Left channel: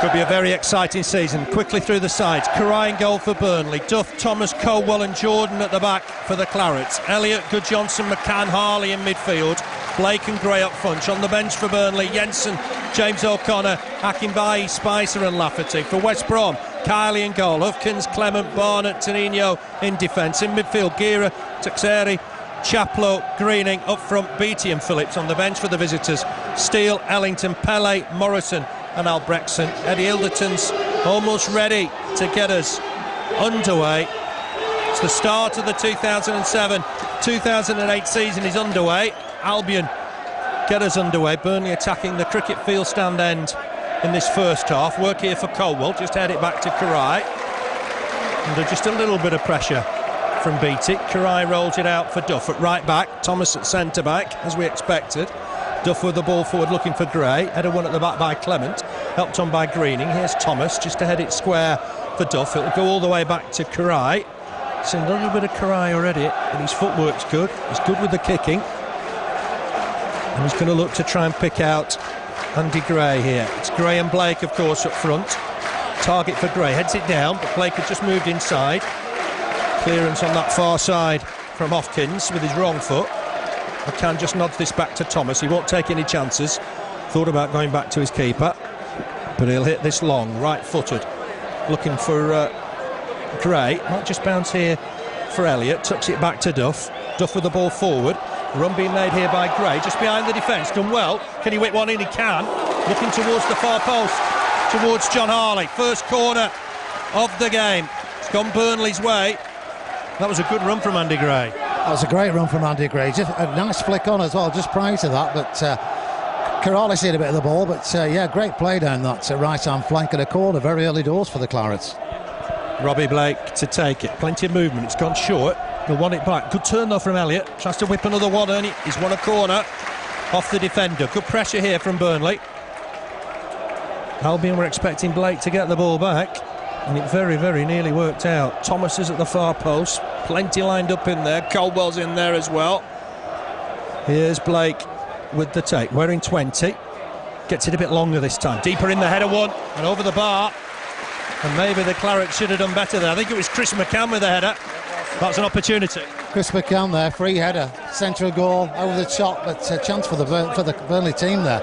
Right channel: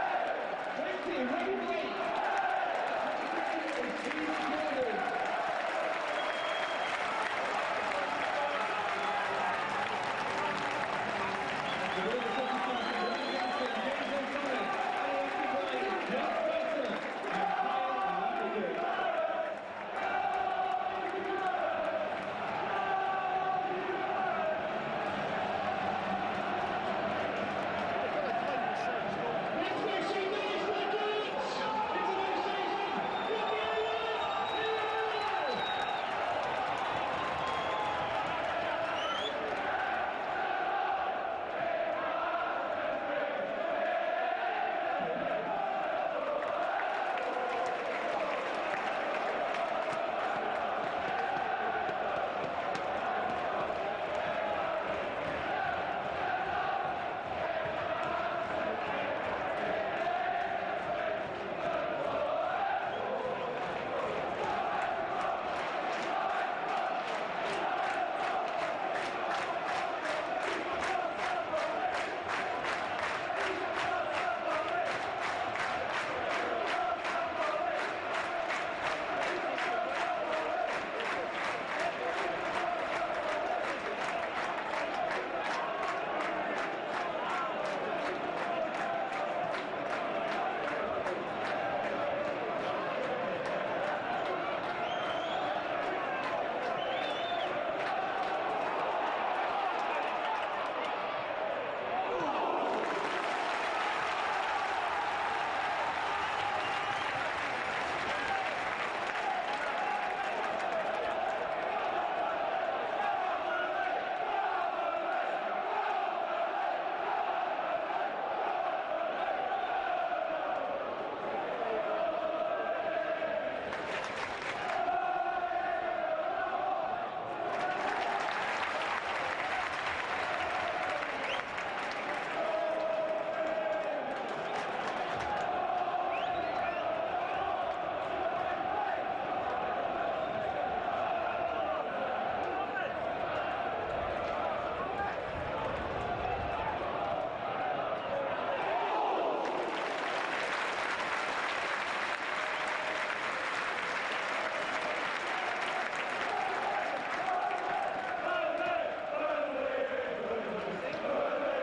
Could be a very exciting season. Quickly through the sides. Karai in goal for Burnley. Duff, Thomas, Colwell and Jordan at the back for the Clarets. Elliott, Goodjohnson, McCann, Harley in midfield. Blake and Gray up front. On the bench for Burnley, Jensen, James O'Connor, Akinbayi, Spicer and Lafferty. For West Brom, Kiley in goal. Hufkins, Clement, Barnett, Tonino in defence. In midfield, Gira, Tuxeri, Chaplow, Greening. Up front, Beattie and Phillips. On the bench for the visitors, Steele, Ellington, Pele, Morrison and Albrechtsen. Eddie Ilderton's almost ready to get us underway. It's the start of the 2007-2008 season is underway. Albion get us underway. Burnley attacking the cricket field stand end in this first half. Work here for Colwell, just head it back to Karai. Under just a little bit of pressure from Beattie. Karai rolls it out for Duff at right back. Thomas at centre back, as we expected. Duff with the ball forward looking for Gray. Header one at the back by Clement, helped on by Greening. Here's Thomas just to head it square for Duff. It'll go all the way back to Karai. Seen a little bit of Karai already, and his footwork's good. He's good with the kicking, and he's going to look to try and pick out Andy Gray here. It's Gray and Blake, of course, up front. Target for Gray, heads it down, but Blake had just moved inside. Clearance on that far side from Hopkins with his wrong foot. McCann just nods this back to Thomas. He won't take any chances. Thought about going back to his keeper, but he'll hit this long, right-footed. Looking for Gray. Might just bounce here for Elliott. Tucks it back to Duff. Duff with the ball forward. Run being made here by Gray, just behind the defence. Done well. Can he whip one in? He can. Looking towards the far post, towards John Harley. First corner of the game. It's gone Burnley's way. That was a good run from Andy Gray. That was a great run from Andy Gray. Just a nice flick on as well, just prior to that. But Karali seen a bit of the ball. But yeah, great play down that right-hand flank and a corner very early doors for the Clarets. Robbie Blake to take it. Plenty of movement. It's gone short. He'll want it back. Good turn though from Elliott. Tries to whip another one, and he's won a corner off the defender. Good pressure here from Burnley. Albion were expecting Blake to get the ball back, and it very, very nearly worked out. Thomas is at the far post. Plenty lined up in there. Colwell's in there as well. Here's Blake with the take. Wearing 20. Gets it a bit longer this time. Deeper in the header one, and over the bar. And maybe the Clarets should have done better there. I think it was Chris McCann with the header. That's an opportunity. Chris McCann there, free header, central goal, over the top, but a chance for the Burnley team there.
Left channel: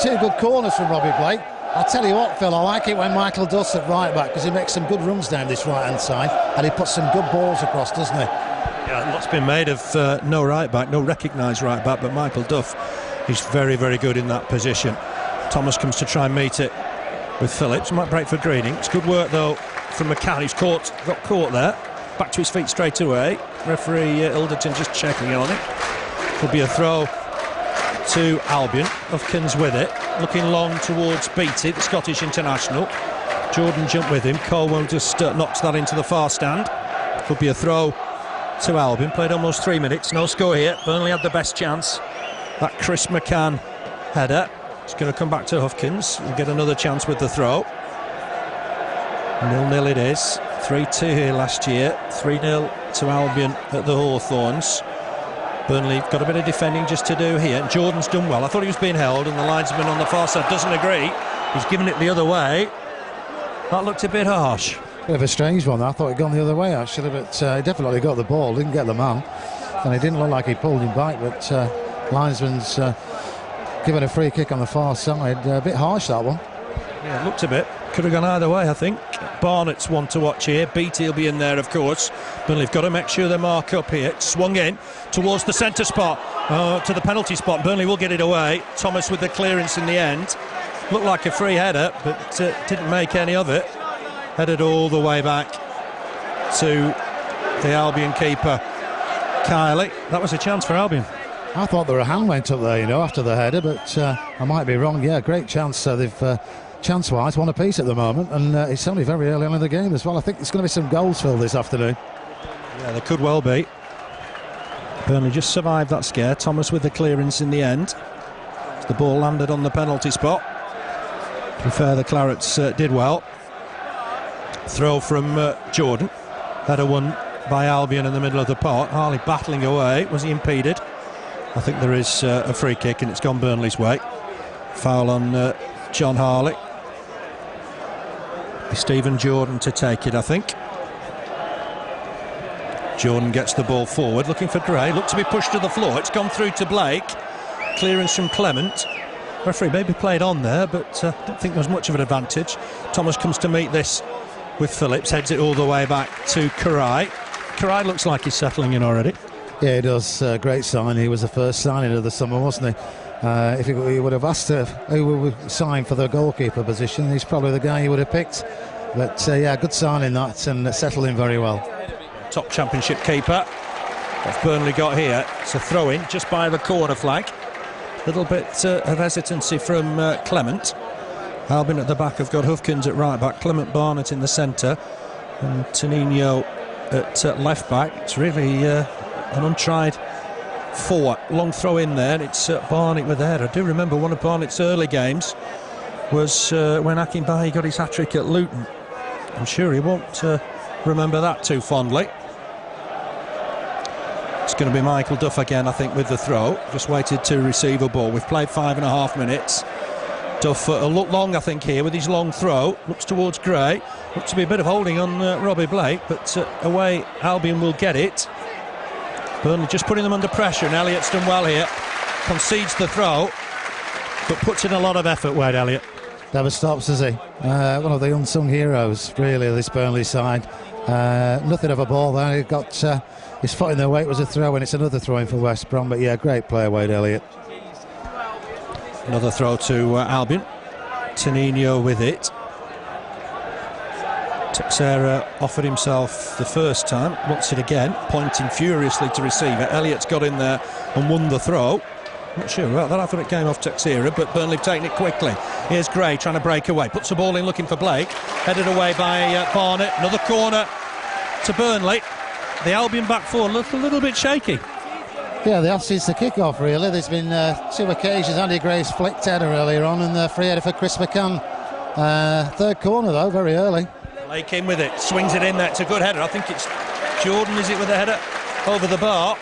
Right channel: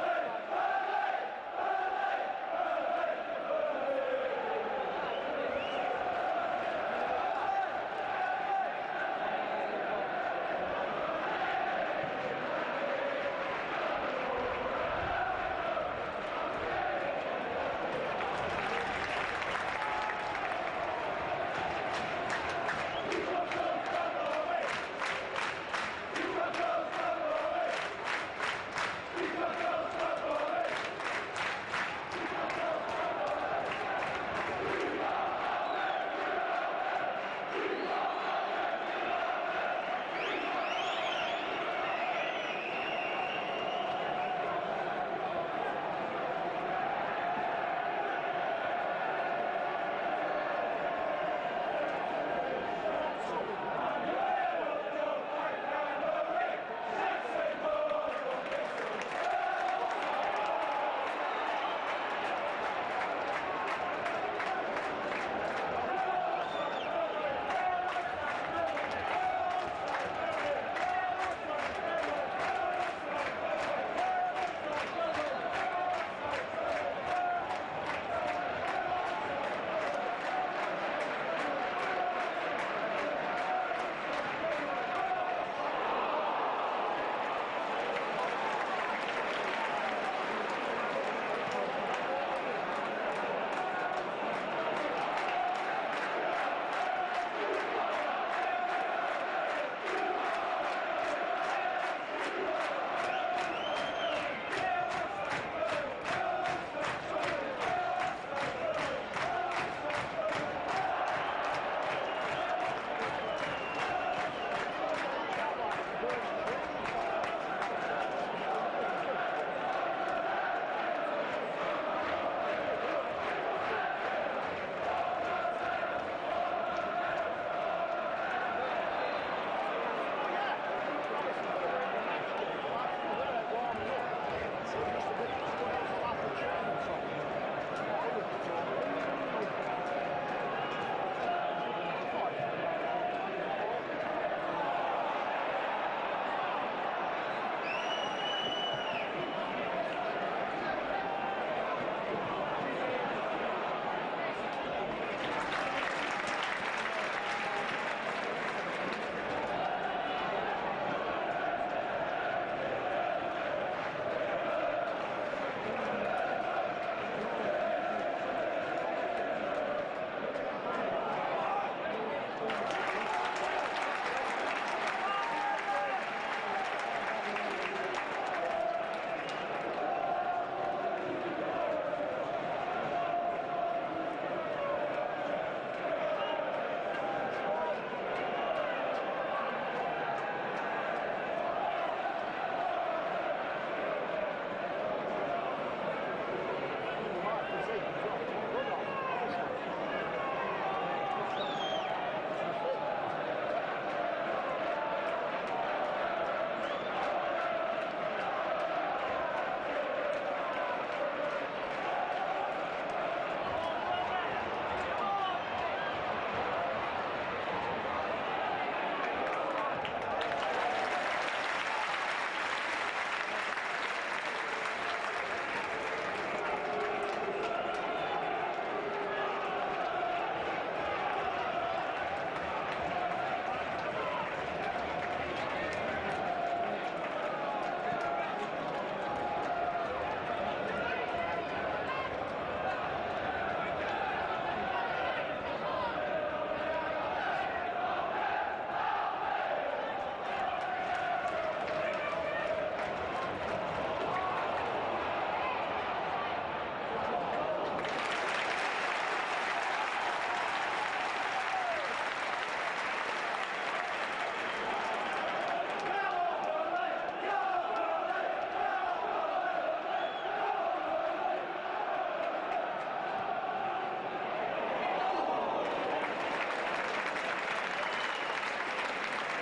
Two good corners from Robbie Blake. I'll tell you what, Phil, I like it when Michael does at right back, because he makes some good runs down this right-hand side, and he puts some good balls across, doesn't he? Yeah, lots been made of no right back, no recognised right back, but Michael Duff is very, very good in that position. Thomas comes to try and meet it with Phillips. Might break for Greening. It's good work though from McCann, who's got caught there. Back to his feet straight away. Referee Ilderton just checking on it. Could be a throw to Albion. Hufkins with it, looking long towards Beattie, the Scottish international. Jordan jumped with him. Colwell just knocks that into the far stand. Could be a throw to Albion. Played almost 3 minutes, no score here. Burnley had the best chance. That Chris McCann header. It's going to come back to Hufkins and get another chance with the throw. 0-0 it is. 3-2 here last year. 3-0 to Albion at the Hawthorns. Burnley got a bit of defending just to do here. Jordan's done well. I thought he was being held, and the linesman on the far side doesn't agree. He's given it the other way. That looked a bit harsh. Bit of a strange one. I thought he'd gone the other way actually, but he definitely got the ball, didn't get the man, and it didn't look like he pulled him back. But linesman's given a free kick on the far side. A bit harsh, that one. Yeah, it looked a bit. Could have gone either way, I think. Barnett's one to watch here. Beattie will be in there, of course. Burnley've got to make sure they mark up here. Swung in towards the centre spot, to the penalty spot. Burnley will get it away. Thomas with the clearance in the end. Looked like a free header, but didn't make any of it. Headed all the way back to the Albion keeper, Kiley. That was a chance for Albion. I thought there a hand went up there, you know, after the header, but I might be wrong. Yeah, great chance. They've chance-wise one apiece at the moment, and it's only very early on in the game as well. I think there's going to be some goals for this afternoon. Yeah, there could well be. Burnley just survived that scare. Thomas with the clearance in the end. The ball landed on the penalty spot. To be fair, the Clarets did well. Throw from Jordan. Header won by Albion in the middle of the park. Harley battling away. Was he impeded? I think there is a free kick, and it's gone Burnley's way. Foul on John Harley. Stephen Jordan to take it, I think. Jordan gets the ball forward, looking for Gray. Looked to be pushed to the floor. It's gone through to Blake. Clearance from Clement. Referee maybe played on there, but I don't think there's much of an advantage. Thomas comes to meet this with Phillips, heads it all the way back to Karai. Karai looks like he's settling in already. Yeah, he does. Great sign. He was the first signing of the summer, wasn't he? If he would have asked who would sign for the goalkeeper position, he's probably the guy he would have picked. But yeah, good signing that, and settled in very well. Top championship keeper. What's Burnley got here? It's a throw-in just by the corner flag. Little bit of hesitancy from Clement. Albion at the back have got Hufkins at right back, Clement Barnett in the centre, and Tonino at left back. It's really an untried four. Long throw in there, and it's Barnett with the header. I do remember one of Barnett's early games was when Akinbaye got his hat-trick at Luton. I'm sure he won't remember that too fondly. It's going to be Michael Duff again, I think, with the throw. Just waited to receive a ball. We've played 5.5 minutes. Duff a look long, I think, here with his long throw. Looks towards Gray. Looks to be a bit of holding on Robbie Blake, but away Albion will get it. Burnley just putting them under pressure, and Elliott's done well here. Concedes the throw, but puts in a lot of effort, Wade Elliott. Never stops, does he? One of the unsung heroes, really, of this Burnley side. Nothing of a ball there. He got his foot in their way. It was a throw, and it's another throw in for West Brom. But yeah, great player, Wade Elliott. Another throw to Albion. Tonino with it. Teixeira offered himself the first time, wants it again, pointing furiously to receiver. Elliott's got in there and won the throw. Not sure about that. I thought it came off Teixeira, but Burnley have taken it quickly. Here's Gray trying to break away. Puts the ball in looking for Blake. Headed away by Barnett. Another corner to Burnley. The Albion back four look a little bit shaky. Yeah, they have since the kick-off, really. There's been 2 occasions. Andy Gray's flicked header earlier on, and the free header for Chris McCann. Third corner, though, very early. Blake in with it. Swings it in there. It's a good header. I think it's Jordan, is it, with the header over the bar.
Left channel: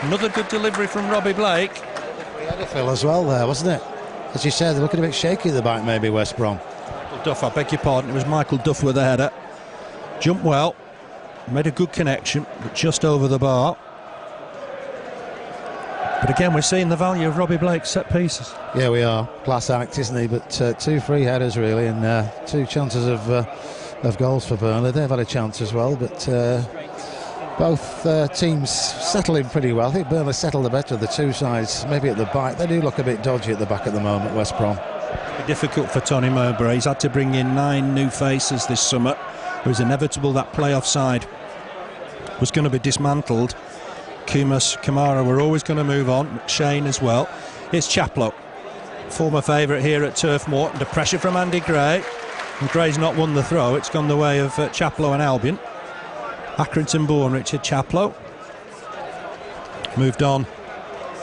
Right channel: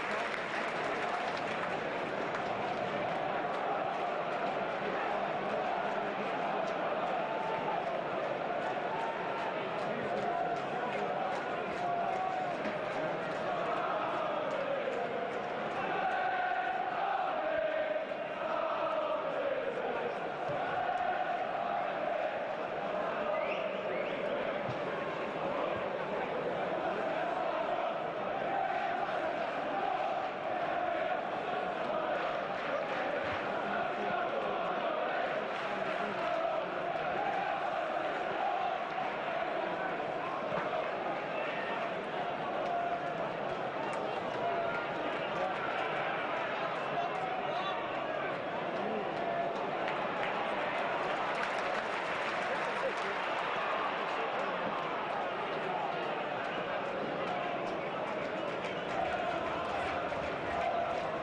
Another good delivery from Robbie Blake. Phil as well there, wasn't it? As you said, they're looking a bit shaky at the back, maybe, West Brom. Duff, I beg your pardon, it was Michael Duff with the header. Jumped well, made a good connection, but just over the bar. But again, we're seeing the value of Robbie Blake's set pieces. Yeah, we are. Class act, isn't he? But 2 free headers, really, and 2 chances of goals for Burnley. They've had a chance as well, but both teams settling pretty well. I think Burnley settled the better of the 2 sides. Maybe at the back, they do look a bit dodgy at the back at the moment, West Brom. Difficult for Tony Mowbray. He's had to bring in 9 new faces this summer. It was inevitable that playoff side was going to be dismantled. Kumas, Kamara were always going to move on. McShane as well. Here's Chaplow, former favourite here at Turf Moor. Under pressure from Andy Gray. And Gray's not won the throw. It's gone the way of Chaplow and Albion. Accrington born Richard Chaplow. Moved on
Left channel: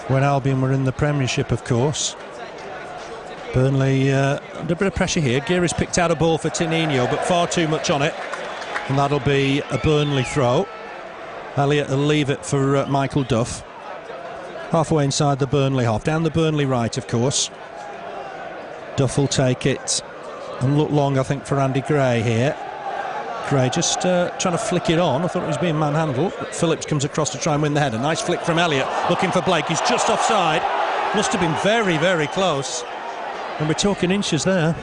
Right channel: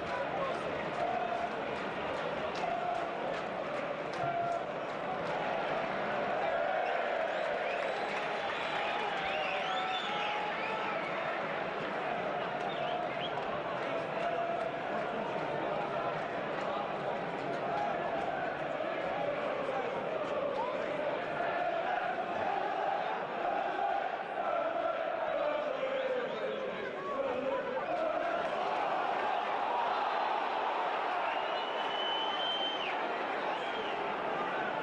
when Albion were in the Premiership, of course. Burnley under a bit of pressure here. Geary's picked out a ball for Tonino, but far too much on it. And that'll be a Burnley throw. Elliott will leave it for Michael Duff. Halfway inside the Burnley half. Down the Burnley right, of course. Duff will take it. And look long, I think, for Andy Gray here. Gray just trying to flick it on. I thought it was being manhandled, but Phillips comes across to try and win the header. Nice flick from Elliott, looking for Blake. He's just offside. Must have been very, very close. And we're talking inches there.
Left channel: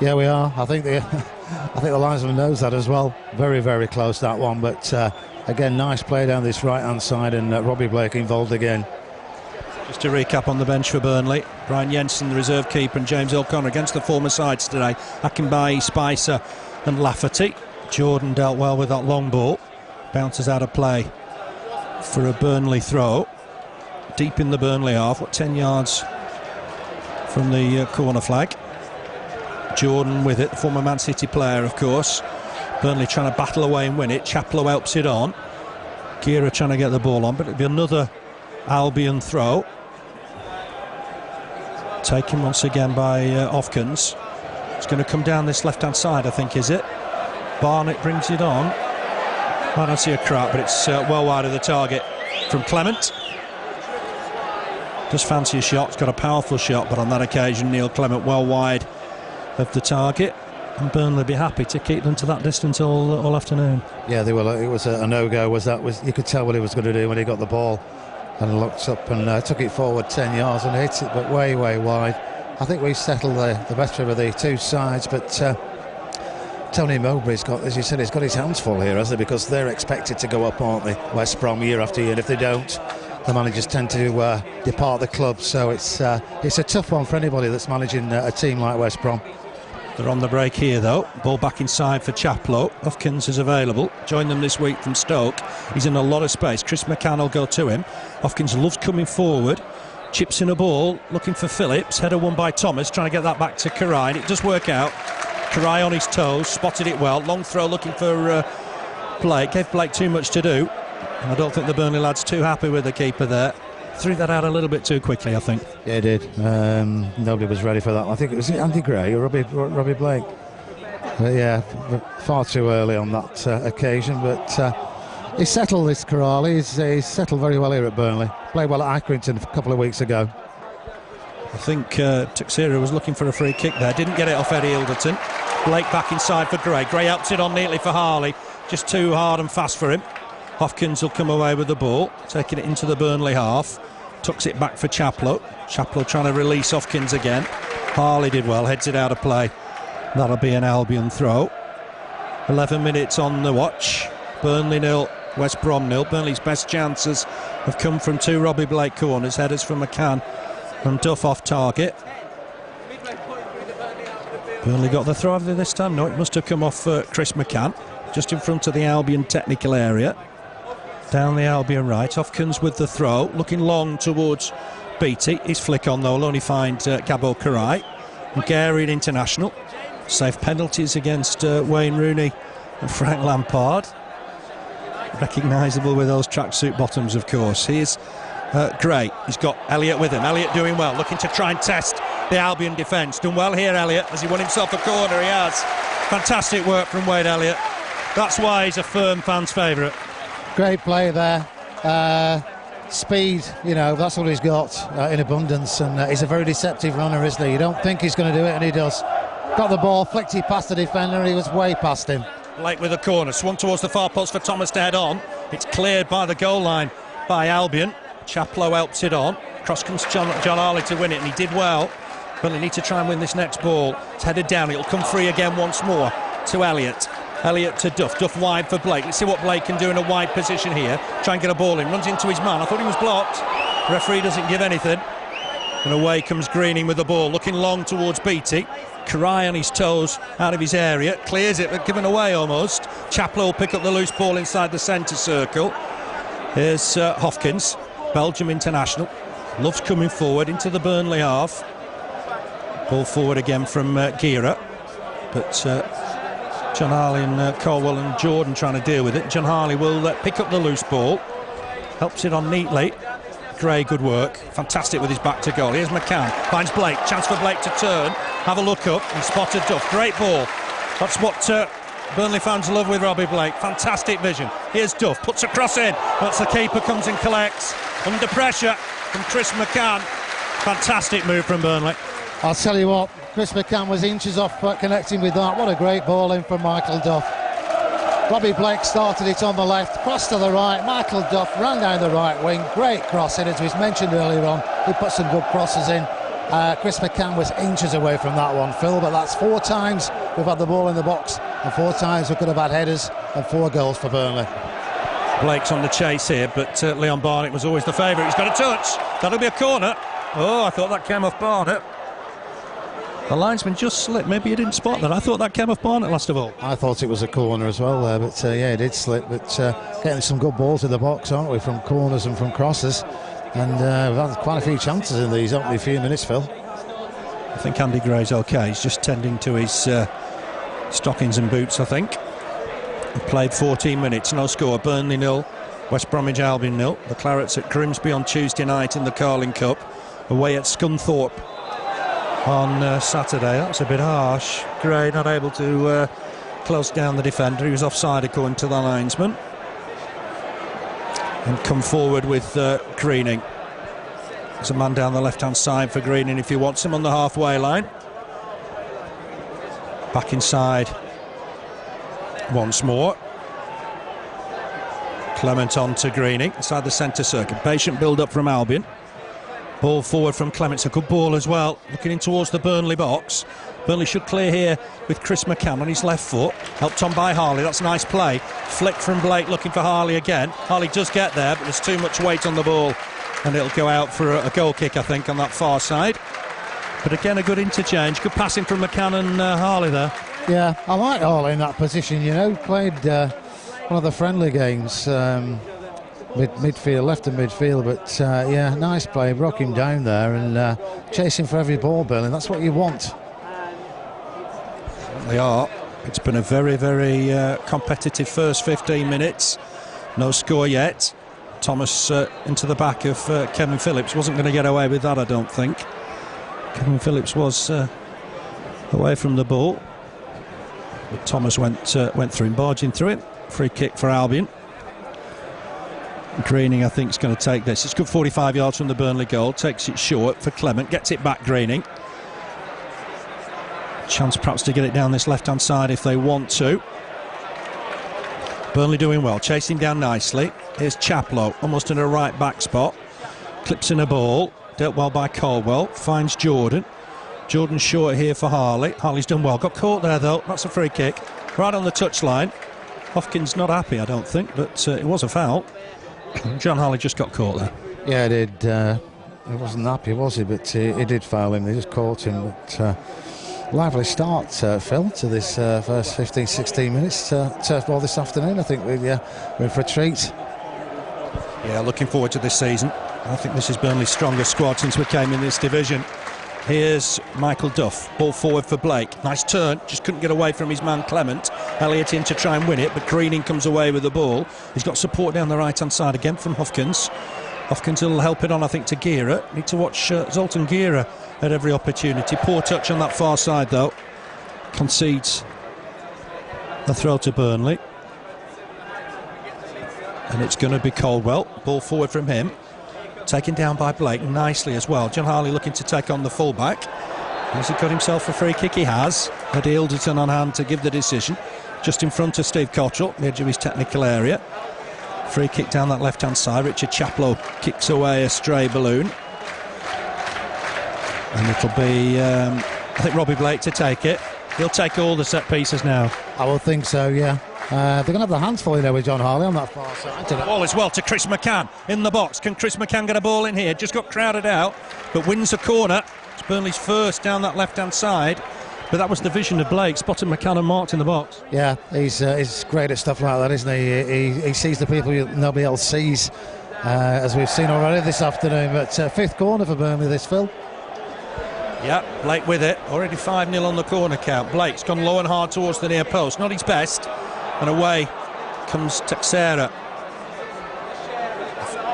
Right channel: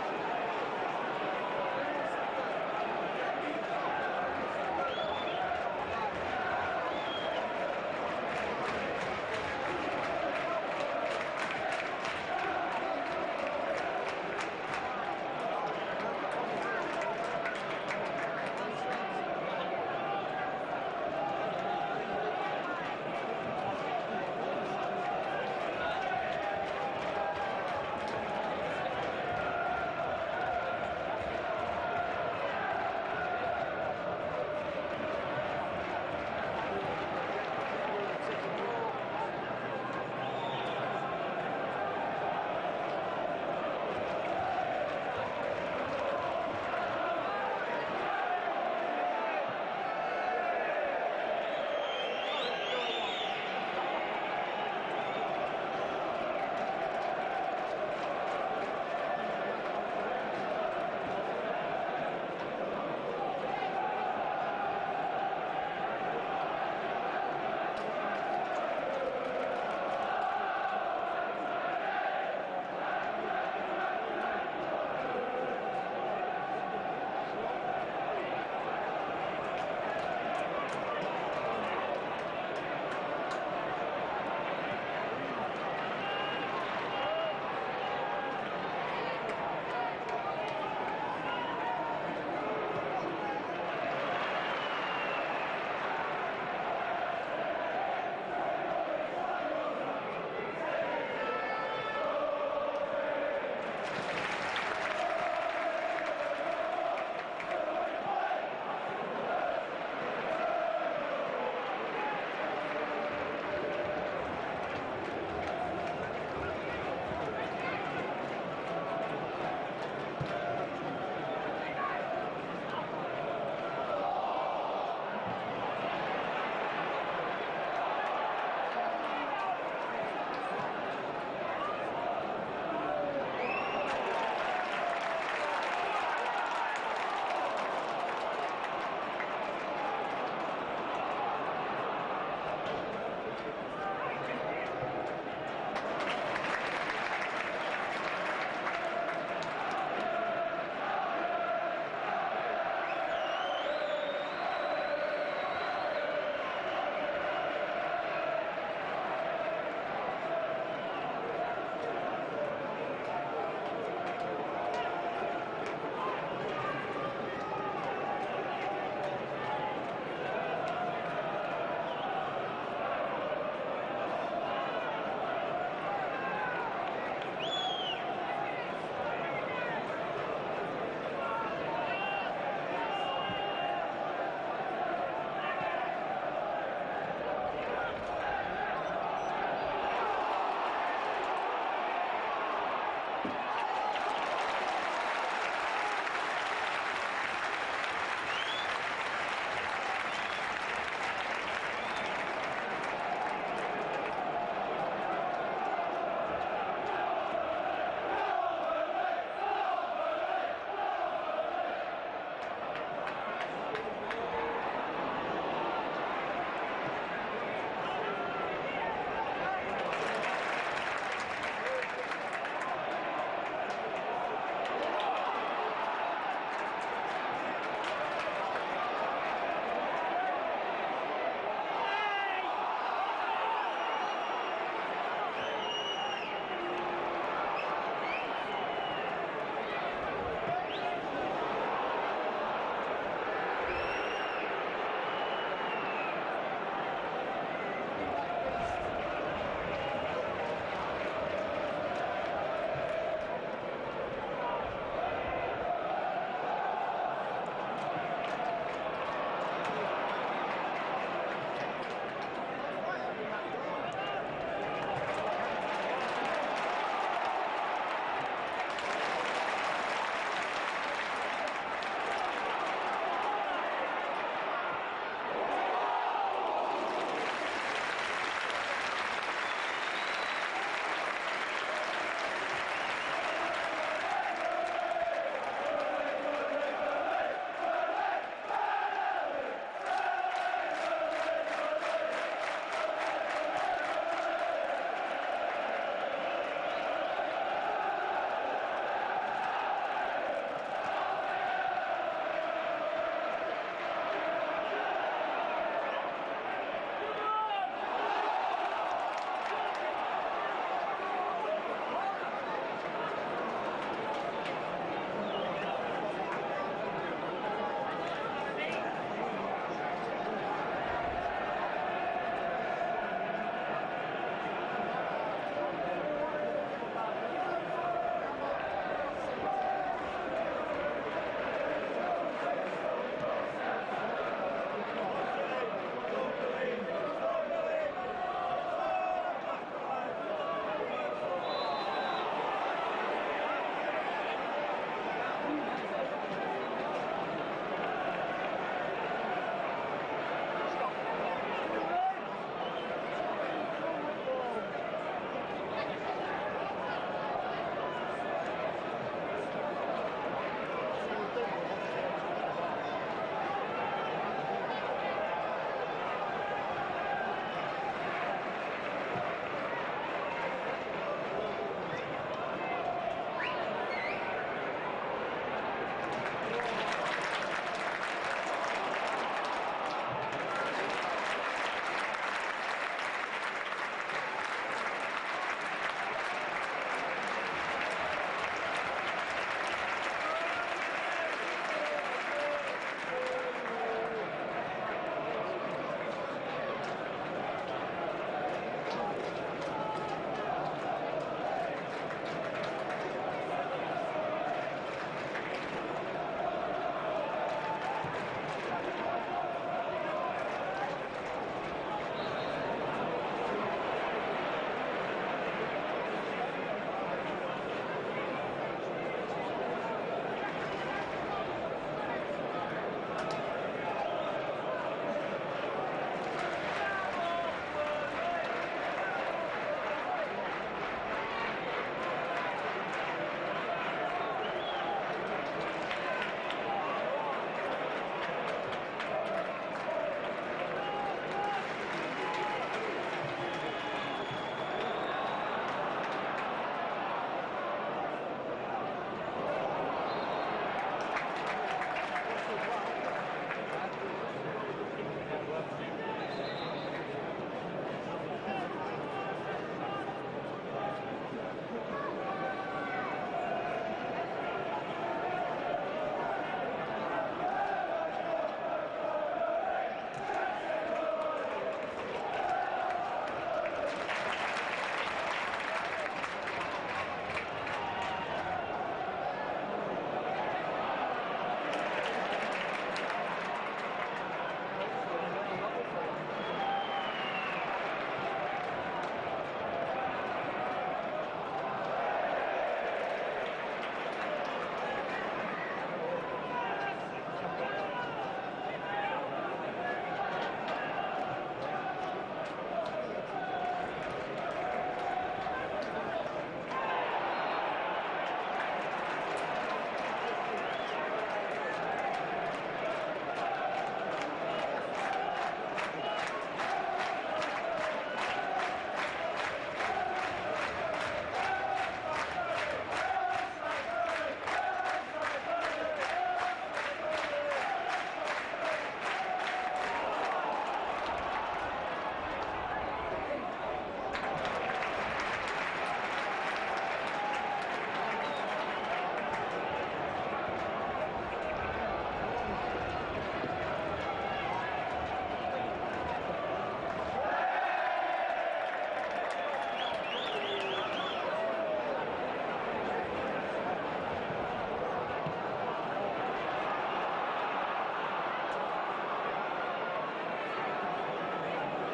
Yeah, we are. I think the linesman knows that as well. Very, very close, that one. But again, nice play down this right-hand side, and Robbie Blake involved again. Just to recap on the bench for Burnley, Brian Jensen, the reserve keeper, and James O'Connor against the former sides today. Akinbaye, Spicer and Lafferty. Jordan dealt well with that long ball. Bounces out of play for a Burnley throw. Deep in the Burnley half, 10 yards from the corner flag. Jordan with it, the former Man City player, of course. Burnley trying to battle away and win it. Chaplow helps it on. Gira trying to get the ball on, but it'll be another Albion throw. Taken once again by Hofkins. It's going to come down this left-hand side, I think, is it? Barnett brings it on. I don't see a crack, but it's well wide of the target from Clement. Just fancy a shot. It's got a powerful shot, but on that occasion, Neil Clement well wide of the target. And Burnley be happy to keep them to that distance all afternoon. Yeah, they were. It was a no-go. You could tell what he was going to do when he got the ball and looked up and took it forward 10 yards and hit it, but way wide. I think we settled the better of the two sides, but Tony Mowbray's got, as you said, he's got his hands full here, hasn't he? Because they're expected to go up, aren't they? West Brom year after year, and if they don't, the managers tend to depart the club. So it's a tough one for anybody that's managing a team like West Brom. They're on the break here, though. Ball back inside for Chaplow. Hopkins is available. Joined them this week from Stoke. He's in a lot of space. Chris McCann will go to him. Hopkins loves coming forward. Chips in a ball, looking for Phillips. Header won by Thomas, trying to get that back to Karai. It does work out. Karai on his toes, spotted it well. Long throw looking for Blake. Gave Blake too much to do. And I don't think the Burnley lads too happy with the keeper there. Threw that out a little bit too quickly, I think. Yeah, he did. Nobody was ready for that. I think it was Andy Gray or Robbie Blake. Yeah, far too early on that occasion. But he settled this Corrali. He's settled very well here at Burnley. Played well at Accrington a couple of weeks ago. I think Tuxedo was looking for a free kick there. Didn't get it off Eddie Ilderton. Blake back inside for Gray. Gray helps it on neatly for Harley. Just too hard and fast for him. Hopkins will come away with the ball, taking it into the Burnley half. Tucks it back for Chaplow. Chaplow trying to release Hopkins again. Harley did well, heads it out of play. That'll be an Albion throw. 11 minutes on the watch. Burnley 0, West Brom 0. Burnley's best chances have come from two Robbie Blake corners. Headers from McCann and Duff off target. Burnley got the throw this time. No, it must have come off Chris McCann. Just in front of the Albion technical area. Down the Albion right. Hopkins with the throw. Looking long towards Beattie. His flick on though will only find Gabo Karai. Hungarian international. Safe penalties against Wayne Rooney and Frank Lampard. Recognisable with those tracksuit bottoms, of course. Here's Gray. He's got Elliott with him. Elliott doing well. Looking to try and test the Albion defence. Done well here, Elliott. Has he won himself a corner? He has. Fantastic work from Wade Elliott. That's why he's a firm fan's favourite. Great play there. Speed, you know, that's all he's got in abundance, and he's a very deceptive runner, isn't he? You don't think he's going to do it, and he does. Got the ball, flicked it past the defender, he was way past him. Blake with a corner, swung towards the far post for Thomas to head on. It's cleared by the goal line by Albion. Chaplow helps it on. Cross comes John Harley to win it, and he did well. But they need to try and win this next ball. It's headed down, it'll come free again once more to Elliott. Elliott to Duff. Duff wide for Blake. Let's see what Blake can do in a wide position here. Try and get a ball in. Runs into his man. I thought he was blocked. Referee doesn't give anything. And away comes Greening with the ball. Looking long towards Beattie. Karai on his toes out of his area. Clears it, but given away almost. Chaplow will pick up the loose ball inside the centre circle. Here's Hopkins, Belgium international. Loves coming forward into the Burnley half. Ball forward again from Gira. But John Harley and Colwell and Jordan trying to deal with it. John Harley will pick up the loose ball. Helps it on neatly. Gray, good work. Fantastic with his back to goal. Here's McCann. Finds Blake. Chance for Blake to turn. Have a look up. And spotted Duff. Great ball. That's what Burnley fans love with Robbie Blake. Fantastic vision. Here's Duff. Puts a cross in. That's the keeper comes and collects. Under pressure from Chris McCann. Fantastic move from Burnley. I'll tell you what, Chris McCann was inches off connecting with that. What a great ball in from Michael Duff. Robbie Blake started it on the left, crossed to the right. Michael Duff ran down the right wing. Great cross in, as was mentioned earlier on. He put some good crosses in. Chris McCann was inches away from that one, Phil, but that's 4 times we've had the ball in the box, and 4 times we could have had headers, and 4 goals for Burnley. Blake's on the chase here, but Leon Barnett was always the favourite. He's got a touch. That'll be a corner. Oh, I thought that came off Barnett. The linesman just slipped. Maybe he didn't spot that. I thought that came off Barnett last of all. I thought it was a corner as well there, but yeah, it did slip. But getting some good balls in the box, aren't we, from corners and from crosses. And we've had quite a few chances in these opening few minutes, Phil. I think Andy Gray's okay. He's just tending to his stockings and boots, I think. He played 14 minutes, no score. Burnley 0, West Bromwich Albion 0. The Clarets at Grimsby on Tuesday night in the Carling Cup. Away at Scunthorpe on Saturday. That's a bit harsh. Gray not able to close down the defender. He was offside according to the linesman. And come forward with Greening. There's a man down the left-hand side for Greening if he wants him on the halfway line. Back inside once more. Clement on to Greening inside the centre circle. Patient build-up from Albion. Ball forward from Clement. It's a good ball as well. Looking in towards the Burnley box. Burnley should clear here with Chris McCann on his left foot. Helped on by Harley. That's a nice play. Flick from Blake looking for Harley again. Harley does get there, but there's too much weight on the ball. And it'll go out for a goal kick, I think, on that far side. But again, a good interchange. Good passing from McCann and Harley there. Yeah, I like Harley in that position, you know. Played one of the friendly games, midfield, left of midfield, but yeah, nice play. Broke him down there and chasing for every ball, Burnley. That's what you want. They are. It's been a very, very competitive first 15 minutes. No score yet. Thomas into the back of Kevin Phillips. Wasn't going to get away with that, I don't think. Kevin Phillips was away from the ball. But Thomas went through him, barging through it. Free kick for Albion. Greening, I think, is going to take this. It's good 45 yards from the Burnley goal. Takes it short for Clement. Gets it back, Greening. Chance perhaps to get it down this left-hand side if they want to. Burnley doing well, chasing down nicely. Here's Chaplow, almost in a right back spot. Clips in a ball, dealt well by Caldwell. Finds Jordan. Jordan short here for Harley. Harley's done well. Got caught there though. That's a free kick. Right on the touchline. Hopkins not happy, I don't think, but it was a foul. John Harley just got caught there. Yeah, he did. He wasn't happy, was he? But he did foul him. He just caught him. But lively start, Phil, to this first 15-16 minutes. Turf Moor this afternoon. I think we're in for a treat. Yeah, looking forward to this season. I think this is Burnley's strongest squad since we came in this division. Here's Michael Duff, ball forward for Blake. Nice turn, just couldn't get away from his man Clement. Elliott in to try and win it, but Greening comes away with the ball. He's got support down the right-hand side again from Hopkins. Hopkins will help it on, I think, to Gira. Need to watch Zoltan Gira at every opportunity. Poor touch on that far side, though. Concedes a throw to Burnley. And it's going to be Caldwell. Ball forward from him. Taken down by Blake nicely as well. John Harley looking to take on the fullback. Has he got himself a free kick? He has. Had Alderton on hand to give the decision. Just in front of Steve Cottrell, the edge of his technical area. Free kick down that left-hand side. Richard Chaplow kicks away a stray balloon. And it'll be, I think, Robbie Blake to take it. He'll take all the set pieces now. I would think so, yeah. They're going to have their hands full there with John Harley on that far side. Ball as well to Chris McCann in the box. Can Chris McCann get a ball in here? Just got crowded out, but wins a corner. It's Burnley's first down that left-hand side. But that was the vision of Blake, spotted McCann and marked in the box. Yeah, he's great at stuff like that, isn't he? He sees the people nobody else sees, as we've seen already this afternoon. But fifth corner for Burnley this, Phil. Yeah, Blake with it. Already 5-0 on the corner count. Blake's gone low and hard towards the near post. Not his best. And away comes Teixeira.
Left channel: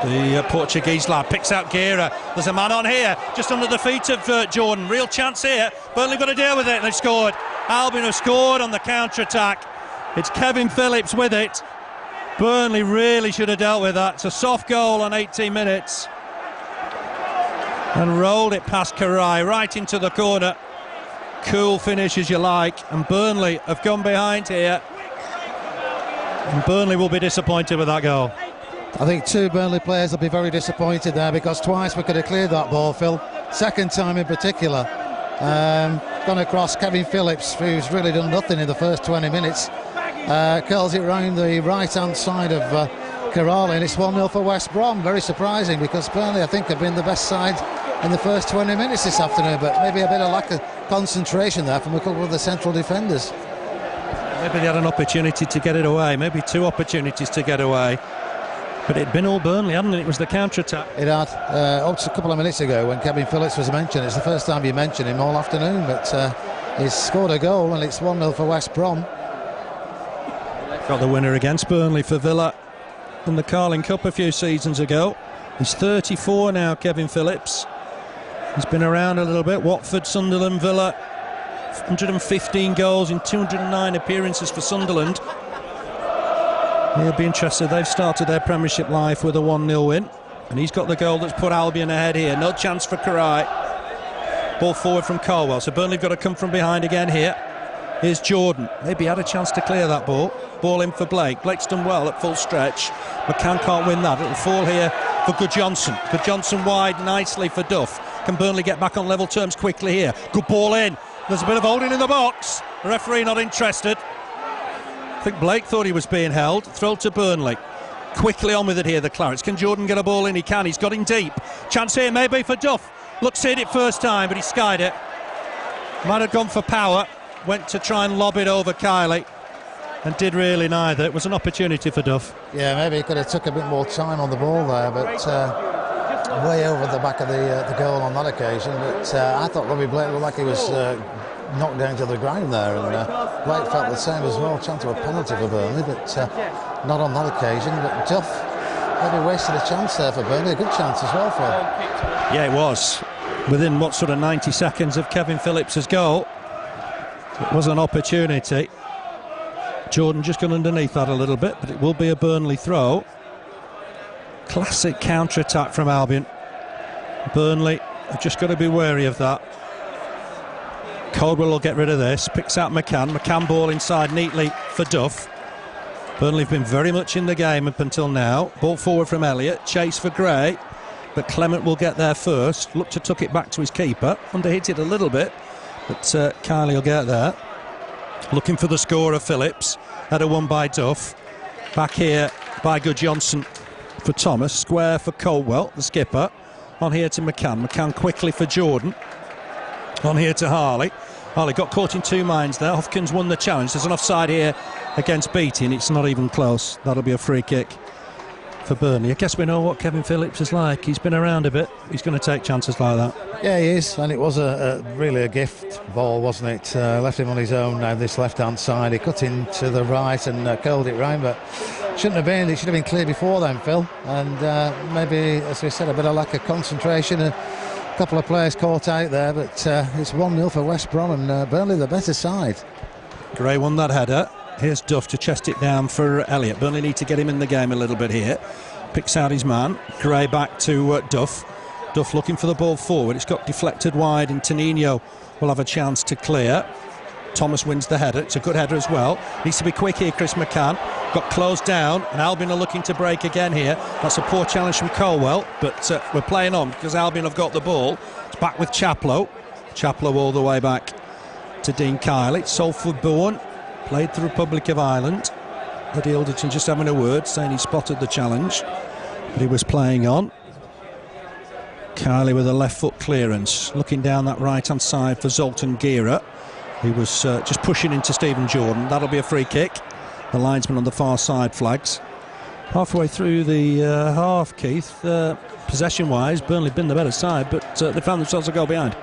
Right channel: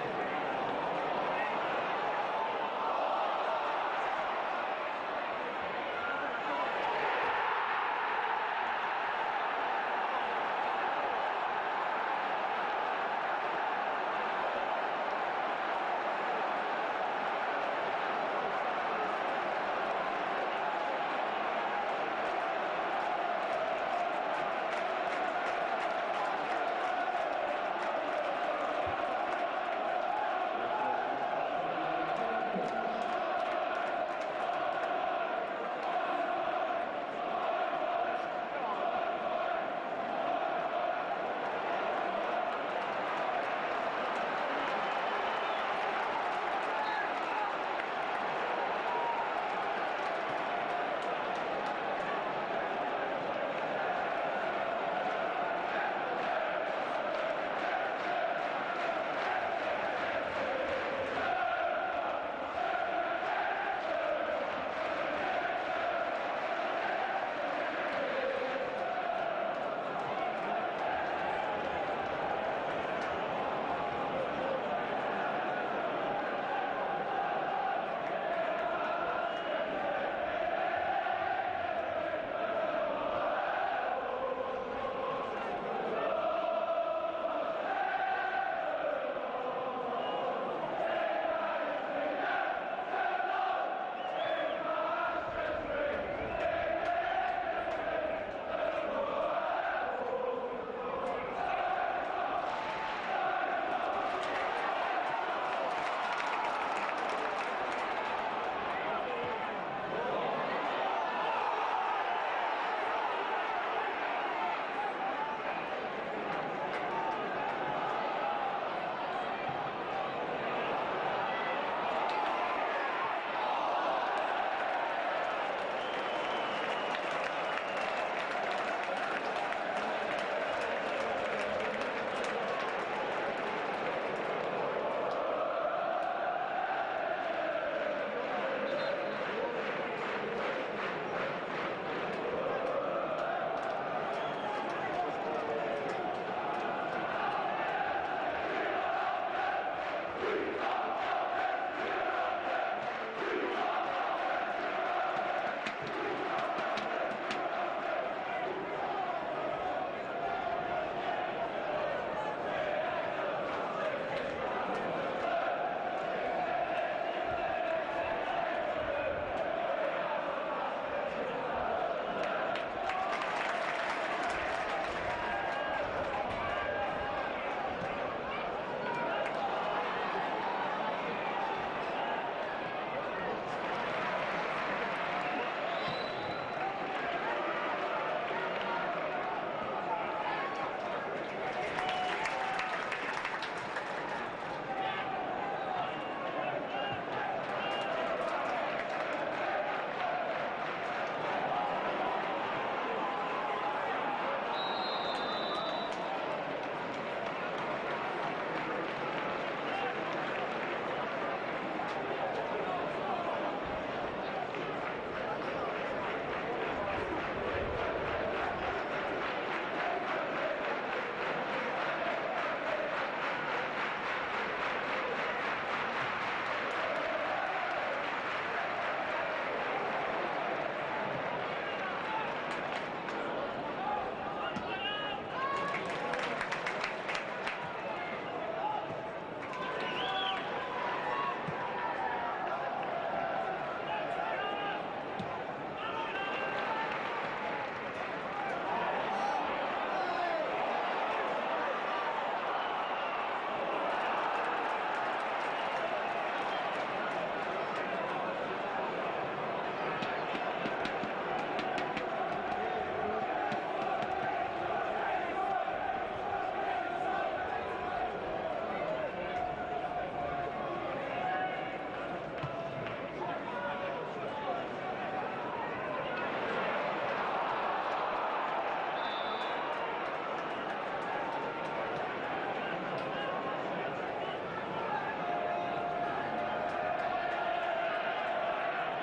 The Portuguese lad picks out Gira. There's a man on here, just under the feet of Jordan. Real chance here. Burnley got to deal with it, and they've scored. Albion have scored on the counter-attack. It's Kevin Phillips with it. Burnley really should have dealt with that. It's a soft goal on 18 minutes. And rolled it past Karai, right into the corner. Cool finish as you like. And Burnley have gone behind here. And Burnley will be disappointed with that goal. I think two Burnley players will be very disappointed there, because twice we could have cleared that ball, Phil. Second time in particular. Gone across Kevin Phillips, who's really done nothing in the first 20 minutes. Curls it round the right-hand side of Karali, and it's 1-0 for West Brom. Very surprising, because Burnley, I think, have been the best side in the first 20 minutes this afternoon, but maybe a bit of lack of concentration there from a couple of the central defenders. Maybe they had an opportunity to get it away, maybe two opportunities to get away. But it'd been all Burnley, hadn't it? It was the counter-attack. It had. Up to a couple of minutes ago when Kevin Phillips was mentioned. It's the first time you mentioned him all afternoon, but he's scored a goal, and it's 1-0 for West Brom. Got the winner against Burnley for Villa in the Carling Cup a few seasons ago. He's 34 now, Kevin Phillips. He's been around a little bit. Watford, Sunderland, Villa. 115 goals in 209 appearances for Sunderland. He'll be interested. They've started their Premiership life with a 1-0 win, and he's got the goal that's put Albion ahead here. No chance for Karai. Ball forward from Caldwell, so Burnley have got to come from behind again here. Here's Jordan. Maybe had a chance to clear that ball. Ball in for Blake. Blake's done well at full stretch. McCann can't win that. It'll fall here for Goodjohnson. Goodjohnson wide nicely for Duff. Can Burnley get back on level terms quickly here? Good ball in. There's a bit of holding in the box. The referee not interested. I think Blake thought he was being held. Throw to Burnley. Quickly on with it here, the Clarets. Can Jordan get a ball in? He can. He's got him deep. Chance here maybe for Duff. Looks hit it first time, but he skied it. Might have gone for power. Went to try and lob it over Kiley and did really neither. It was an opportunity for Duff. Yeah, maybe he could have took a bit more time on the ball there, but way over the back of the goal on that occasion. But I thought Robbie Blake looked like he was knocked down to the ground there, and Blake felt the same as well. Chance of a penalty for Burnley, but not on that occasion. But Duff maybe wasted a chance there for Burnley. A good chance as well for him. Yeah, it was. Within what sort of 90 seconds of Kevin Phillips's goal, it was an opportunity. Jordan just gone underneath that a little bit, but it will be a Burnley throw. Classic counter-attack from Albion. Burnley have just got to be wary of that. Caldwell will get rid of this. Picks out McCann. McCann ball inside neatly for Duff. Burnley have been very much in the game up until now. Ball forward from Elliott. Chase for Gray. But Clement will get there first. Looked to tuck it back to his keeper. Underhit it a little bit. But Kiley will get there. Looking for the scorer, Phillips. Header won by Duff. Back here by Goodjohnson for Thomas. Square for Caldwell, the skipper. On here to McCann. McCann quickly for Jordan. On here to Harley. Harley got caught in two minds there. Hopkins won the challenge. There's an offside here against Beattie, and it's not even close. That'll be a free kick for Burnley. I guess we know what Kevin Phillips is like. He's been around a bit. He's going to take chances like that. Yeah, he is, and it was really a gift ball, wasn't it? Left him on his own now, this left-hand side. He cut in to the right and curled it round, but shouldn't have been. It should have been clear before then, Phil. And maybe, as we said, a bit of lack of concentration. A couple of players caught out there, but it's 1-0 for West Brom, and Burnley the better side. Gray won that header. Here's Duff to chest it down for Elliott. Burnley need to get him in the game a little bit here. Picks out his man. Gray back to Duff. Duff looking for the ball forward. It's got deflected wide, and Tonino will have a chance to clear. Thomas wins the header. It's a good header as well. Needs to be quick here, Chris McCann. Got closed down, and Albion are looking to break again here. That's a poor challenge from Colwell, but we're playing on because Albion have got the ball. It's back with Chaplow. Chaplow all the way back to Dean Kiley. Salford Bourne played the Republic of Ireland. Eddie Alderton just having a word, saying he spotted the challenge, but he was playing on. Kiley with a left foot clearance, looking down that right-hand side for Zoltan Gira. He was just pushing into Stephen Jordan. That'll be a free kick. The linesman on the far side flags. Halfway through the half, Keith, possession-wise, Burnley been the better side, but they found themselves a goal behind.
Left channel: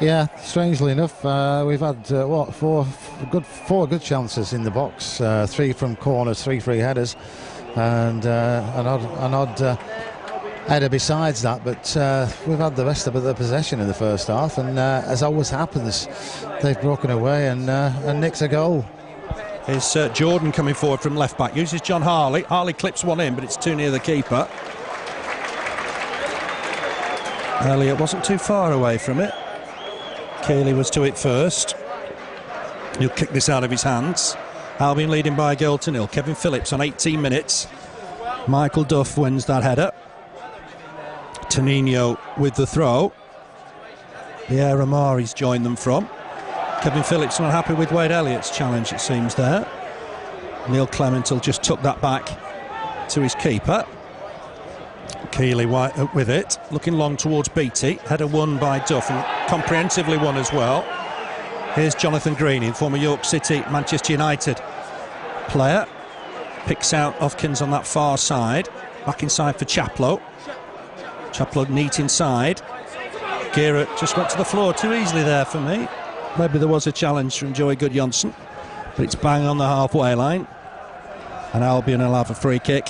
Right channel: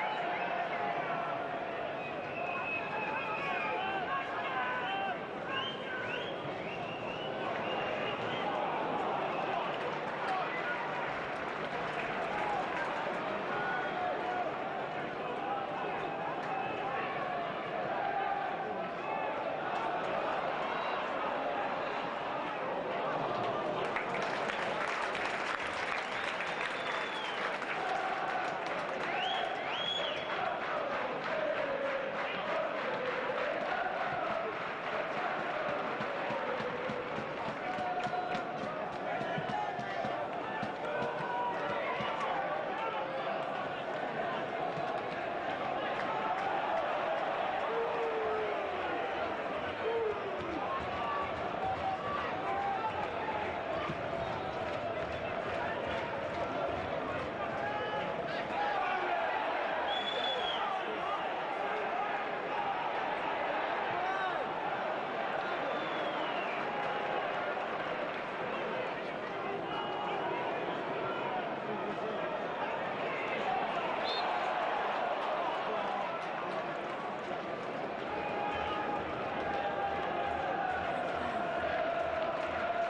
Yeah, strangely enough, we've had four good chances in the box. 3 from corners, 3 free headers, and an odd header besides that. But we've had the rest of the possession in the first half, and as always happens, they've broken away and nicked a goal. Here's Jordan coming forward from left back. Uses John Harley. Harley clips one in, but it's too near the keeper. Elliott wasn't too far away from it. Keeley was to it first. He'll kick this out of his hands. Albion leading by a goal to 0. Kevin Phillips on 18 minutes. Michael Duff wins that header. Tonino with the throw. Pierre Amari's joined them from. Kevin Phillips not happy with Wade Elliott's challenge, it seems there. Neil Clement will just tuck that back to his keeper. Keeley with it, looking long towards Beattie. Header won by Duff, and comprehensively won as well. Here's Jonathan Greening, former York City, Manchester United player. Picks out Hopkins on that far side. Back inside for Chaplow. Chaplow neat inside. Gira just went to the floor too easily there for me. Maybe there was a challenge from Joey Goodjohnson, but it's bang on the halfway line. And Albion will have a free kick.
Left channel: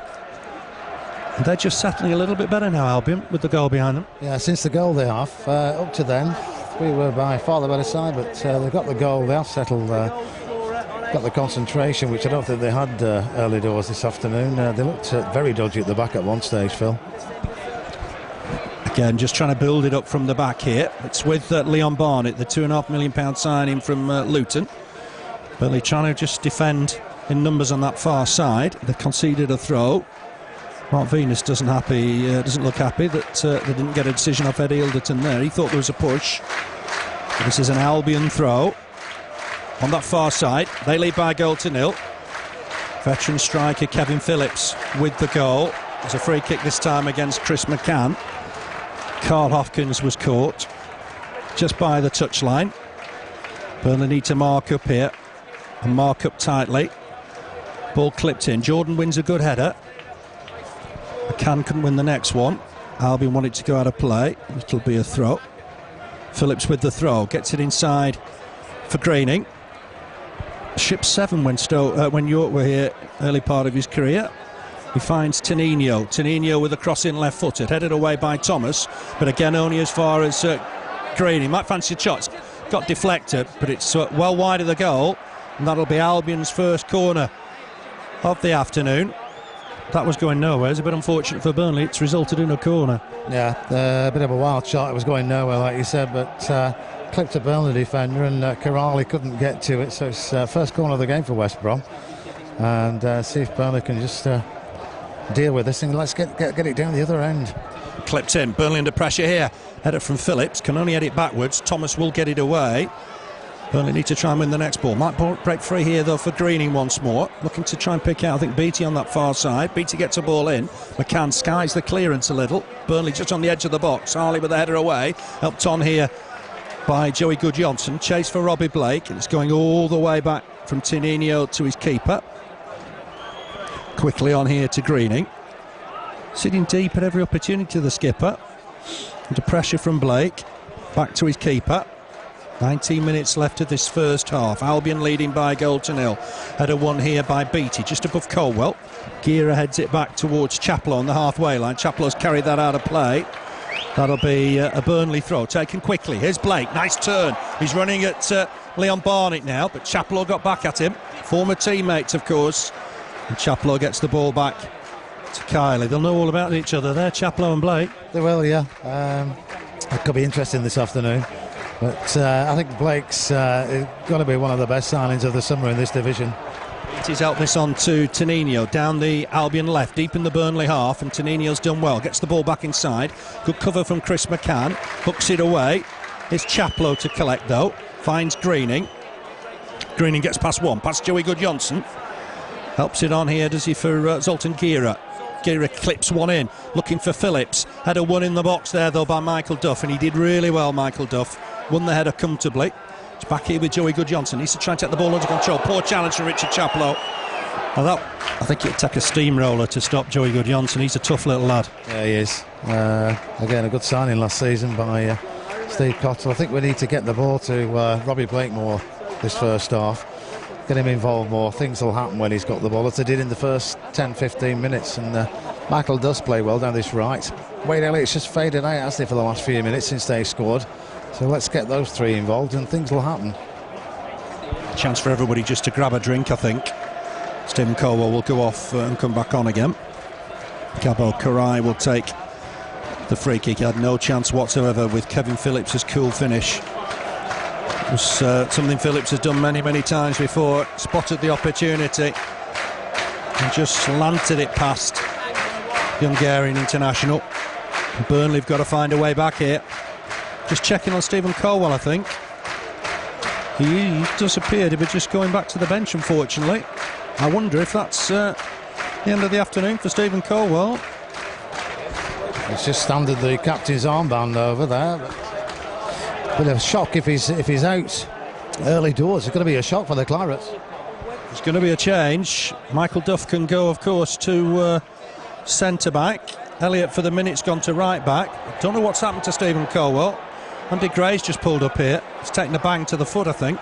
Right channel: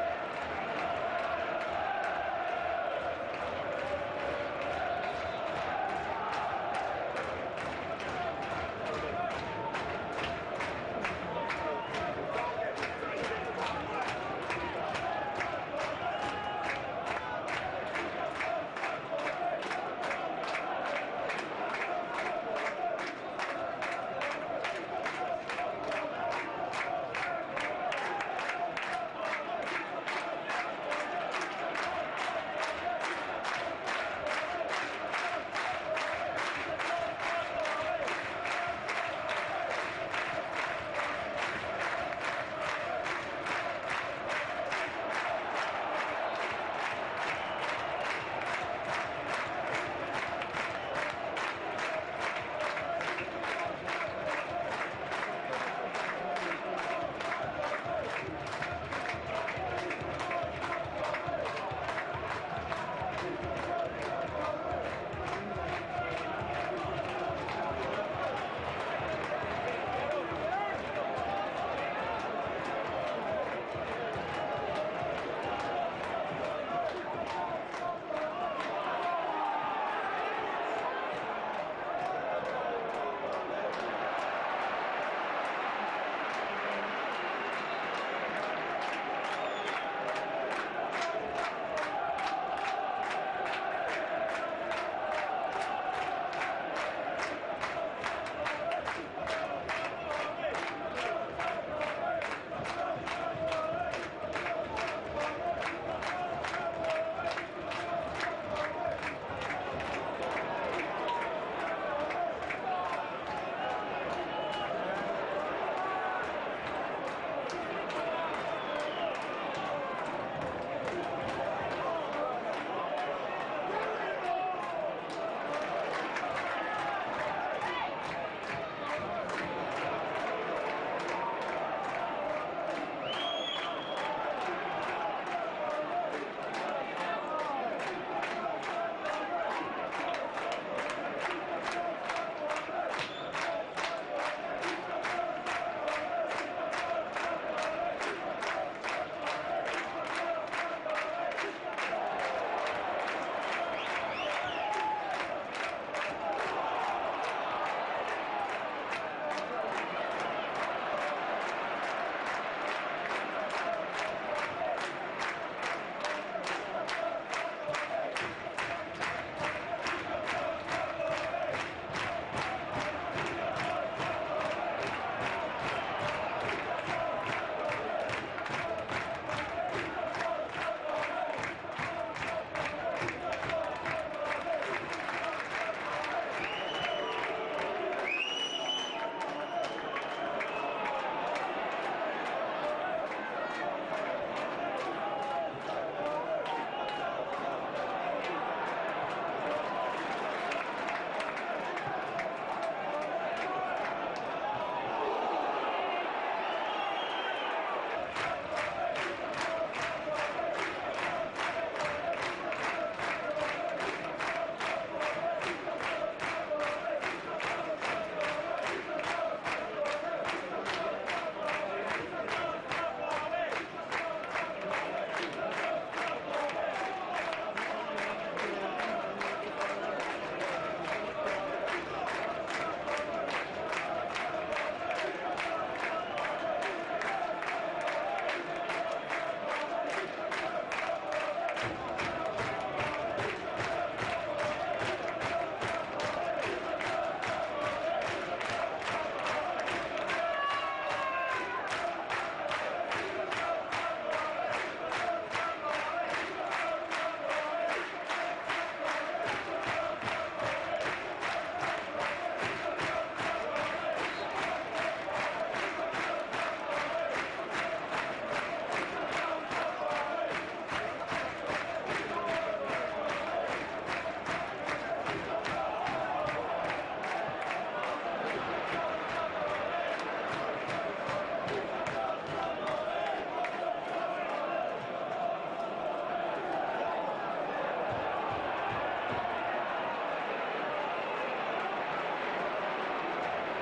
And they're just settling a little bit better now, Albion, with the goal behind them. Yeah, since the goal they have. Up to then, we were by far the better side, but they've got the goal, they have settled, got the concentration, which I don't think they had early doors this afternoon. They looked very dodgy at the back at one stage, Phil. Again, just trying to build it up from the back here. It's with Leon Barnett, the £2.5 million signing from Luton. Burnley trying to just defend in numbers on that far side. They conceded a throw. Mark Venus doesn't look happy that they didn't get a decision off Eddie Ilderton there. He thought there was a push. This is an Albion throw on that far side. They lead by a goal to nil. Veteran striker Kevin Phillips with the goal. There's a free kick this time against Chris McCann. Carl Hopkins was caught just by the touchline. Burnley need to mark up here and mark up tightly. Ball clipped in. Jordan wins a good header. McCann couldn't win the next one. Albion wanted to go out of play. It'll be a throw. Phillips with the throw, gets it inside for Greening. Ship 7 when York were here early part of his career. He finds Tenino with a cross in left-footed, headed away by Thomas, but again only as far as Greening. Might fancy a shot, got deflected, but it's well wide of the goal, and that'll be Albion's first corner of the afternoon. That was going nowhere. It's a bit unfortunate for Burnley. It's resulted in a corner. Yeah, a bit of a wild shot. It was going nowhere, like you said, but clipped a Burnley defender, and Corrali couldn't get to it. So it's first corner of the game for West Brom, and see if Burnley can just deal with this thing. Let's get it down the other end. Clipped in. Burnley under pressure here. Header from Phillips. Can only head it backwards. Thomas will get it away. Burnley need to try and win the next ball. Might break free here though for Greening once more. Looking to try and pick out, I think, Beattie on that far side. Beattie gets a ball in. McCann skies the clearance a little. Burnley just on the edge of the box. Harley with the header away. Helped on here by Joey Goodjohnson. Chase for Robbie Blake. And it's going all the way back from Tenino to his keeper. Quickly on here to Greening. Sitting deep at every opportunity, the skipper. Under pressure from Blake. Back to his keeper. 19 minutes left of this first half. Albion leading by a goal to nil. Header one here by Beattie, just above Colwell. Gira heads it back towards Chaplow on the halfway line. Chaplow's carried that out of play. That'll be a Burnley throw, taken quickly. Here's Blake, nice turn. He's running at Leon Barnett now, but Chaplow got back at him. Former teammates, of course. And Chaplow gets the ball back to Kiley. They'll know all about each other there, Chaplow and Blake. They will, yeah. It could be interesting this afternoon. But I think Blake's got to be one of the best signings of the summer in this division. He's helped this on to Tenino, down the Albion left, deep in the Burnley half, and Tenino's done well. Gets the ball back inside. Good cover from Chris McCann. Hooks it away. It's Chaplow to collect, though. Finds Greening. Greening gets past one, past Joey Goodjohnson. Helps it on here, does he, for Zoltan Gira. Gira clips one in, looking for Phillips. Header one in the box there, though, by Michael Duff, and he did really well, Michael Duff. Won the header comfortably. It's back here with Joey Goodjohnson. Needs to try and take the ball under control. Poor challenge from Richard Chaplow. Well, I think it'd take a steamroller to stop Joey Goodjohnson. He's a tough little lad. Yeah, he is. Again, a good signing last season by Steve Cottle. I think we need to get the ball to Robbie Blake more this first half. Get him involved more. Things will happen when he's got the ball, as they did in the first 10-15 minutes. And Michael does play well down this right. Wade Elliott's just faded out, hasn't he, for the last few minutes since they scored. So let's get those three involved and things will happen. Chance for everybody just to grab a drink, I think. Stephen Colwell will go off and come back on again. Gabo Karai will take the free kick. He had no chance whatsoever with Kevin Phillips' cool finish. It was something Phillips has done many, many times before. Spotted the opportunity and just slanted it past the Hungarian international. Burnley have got to find a way back here. Just checking on Stephen Colwell, I think. He does appear to be just going back to the bench, unfortunately. I wonder if that's the end of the afternoon for Stephen Colwell. He's just standed the captain's armband over there. Bit of a shock if he's out early doors. It's going to be a shock for the Clarets. There's going to be a change. Michael Duff can go, of course, to centre-back. Elliott, for the minute's gone to right-back. Don't know what's happened to Stephen Colwell. Andy Gray's just pulled up here. He's taken a bang to the foot, I think.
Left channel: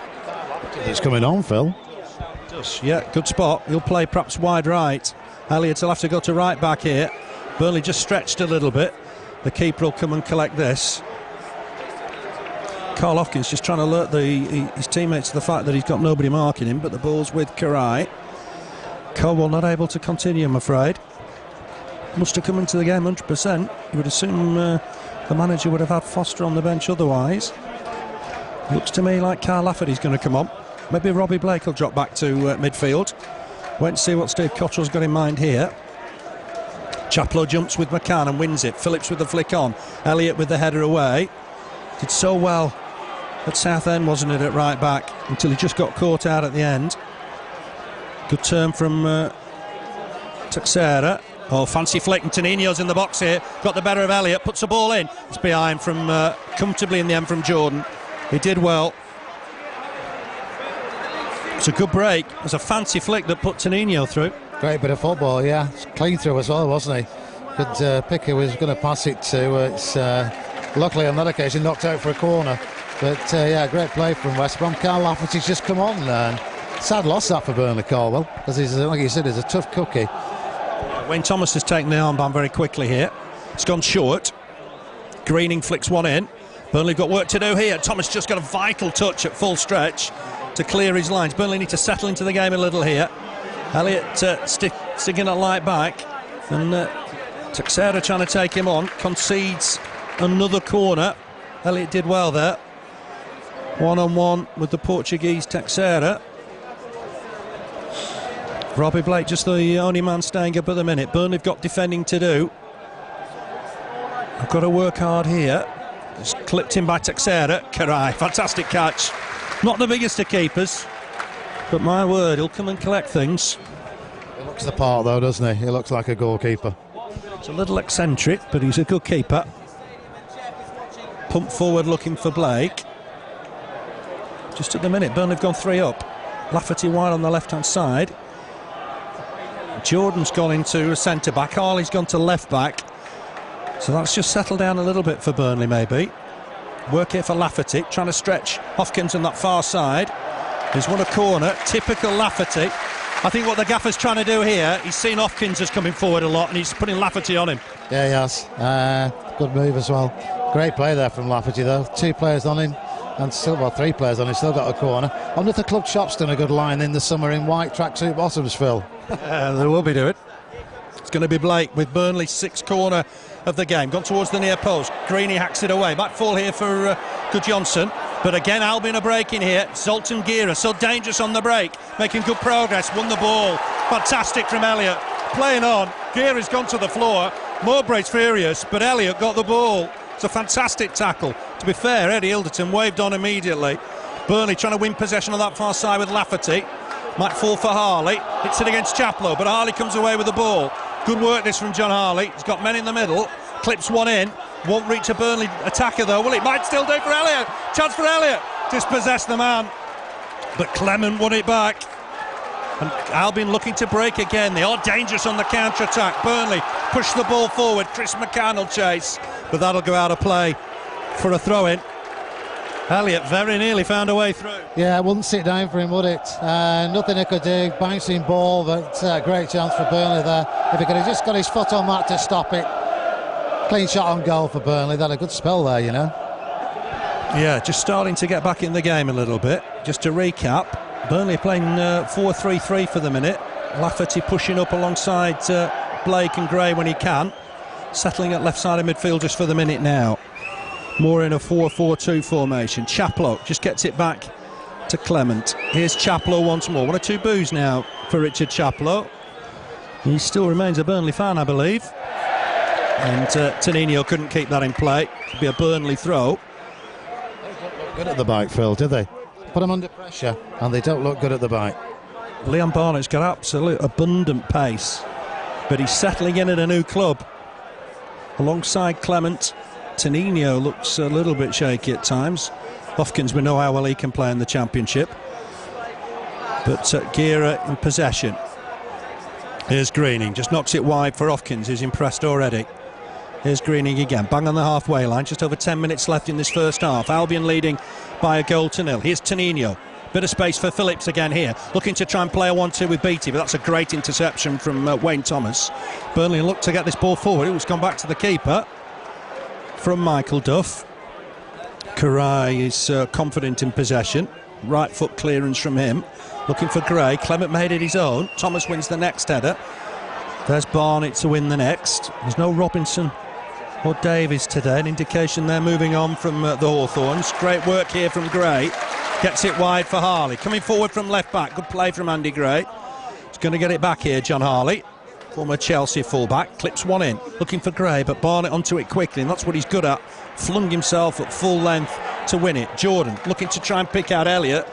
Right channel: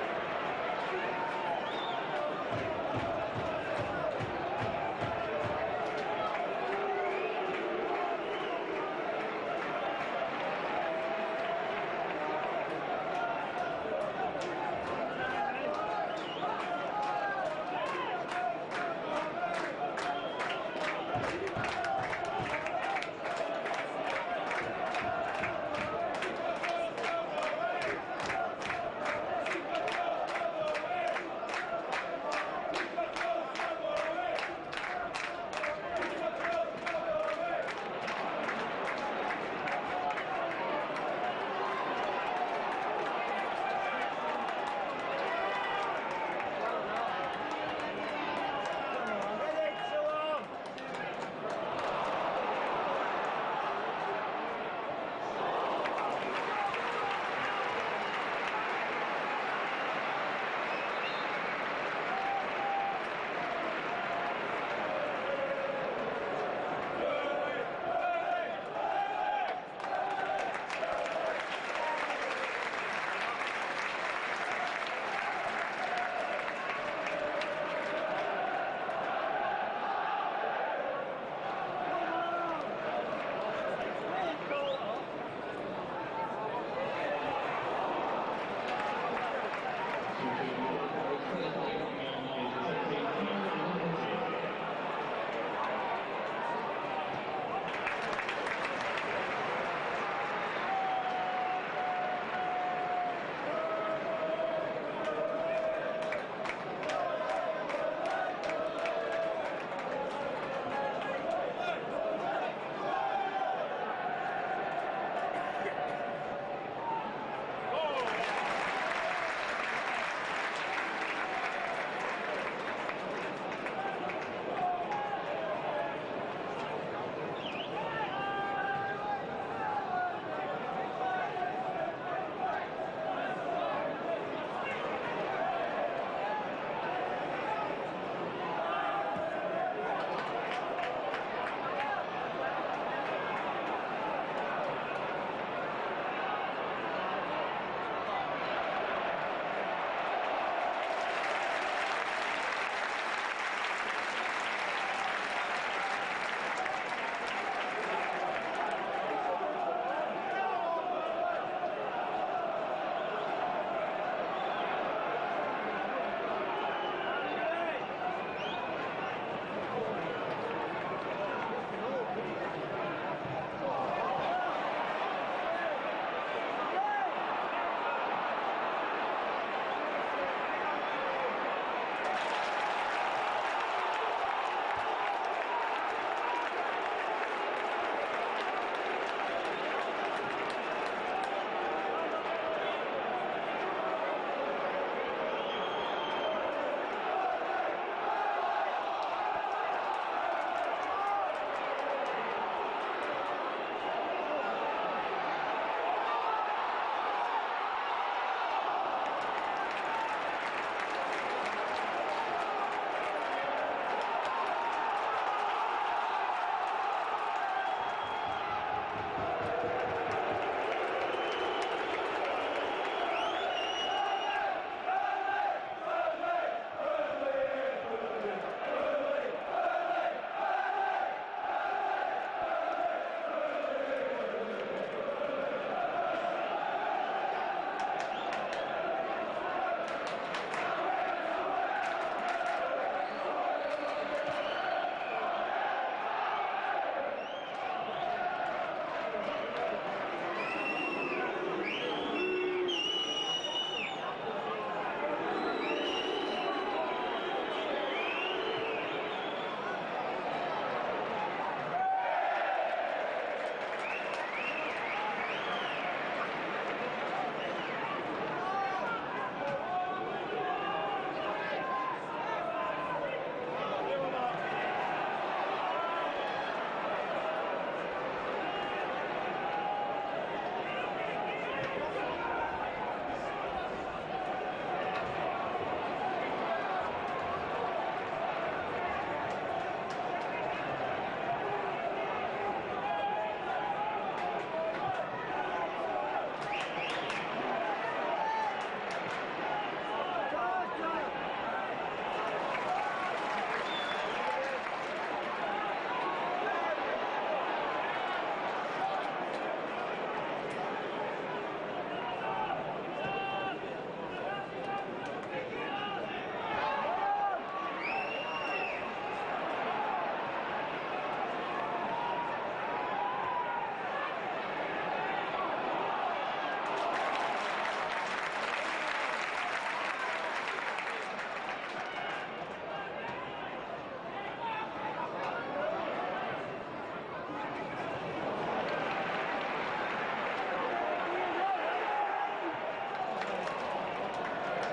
He's coming on, Phil. Yeah, good spot. He'll play perhaps wide right. Elliott will have to go to right back here. Burnley just stretched a little bit. The keeper will come and collect this. Carl Hopkins just trying to alert his teammates to the fact that he's got nobody marking him, but the ball's with Karai. Colwell not able to continue, I'm afraid. Must have come into the game 100%. You would assume the manager would have had Foster on the bench otherwise. Looks to me like Carl Lafferty's going to come on. Maybe Robbie Blake will drop back to midfield. Wait and see what Steve Cottrell's got in mind here. Chaplow jumps with McCann and wins it. Phillips with the flick on. Elliott with the header away. Did so well at Southend, wasn't it, at right back, until he just got caught out at the end. Good turn from Teixeira. Oh, fancy flick, and Tenino's in the box here. Got the better of Elliott, puts the ball in. It's behind from comfortably in the end from Jordan. He did well. It's a good break. It was a fancy flick that put Tenino through. Great bit of football, yeah. Clean through as well, wasn't he? Good pick who was going to pass it to. It's luckily on that occasion knocked out for a corner. But yeah, great play from West Brom. Carl Lafferty's just come on. Sad loss that for Burnley, Caldwell, because he's, like you said, he's a tough cookie. Wayne Thomas has taken the armband very quickly here. It's gone short. Greening flicks one in. Burnley got work to do here. Thomas just got a vital touch at full stretch to clear his lines. Burnley need to settle into the game a little here. Elliott sticking a light back, and Teixeira trying to take him on. Concedes another corner. Elliott did well there. One-on-one with the Portuguese Teixeira. Robbie Blake just the only man staying up at the minute. Burnley have got defending to do. I've got to work hard here. It's clipped in by Teixeira. Karai, fantastic catch. Not the biggest of keepers, but my word, he'll come and collect things. He looks the part though, doesn't he? He looks like a goalkeeper. It's a little eccentric, but he's a good keeper. Pump forward looking for Blake. Just at the minute, Burnley have gone 3 up. Lafferty wide on the left-hand side. Jordan's gone into a centre-back. Harley's gone to left-back. So that's just settled down a little bit for Burnley, maybe. Work here for Lafferty, trying to stretch Hopkins on that far side. He's won a corner, typical Lafferty. I think what the gaffer's trying to do here, he's seen Hopkins as coming forward a lot, and he's putting Lafferty on him. Yeah, he has. Good move as well. Great play there from Lafferty, though. 2 players on him, and still, well, 3 players on him, still got a corner. I wonder if the club shop's done a good line in the summer in white tracksuit bottoms, Phil. They will be doing. It's going to be Blake with Burnley's 6th corner of the game. Gone towards the near post. Greeny hacks it away. Back fall here for Gudjonsson. But again, Albion are breaking here. Zoltan Gira, so dangerous on the break. Making good progress. Won the ball. Fantastic from Elliott. Playing on. Gira's gone to the floor. Mowbray's furious, but Elliott got the ball. It's a fantastic tackle. To be fair, Eddie Ilderton waved on immediately. Burnley trying to win possession on that far side with Lafferty. Might fall for Harley. Hits it against Chaplow, but Harley comes away with the ball. Good work this from John Harley. He's got men in the middle. Clips one in. Won't reach a Burnley attacker though, will it? Might still do for Elliott. Chance for Elliott. Dispossess the man. But Clement won it back. And Albion looking to break again. They are dangerous on the counter-attack. Burnley push the ball forward. Chris McCann will chase. But that'll go out of play for a throw-in. Elliott very nearly found a way through. Yeah, it wouldn't sit down for him, would it? Nothing he could do. Bouncing ball, but great chance for Burnley there. If he could have just got his foot on that to stop it. Clean shot on goal for Burnley. They had a good spell there, you know. Yeah, just starting to get back in the game a little bit. Just to recap, Burnley are playing 4-3-3 for the minute. Lafferty pushing up alongside Blake and Gray when he can. Settling at left side of midfield just for the minute now. More in a 4-4-2 formation. Chaplow just gets it back to Clement. Here's Chaplow once more. 1 or 2 boos now for Richard Chaplow. He still remains a Burnley fan, I believe. And Tenino couldn't keep that in play. It'll be a Burnley throw. Good at the bite, Phil, did they? Put them under pressure, and they don't look good at the bite. Leon Barnett's got absolute abundant pace, but he's settling in at a new club. Alongside Clement, Tenino looks a little bit shaky at times. Hopkins, we know how well he can play in the Championship. But Gira in possession. Here's Greening, just knocks it wide for Hopkins, who's impressed already. Here's Greening again, bang on the halfway line, just over 10 minutes left in this first half. Albion leading by 1-0. Here's Tenino, bit of space for Phillips again here, looking to try and play a 1-2 with Beattie, but that's a great interception from Wayne Thomas. Burnley look to get this ball forward. It's gone back to the keeper from Michael Duff. Karai is confident in possession. Right foot clearance from him. Looking for Gray. Clement made it his own. Thomas wins the next header. There's Barnett to win the next. There's no Robinson or Davies today. An indication they're moving on from the Hawthorns. Great work here from Gray. Gets it wide for Harley. Coming forward from left back. Good play from Andy Gray. He's going to get it back here, John Harley. Former Chelsea fullback. Clips one in. Looking for Gray, but Barnett onto it quickly, and that's what he's good at. Flung himself at full length to win it. Jordan looking to try and pick out Elliott,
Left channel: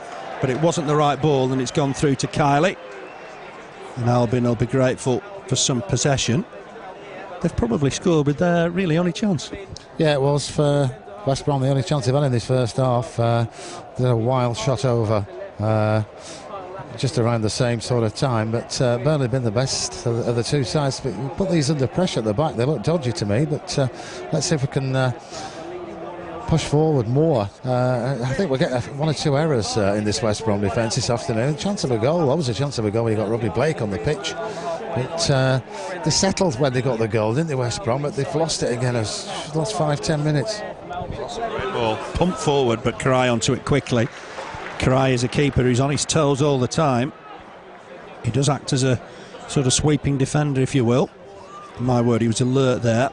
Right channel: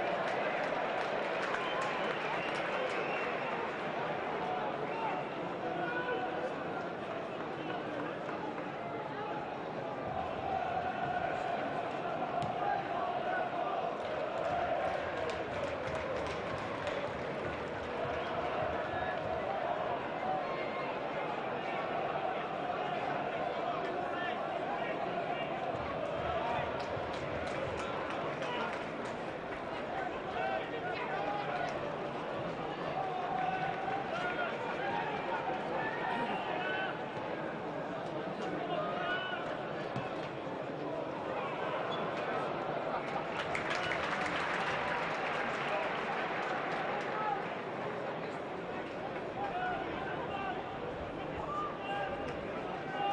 but it wasn't the right ball, and it's gone through to Kiley. And Albion will be grateful for some possession. They've probably scored with their really only chance. Yeah, it was for West Brom the only chance they've had in this first half. Did a wild shot over just around the same sort of time, but Burnley have been the best of the two sides. But you put these under pressure at the back, they look dodgy to me, but let's see if we can push forward more. I think we'll get one or two errors in this West Brom defence this afternoon. Chance of a goal, always a chance of a goal when you got Robbie Blake on the pitch. They settled when they got the goal, didn't they, West Brom? But they've lost it again. It's lost 5-10 minutes. Ball pumped forward, but Karai onto it quickly. Karai is a keeper who's on his toes all the time. He does act as a sort of sweeping defender, if you will. My word, he was alert there.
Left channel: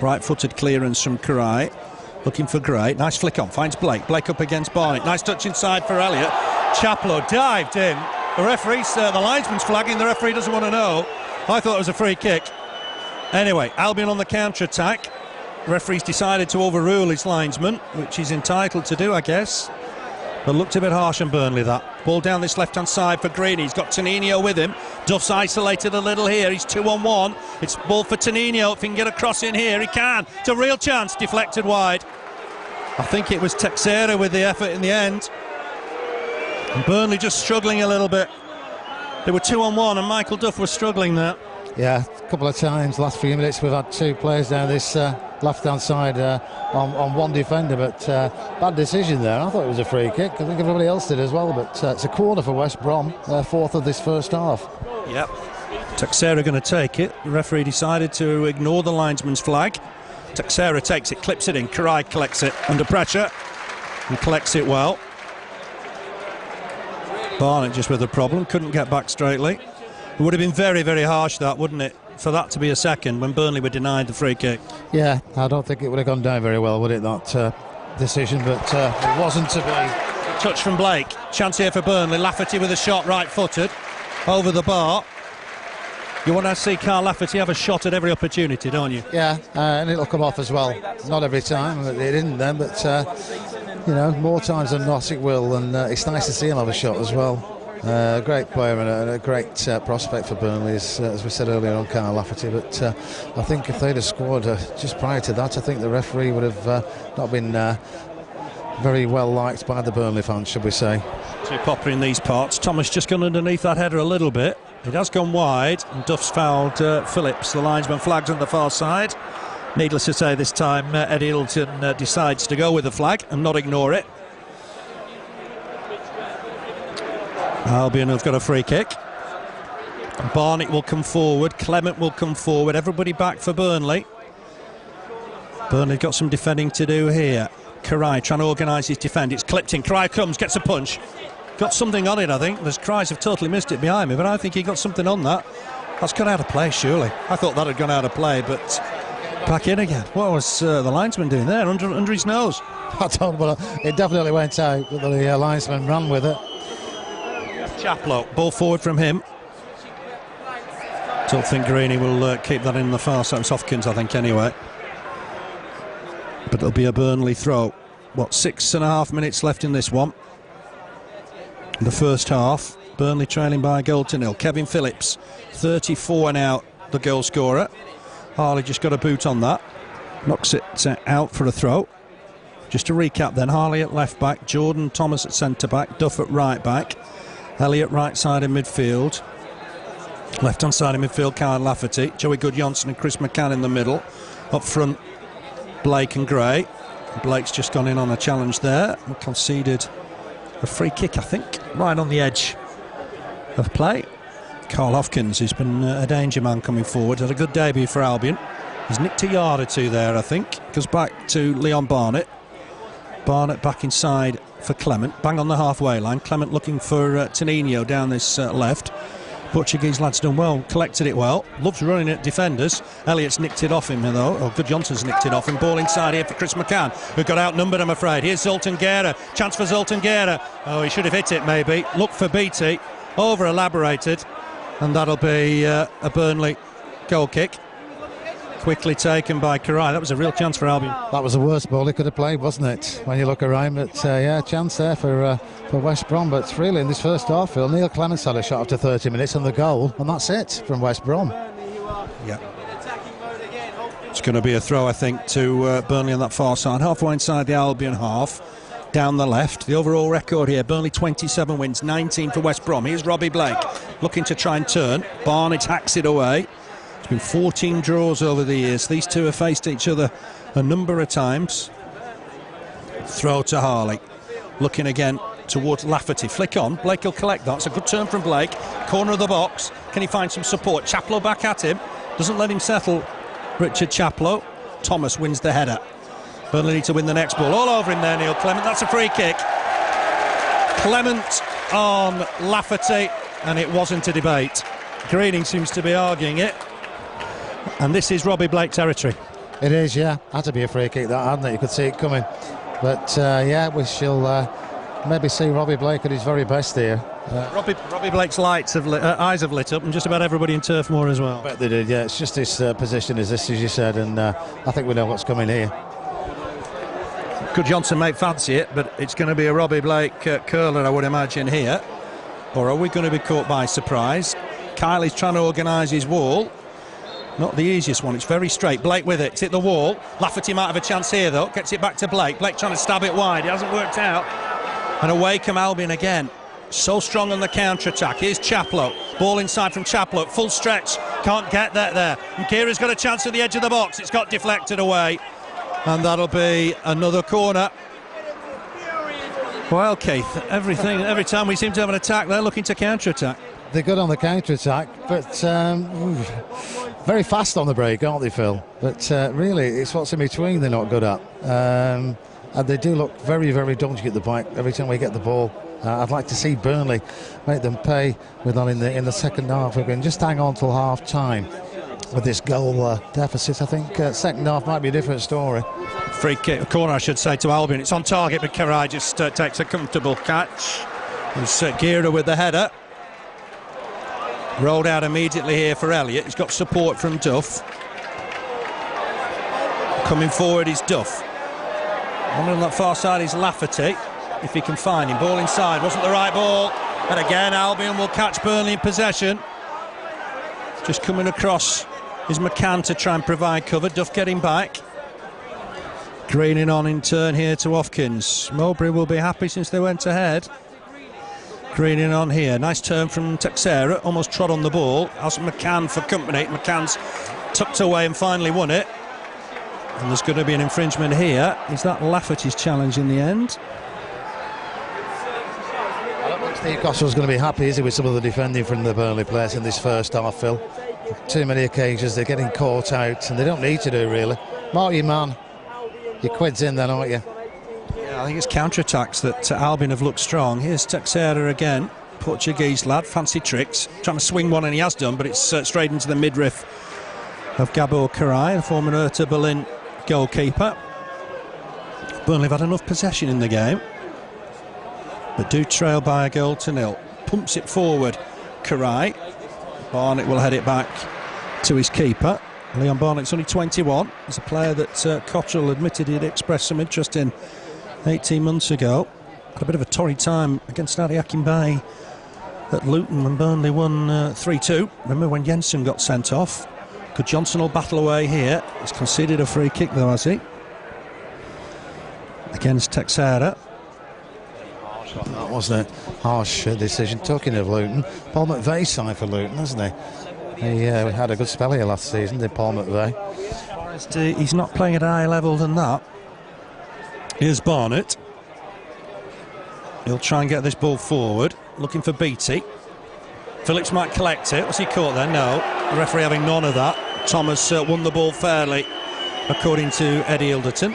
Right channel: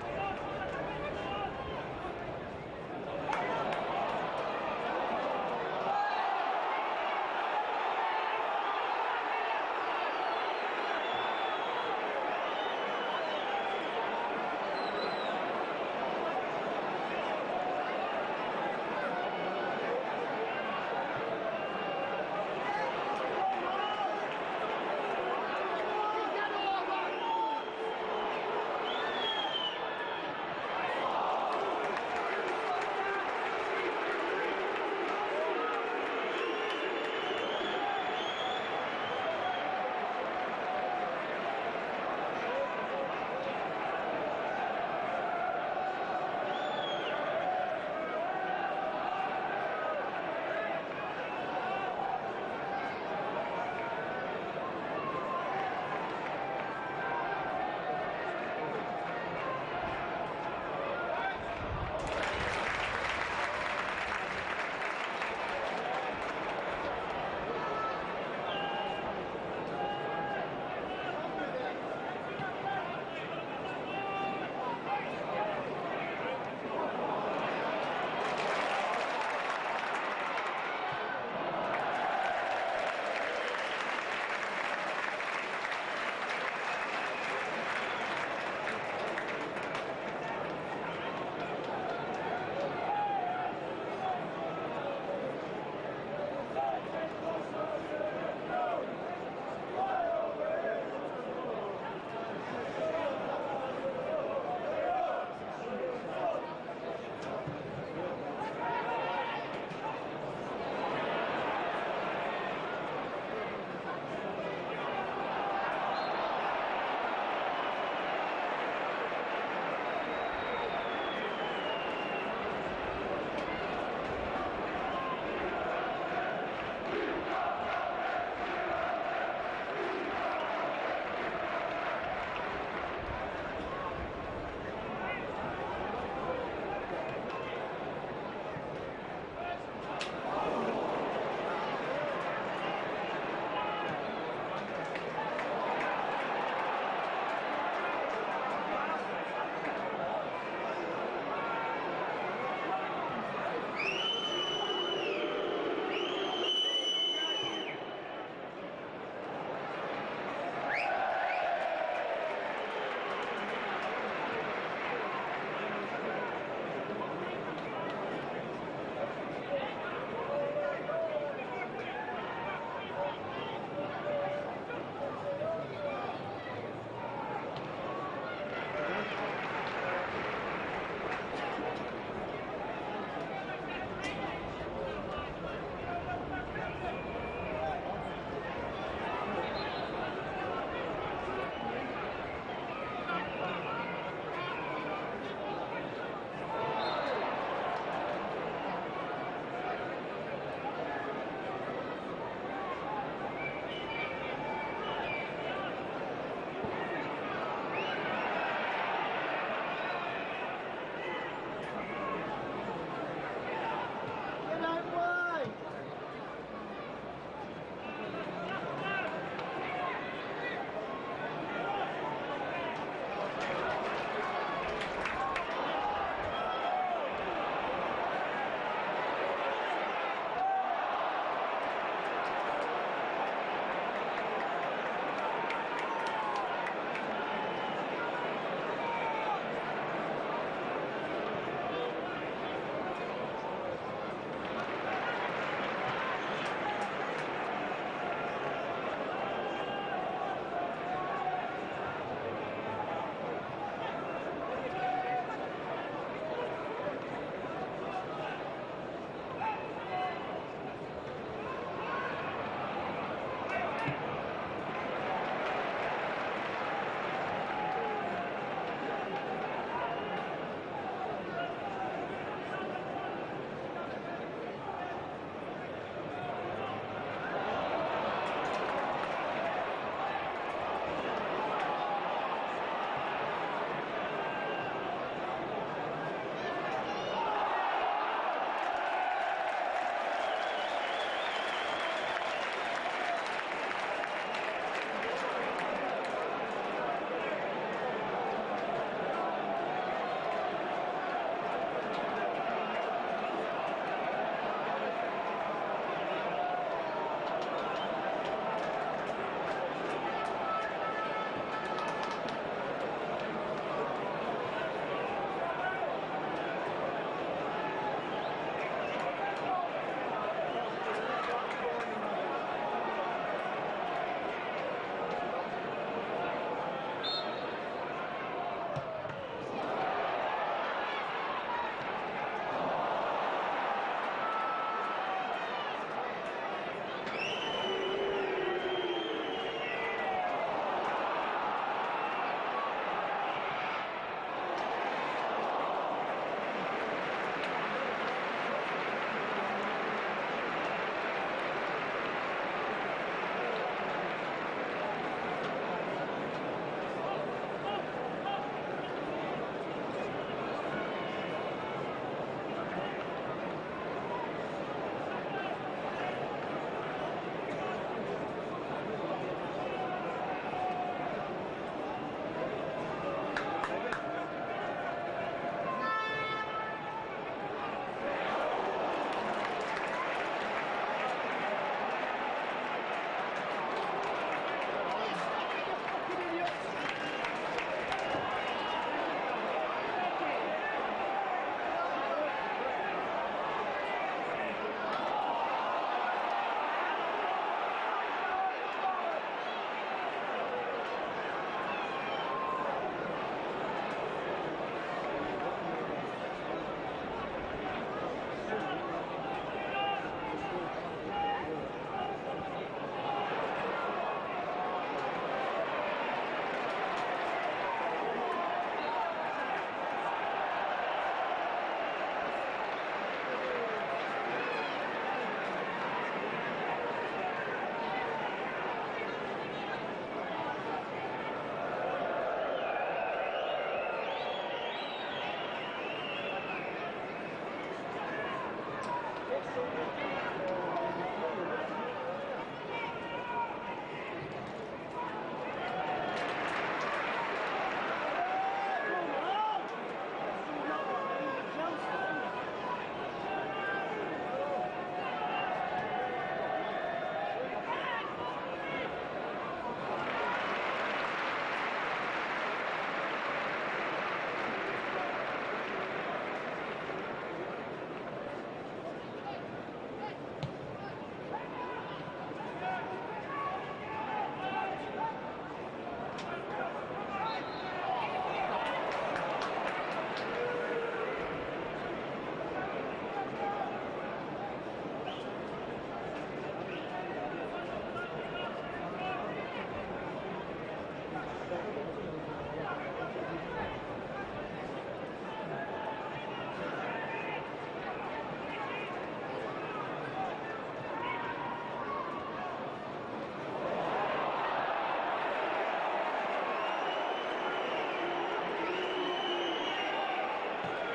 Right-footed clearance from Karai. Looking for Gray. Nice flick on. Finds Blake. Blake up against Barnett. Nice touch inside for Elliott. Chaplow dived in. The referee's, the linesman's flagging. The referee doesn't want to know. I thought it was a free kick. Anyway, Albion on the counter-attack. The referee's decided to overrule his linesman, which he's entitled to do, I guess. But looked a bit harsh on Burnley, that. Ball down this left-hand side for Greeny. He's got Tenino with him. Duff's isolated a little here. He's 2-on-1. It's ball for Tenino. If he can get a cross in here, he can. It's a real chance. Deflected wide. I think it was Texera with the effort in the end. And Burnley just struggling a little bit. They were 2-on-1 and Michael Duff was struggling there. Yeah, a couple of times last few minutes we've had two players down this left-hand side on one defender, but bad decision there. I thought it was a free kick. I think everybody else did as well, but it's a corner for West Brom, fourth of this first half. Yep. Texera going to take it. The referee decided to ignore the linesman's flag. Texera takes it, clips it in. Karai collects it under pressure and collects it well. Barnett just with a problem, couldn't get back straightly. It would have been very, very harsh, that, wouldn't it, for that to be a second when Burnley were denied the free kick. Yeah, I don't think it would have gone down very well, would it, that decision, but it wasn't to be. Touch from Blake. Chance here for Burnley. Lafferty with a shot, right-footed, over the bar. You want to see Carl Lafferty have a shot at every opportunity, don't you? Yeah, and it'll come off as well. Not every time, it didn't then, but, you know, more times than not it will, and it's nice to see him have a shot as well. Great player and a great prospect for Burnley, as we said earlier on, Carl Lafferty. But I think if they'd have scored just prior to that, I think the referee would have not been very well liked by the Burnley fans, should we say. Too popular in these parts. Thomas just gone underneath that header a little bit. It has gone wide, and Duff's fouled Phillips. The linesman flags on the far side. Needless to say, this time Eddie Hilton decides to go with the flag and not ignore it. Albion have got a free kick. Barnett will come forward, Clement will come forward, everybody back for Burnley. Burnley got some defending to do here. Karai trying to organise his defend. It's clipped in. Karai comes, gets a punch. Got something on it, I think. The Cries have totally missed it behind me, but I think he got something on that. That's gone out of play, surely. I thought that had gone out of play, but back in again. What was the linesman doing there under his nose? I don't know. It definitely went out. The linesman ran with it. Chaplow, ball forward from him. Don't think Greeny will keep that in the far side. It's Hopkins, I think, anyway. But it'll be a Burnley throw. What, 6.5 minutes left in this one? In the first half, Burnley trailing by a goal to nil. Kevin Phillips, 34 now, the goal scorer. Harley just got a boot on that. Knocks it out for a throw. Just to recap then, Harley at left back, Jordan Thomas at centre back, Duff at right back, Elliott right side in midfield, left hand side in midfield, Kyle Lafferty, Joey Goodjohnson and Chris McCann in the middle. Up front, Blake and Gray. Blake's just gone in on a challenge there and conceded a free kick, I think, right on the edge of play. Carl Hopkins, who's been a danger man coming forward, had a good debut for Albion. He's nicked a yard or two there, I think. Goes back to Leon Barnett. Barnett back inside for Clement, bang on the halfway line. Clement looking for Tenino down this left. Portuguese lad's done well, collected it well, loves running at defenders. Elliott's nicked it off him though, or Good Johnson's nicked it off him. Ball inside here for Chris McCann, who got outnumbered, I'm afraid. Here's Zoltan Guerra, chance for Zoltan Guerra. Oh, he should have hit it maybe. Look for Beattie, over elaborated, and that'll be a Burnley goal kick. Quickly taken by Karai. That was a real chance for Albion. That was the worst ball he could have played, wasn't it? When you look around, but yeah, chance there for West Brom. But really, in this first half, Phil, Neil Clements had a shot after 30 minutes on the goal, and that's it from West Brom. Yeah. It's going to be a throw, I think, to Burnley on that far side, halfway inside the Albion half, down the left. The overall record here: Burnley 27 wins, 19 for West Brom. Here's Robbie Blake looking to try and turn. Barnett hacks it away. It's been 14 draws over the years. These two have faced each other a number of times. Throw to Harley, looking again towards Lafferty. Flick on, Blake will collect that. It's a good turn from Blake. Corner of the box. Can he find some support? Chaplow back at him. Doesn't let him settle, Richard Chaplow. Thomas wins the header. Burnley need to win the next ball. All over him there, Neil Clement. That's a free kick. Clement on Lafferty, and it wasn't a debate. Greening seems to be arguing it. And this is Robbie Blake territory. It is, yeah. Had to be a free kick, that, hadn't it? You could see it coming. But yeah, we shall maybe see Robbie Blake at his very best here. Robbie Blake's eyes have lit up, and just about everybody in Turf Moor as well. I bet they did, yeah. It's just his position as this, as you said, and I think we know what's coming here. Good Johnson may fancy it, but it's going to be a Robbie Blake curler, I would imagine, here. Or are we going to be caught by surprise? Kylie's trying to organise his wall. Not the easiest one. It's very straight. Blake with it. It's hit the wall. Lafferty might have a chance here, though. Gets it back to Blake. Blake trying to stab it wide. It hasn't worked out. And away come Albion again. So strong on the counter-attack. Here's Chaplow. Ball inside from Chaplow. Full stretch. Can't get that there. And Kira's got a chance at the edge of the box. It's got deflected away. And that'll be another corner. Well, Keith, every time we seem to have an attack, they're looking to counter-attack. They're good on the counter-attack, but very fast on the break, aren't they, Phil? But really, it's what's in between they're not good at. And they do look very, very dodgy at the back every time we get the ball. I'd like to see Burnley make them pay with them in the second half. We can just hang on till half-time with this goal deficit. I think second half might be a different story. Free kick, a corner, I should say, to Albion. It's on target, but Karai just takes a comfortable catch. There's Gira with the header. Rolled out immediately here for Elliott. He's got support from Duff. Coming forward is Duff. On that far side is Lafferty, if he can find him. Ball inside, wasn't the right ball. And again, Albion will catch Burnley in possession. Just coming across is McCann to try and provide cover. Duff getting back. Greening on in turn here to Hopkins. Mowbray will be happy since they went ahead. Greening on here. Nice turn from Texera. Almost trod on the ball. Asked McCann for company. McCann's tucked away and finally won it. And there's going to be an infringement here. Is that Lafferty's challenge in the end? I don't think Steve Costell's going to be happy, is he, with some of the defending from the Burnley players in this first half, Phil? Too many occasions they're getting caught out, and they don't need to do, really. Mark your man. Your quid's in then, aren't you? I think it's counter-attacks that Albion have looked strong. Here's Texera again, Portuguese lad, fancy tricks, trying to swing one, and he has done, but it's straight into the midriff of Gabor Karai, the former Hertha Berlin goalkeeper. Burnley have had enough possession in the game, but do trail by a goal to nil. Pumps it forward, Karai. Barnett will head it back to his keeper. Leon Barnett's only 21. He's a player that Cottrell admitted he'd expressed some interest in 18 months ago. Had a bit of a torrid time against Adi Akinbaye at Luton when Burnley won 3-2. Remember when Jensen got sent off? Good Johnson will battle away here. He's conceded a free kick though, has he? Against Texera. That wasn't a harsh decision. Talking of Luton, Paul McVeigh signed for Luton, hasn't he? He had a good spell here last season, did Paul McVeigh? He's not playing at a higher level than that. Here's Barnett. He'll try and get this ball forward, looking for Beattie. Phillips might collect it. Was he caught there? No. The referee having none of that. Thomas won the ball fairly, according to Eddie Ilderton.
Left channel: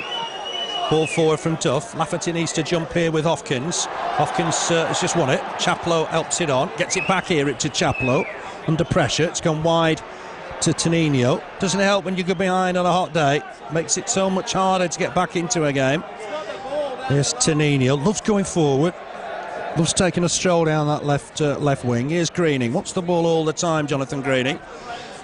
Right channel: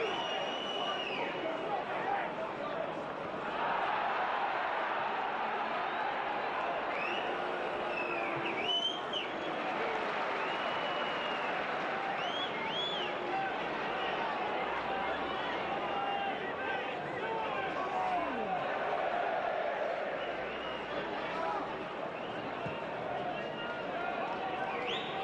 Ball forward from Duff. Lafferty needs to jump here with Hopkins. Hopkins has just won it. Chaplow helps it on. Gets it back here to Chaplow. Under pressure. It's gone wide to Tonino. Doesn't help when you go behind on a hot day. Makes it so much harder to get back into a game. Here's Tonino. Loves going forward. Loves taking a stroll down that left wing. Here's Greening. Wants the ball all the time, Jonathan Greening.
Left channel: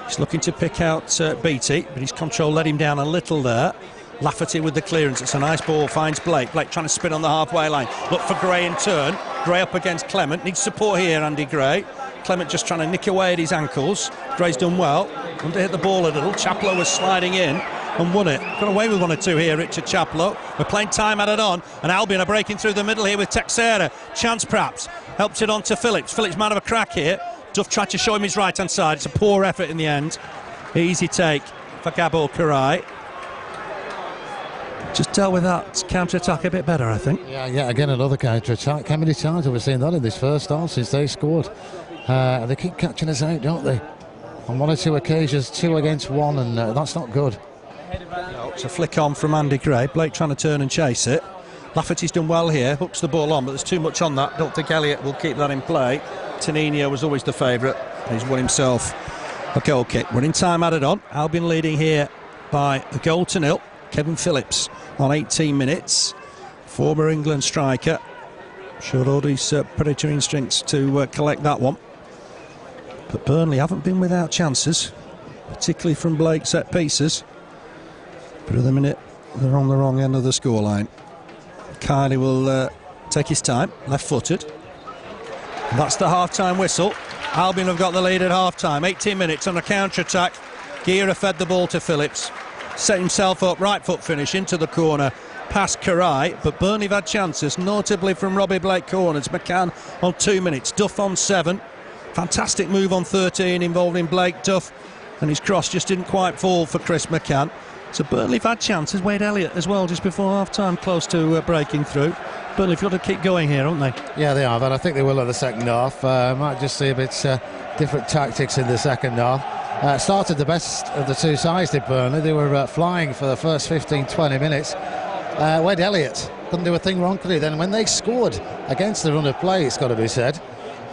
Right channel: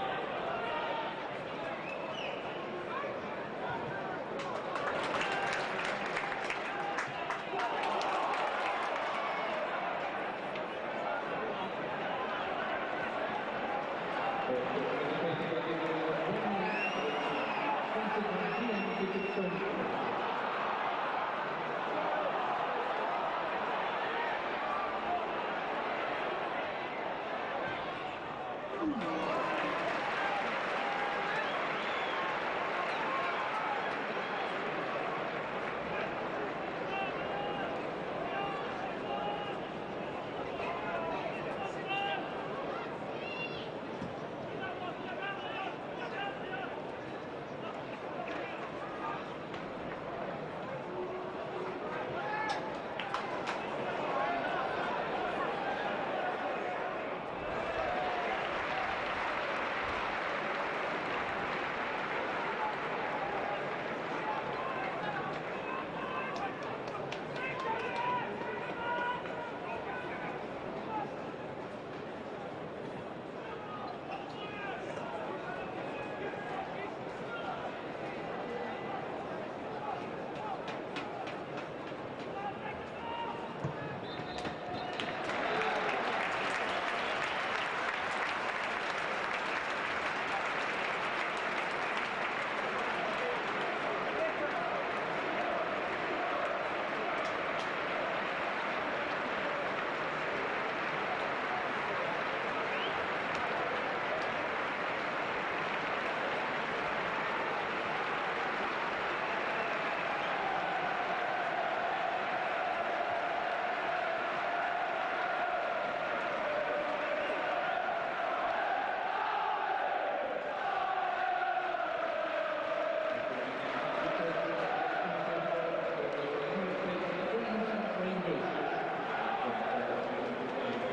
He's looking to pick out Beattie, but his control let him down a little there. Lafferty with the clearance. It's a nice ball. Finds Blake. Blake trying to spin on the halfway line. Look for Gray in turn. Gray up against Clement. Needs support here, Andy Gray. Clement just trying to nick away at his ankles. Gray's done well. Want to hit the ball a little. Chaplow was sliding in and won it. Got away with 1 or 2 here, Richard Chaplow. We're playing time added on, and Albion are breaking through the middle here with Texera. Chance perhaps. Helps it on to Phillips. Phillips might have a crack here. Duff tried to show him his right-hand side. It's a poor effort in the end. Easy take for Gabor Karai. Just dealt with that counter-attack a bit better, I think. Yeah, again, another counter-attack. How many times have we seen that in this first half since they scored? They keep catching us out, don't they? On 1 or 2 occasions, 2 against 1, and that's not good. It's a flick on from Andy Gray. Blake trying to turn and chase it. Lafferty's done well here. Hooks the ball on, but there's too much on that. Don't think Elliott will keep that in play. Tonino was always the favourite. He's won himself a goal kick. Running time added on. Albion leading here by a goal to 0. Kevin Phillips on 18 minutes. Former England striker. Showed all his predator instincts to collect that one. But Burnley haven't been without chances, particularly from Blake set pieces. But at the minute, they're on the wrong end of the scoreline. Kylie will take his time, left-footed. And that's the half-time whistle. Albion have got the lead at half-time. 18 minutes on a counter-attack. Gira fed the ball to Phillips. Set himself up, right foot finish into the corner. Past Karai, but Burnley have had chances, notably from Robbie Blake corners. McCann on 2 minutes, Duff on 7. Fantastic move on 13 involving Blake, Duff, and his cross just didn't quite fall for Chris McCann. So Burnley have had chances. Wade Elliott as well just before half-time, close to breaking through. Burnley have got to keep going here, haven't they? Yeah, they have, and I think they will in the second half. Might just see a bit different tactics in the second half. Started the best of the two sides, did Burnley. They were flying for the first 15-20 minutes. Wade Elliott couldn't do a thing wrong, could he? Then when they scored against the run of play, it's got to be said,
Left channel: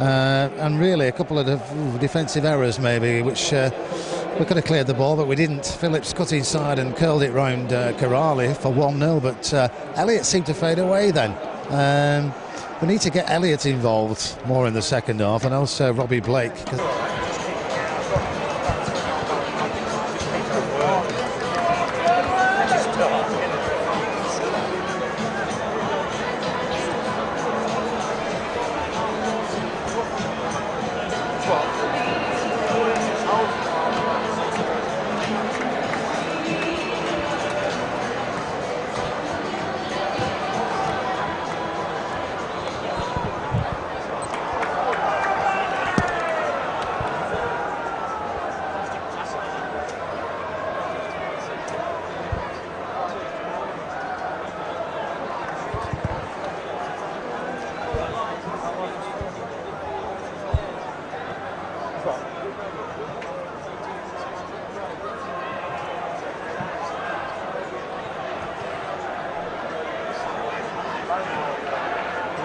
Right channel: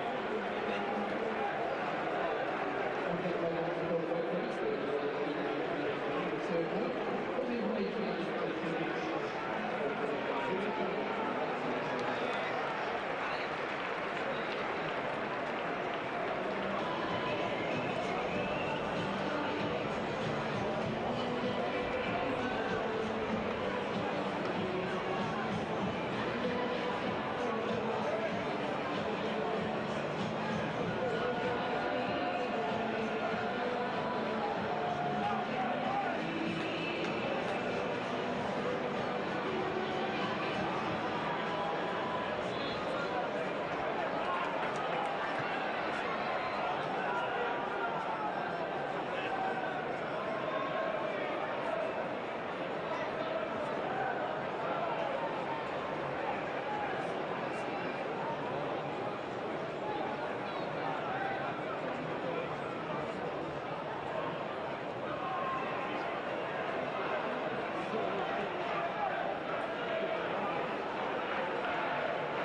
and really a couple of defensive errors maybe, which we could have cleared the ball, but we didn't. Phillips cut inside and curled it round Karali for 1-0, but Elliott seemed to fade away then. We need to get Elliott involved more in the second half, and also Robbie Blake.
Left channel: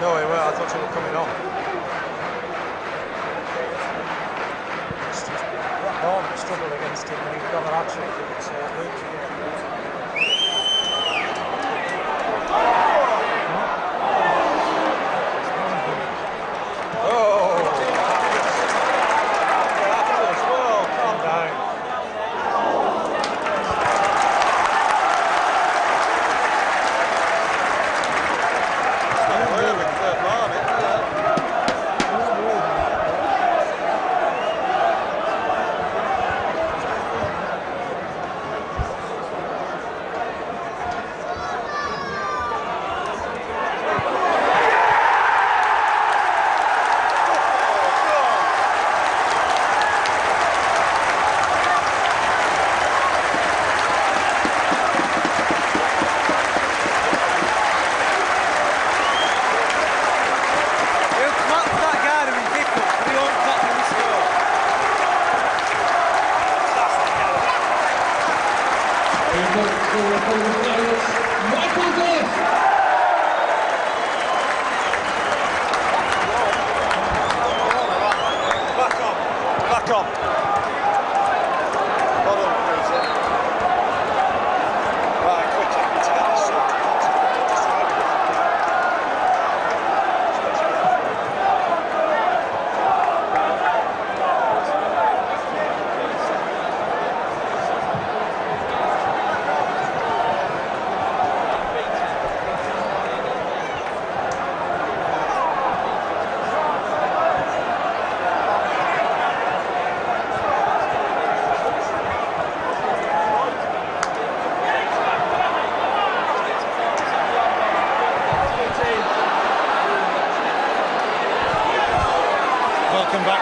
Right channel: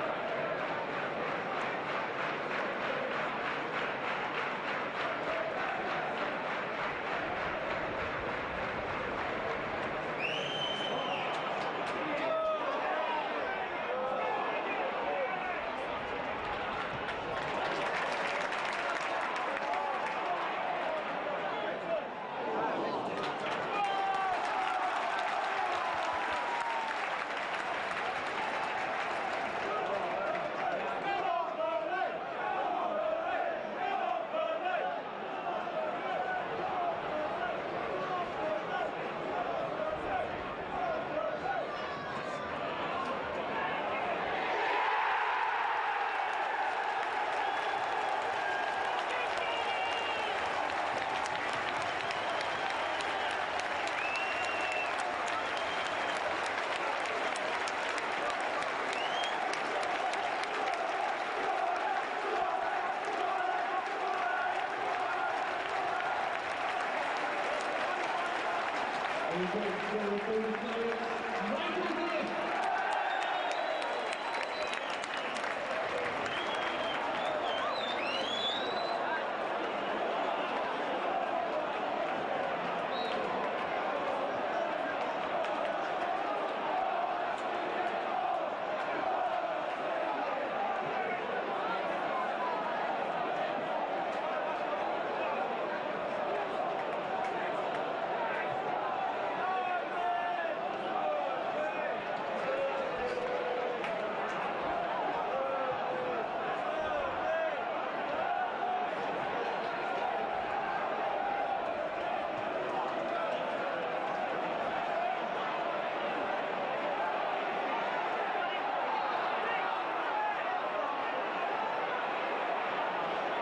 No, I thought you were coming on. Ball struggled against him, and he got an actually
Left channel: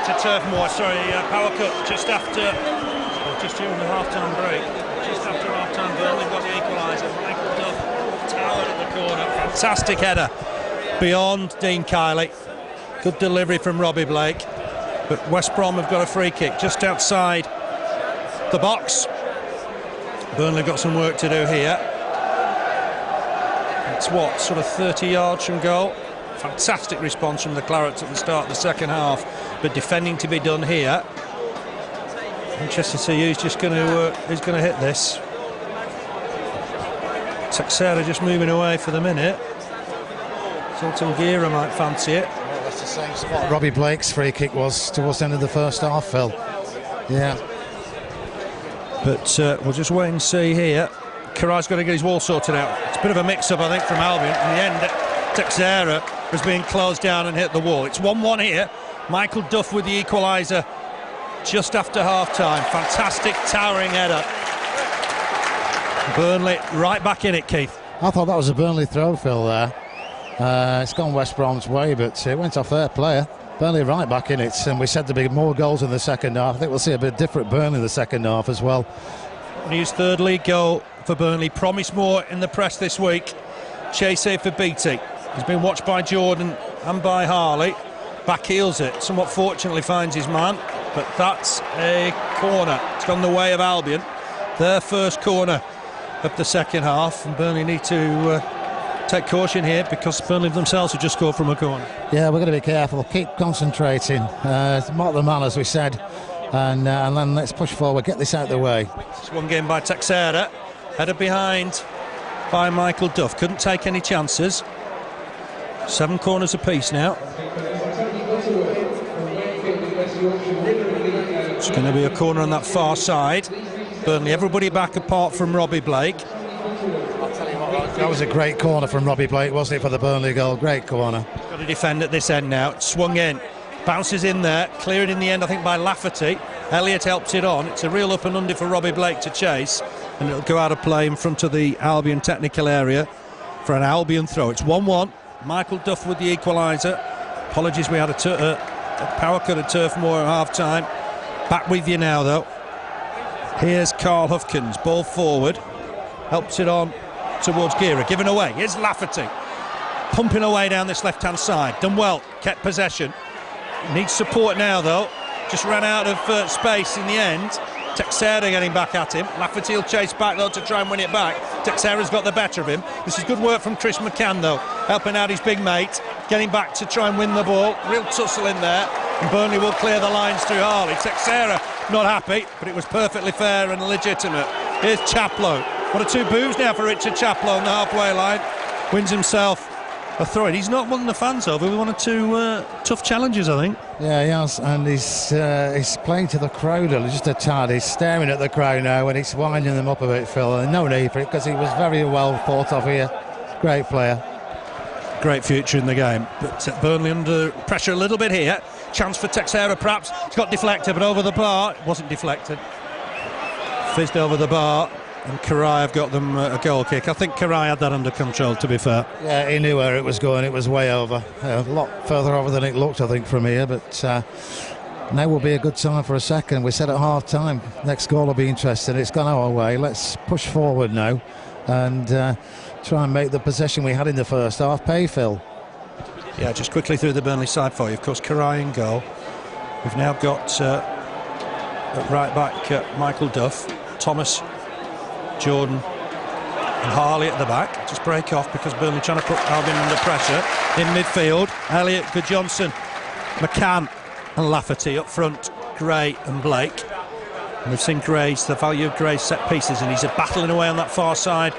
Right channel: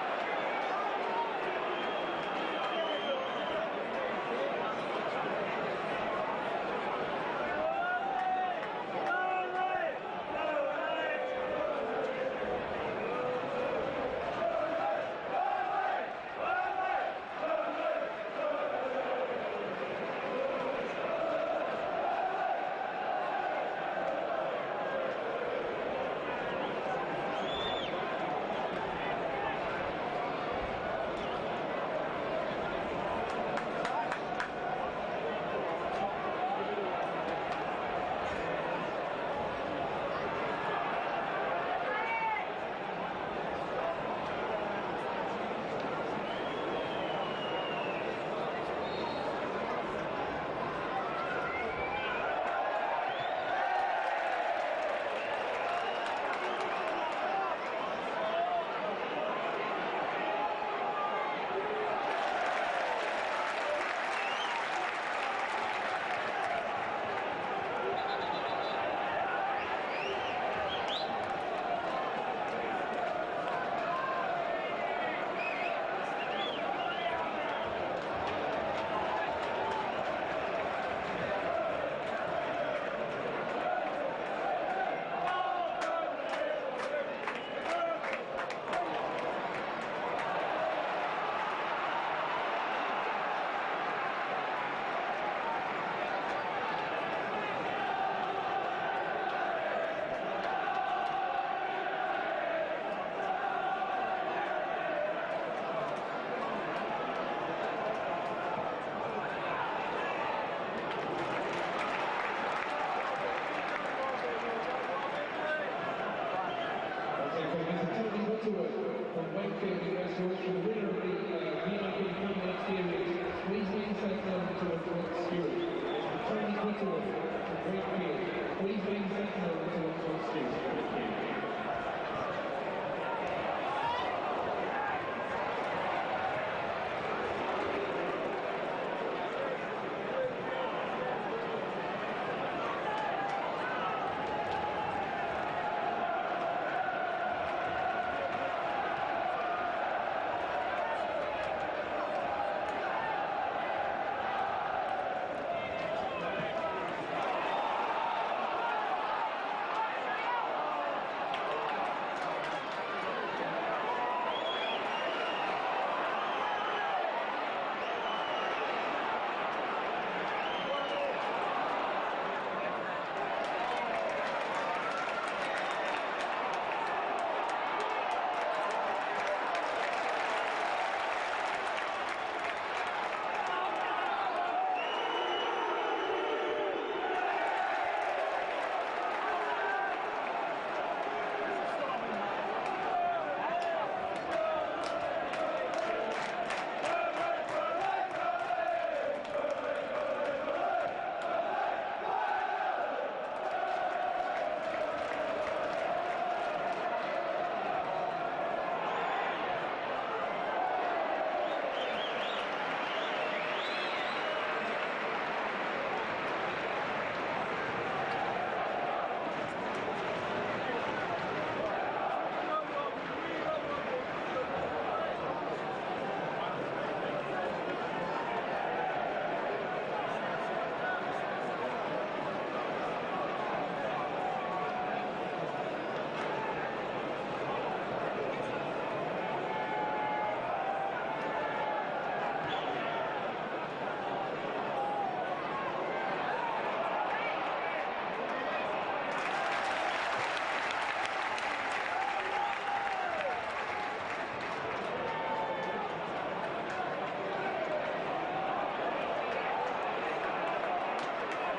back to Turf Moor. Sorry, power cut just after, just during the half-time break. Just after half-time, Burnley got the equaliser. Michael Duff towered at the corner. Fantastic header beyond Dean Kiley. Good delivery from Robbie Blake. But West Brom have got a free kick just outside the box. Burnley got some work to do here. It's what, sort of 30 yards from goal. Fantastic response from the Clarets at the start of the second half, but defending to be done here. Interested to see who's just going to hit this. Texera just moving away for the minute. Sultan Gira might fancy it. Well, that's the same spot Robbie Blake's free kick was towards the end of the first half, Phil. Yeah. But we'll just wait and see here. Karai's got to get his wall sorted out. It's a bit of a mix-up, I think, from Albion. In the end, Texera has been closed down and hit the wall. It's 1-1 here. Michael Duff with the equaliser just after half-time. Fantastic towering header. Burnley right back in it, Keith. I thought that was a Burnley throw, Phil, there. It's gone West Brom's way, but it went off their player. Burnley right back in it, and we said there'd be more goals in the second half. I think we'll see a bit different Burnley in the second half as well. His third league goal for Burnley. Promised more in the press this week. Chase here for Beattie. He's been watched by Jordan and by Harley. Back heels it. Somewhat fortunately finds his man, but that's a corner. It's gone the way of Albion. Their first corner of the second half, and Burnley need to take caution here because Burnley themselves have just scored from a corner. Yeah, we're going to be careful. Keep concentrating. Mark the man, as we said, and then let's push forward. Get this out of the way. It's one game by Texera. Header behind by Michael Duff. Couldn't take any chances. 7 corners apiece now. It's going to be a corner on that far side. Burnley, everybody back apart from Robbie Blake. That was a great corner from Robbie Blake, wasn't it, for the Burnley goal? Great corner. Got to defend at this end now. Swung in. Bounces in there. Cleared in the end, I think, by Lafferty. Elliott helps it on. It's a real up and under for Robbie Blake to chase. And it'll go out of play in front of the Albion technical area for an Albion throw. It's 1-1. Michael Duff with the equaliser. Apologies, we had a power cut at Turf Moor at half-time. Back with you now, though. Here's Carl Hufkins. Ball forward. Helps it on towards Gira. Given away. Here's Lafferty. Pumping away down this left-hand side. Done well. Kept possession. Needs support now, though. Just ran out of space in the end. Texera getting back at him. Lafferty will chase back, though, to try and win it back. Texera's got the better of him. This is good work from Chris McCann, though, helping out his big mate, getting back to try and win the ball. Real tussle in there, and Burnley will clear the lines through Harley. Texera not happy, but it was perfectly fair and legitimate. Here's Chaplow. One or two boos now for Richard Chaplow on the halfway line. Wins himself a throw-in. He's not won the fans over with 1 or 2 tough challenges, I think. Yeah, he has, and he's playing to the crowd just a tad. He's staring at the crowd now and he's winding them up a bit, Phil. And no need for it because he was very well thought of here. Great player. Great future in the game, but Burnley under pressure a little bit here. Chance for Texera, perhaps. It's got deflected, but over the bar. It wasn't deflected. Fizzed over the bar. And Karai have got them a goal kick. I think Karai had that under control, to be fair. Yeah, he knew where it was going. It was way over. A lot further over than it looked, I think, from here. But now will be a good time for a second. We said at half-time, next goal will be interesting. It's gone our way. Let's push forward now and try and make the possession we had in the first half pay, Phil. Yeah, just quickly through the Burnley side for you. Of course, Karai in goal. We've now got at right back Michael Duff, Thomas, Jordan and Harley at the back. Just break off because Burnley trying to put Albion under pressure. In midfield, Elliott, Johnson, McCann and Lafferty up front, Gray and Blake. And we've seen the value of Gray's set pieces, and he's battling away on that far side.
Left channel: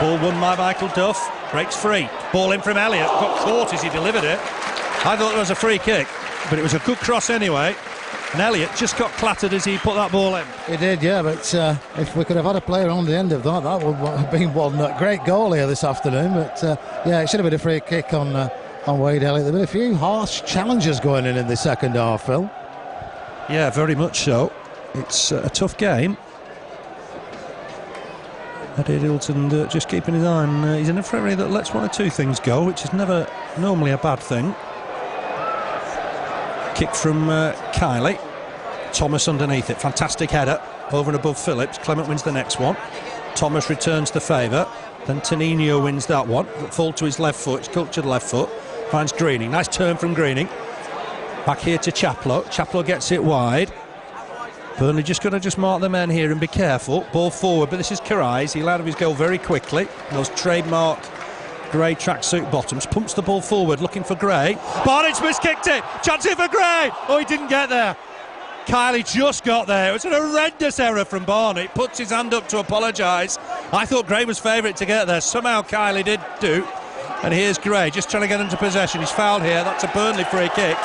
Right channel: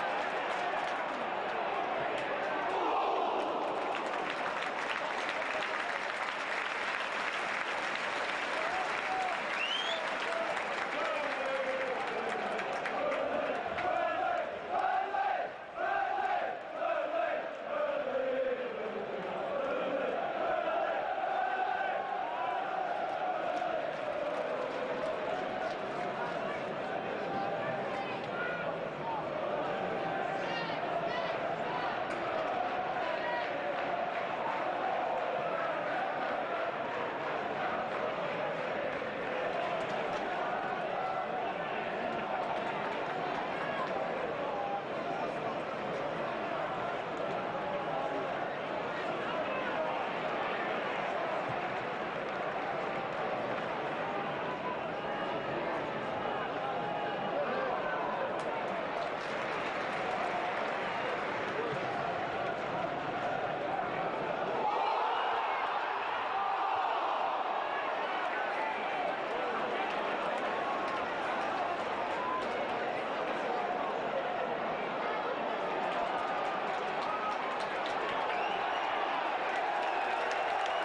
Ball won by Michael Duff, breaks free. Ball in from Elliott, got caught as he delivered it. I thought it was a free kick, but it was a good cross anyway. And Elliott just got clattered as he put that ball in. He did, yeah, but if we could have had a player on the end of that, that would have been one great goal here this afternoon. But yeah, it should have been a free kick on Wade Elliott. There have been a few harsh challenges going in the second half, Phil. Yeah, very much so. It's a tough game. Eddie Hilton just keeping his eye on. He's an referee that lets 1 or 2 things go, which is never normally a bad thing. Kick from Kiley. Thomas underneath it. Fantastic header over and above Phillips. Clement wins the next one. Thomas returns the favour. Then Tenino wins that one. Fall to his left foot. Sculptured left foot. Finds Greening. Nice turn from Greening. Back here to Chaplow. Chaplow gets it wide. Burnley just got to mark the men here and be careful. Ball forward, but this is Karais. He'll out of his goal very quickly. Those trademark grey tracksuit bottoms. Pumps the ball forward, looking for Gray. Barnett miskicked it. Chance here for Gray. Oh, he didn't get there. Kiley just got there. It was an horrendous error from Barnett. Puts his hand up to apologise. I thought Gray was favourite to get there. Somehow Kiley did do. And here's Gray, just trying to get into possession. He's fouled here. That's a Burnley free kick.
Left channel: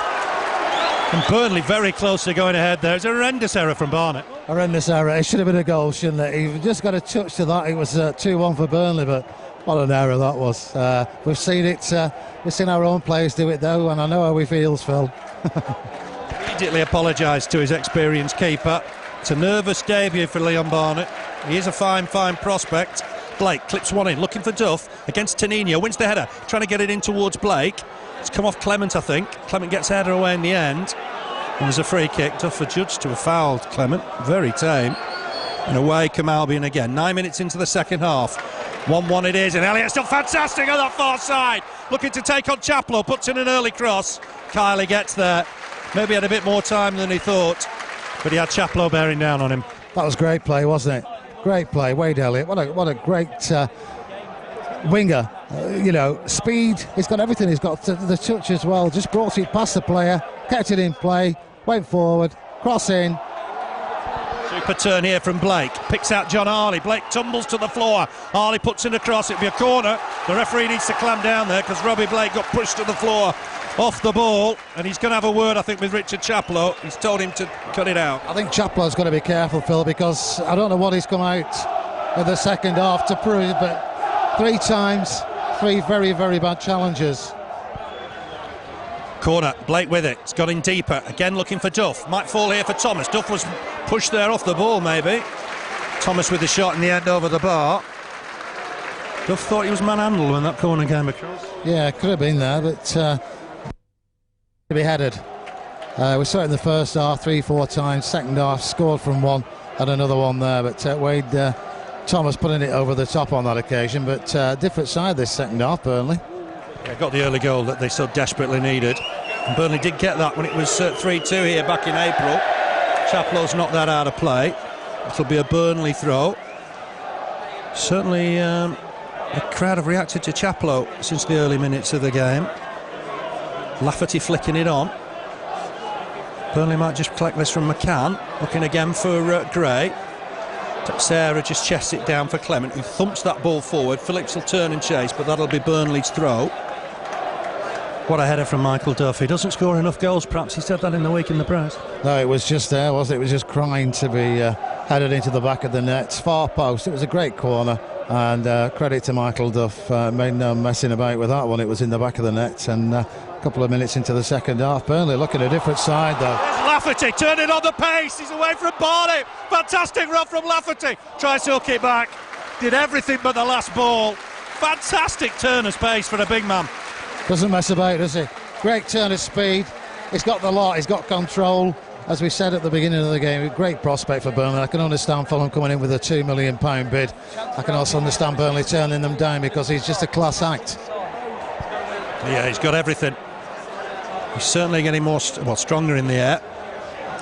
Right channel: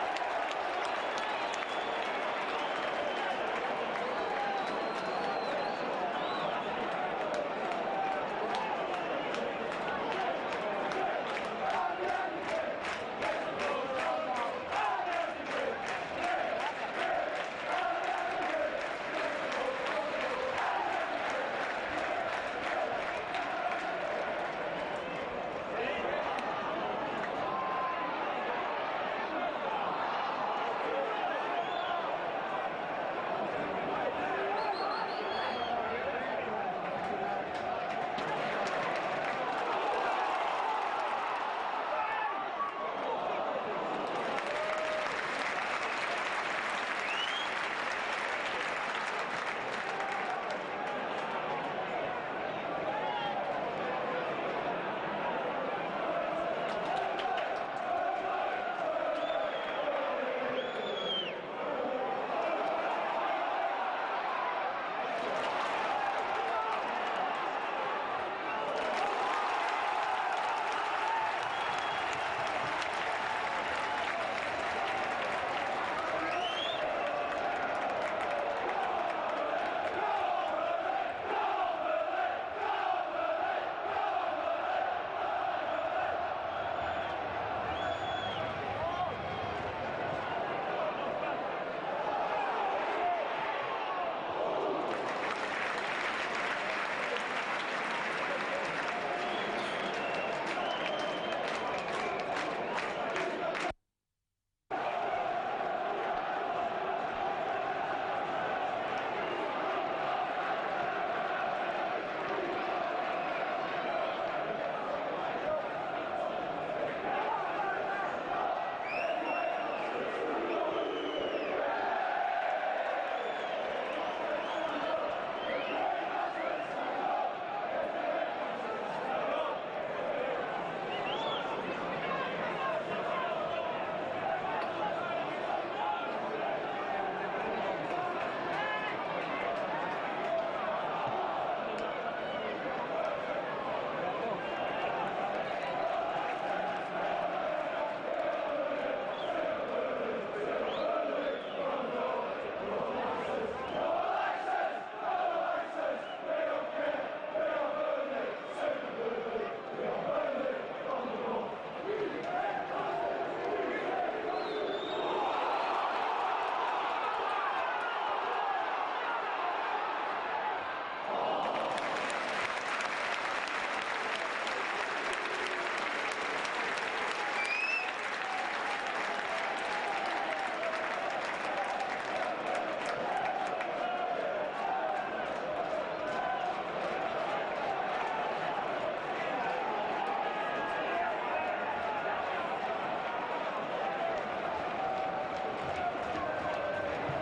And Burnley very close to going ahead there. It's a horrendous error from Barnett. Horrendous error. It should have been a goal, shouldn't it? He just got a touch to that. It was 2-1 for Burnley, but what an error that was. We've seen it. We've seen our own players do it though, and I know how he feels, Phil. Immediately apologised to his experienced keeper. It's a nervous debut for Leon Barnett. He is a fine prospect. Blake clips one in, looking for Duff against Tenino. Wins the header, trying to get it in towards Blake. It's come off Clement, I think. Clement gets header away in the end. And there's a free kick. Duff adjudged to have fouled Clement. Very tame. And away come Albion again. 9 minutes into the second half. 1-1 it is, and Elliott still fantastic on that far side. Looking to take on Chaplow, puts in an early cross. Kiley gets there. Maybe had a bit more time than he thought, but he had Chaplow bearing down on him. That was great play, wasn't it? Great play, Wade Elliott. What a great winger. You know, speed. He's got everything. He's got the touch as well. Just brought it past the player, kept it in play, went forward, cross in. Super turn here from Blake. Picks out John Harley. Blake tumbles to the floor. Harley puts in a cross. It'll be a corner. The referee needs to clamp down there because Robbie Blake got pushed to the floor off the ball, and he's going to have a word, I think, with Richard Chaplow. He's told him to cut it out. I think Chaplow's got to be careful, Phil, because I don't know what he's come out in the second half to prove, but 3 times, 3 very bad challenges. Corner, Blake with it. It's got in deeper. Again looking for Duff. Might fall here for Thomas. Duff was pushed there off the ball, maybe. Thomas with the shot in the end over the bar. Duff thought he was manhandled when that corner came across. Yeah, could have been there, but to be headed. We saw it in the first half 3-4 times. Second half scored from one and another one there, but Wade Thomas putting it over the top on that occasion. But different side this second half, Burnley. Yeah, got the early goal that they so desperately needed. And Burnley did get that when it was 3-2 here back in April. Chaplow's knocked that out of play. It'll be a Burnley throw. Certainly the crowd have reacted to Chaplow since the early minutes of the game. Lafferty flicking it on. Burnley might just collect this from McCann. Looking again for Gray. Sarah just chests it down for Clement, who thumps that ball forward. Phillips will turn and chase, but that'll be Burnley's throw. What a header from Michael Duff. He doesn't score enough goals, perhaps. He said that in the week in the press. No, it was just there, wasn't it? It was just crying to be headed into the back of the net. Far post. It was a great corner, and credit to Michael Duff. Made no messing about with that one. It was in the back of the net, and a couple of minutes into the second half, Burnley looking at a different side though. There's Lafferty turning on the pace. He's away from Barney. Fantastic run from Lafferty. Tries to hook it back. Did everything but the last ball. Fantastic turn of pace for a big man. Doesn't mess about, does he? Great turn of speed. He's got the lot. He's got control. As we said at the beginning of the game, a great prospect for Burnley. I can understand Fulham coming in with a £2 million bid. I can also understand Burnley turning them down because he's just a class act. Yeah, he's got everything. He's certainly getting more stronger in the air.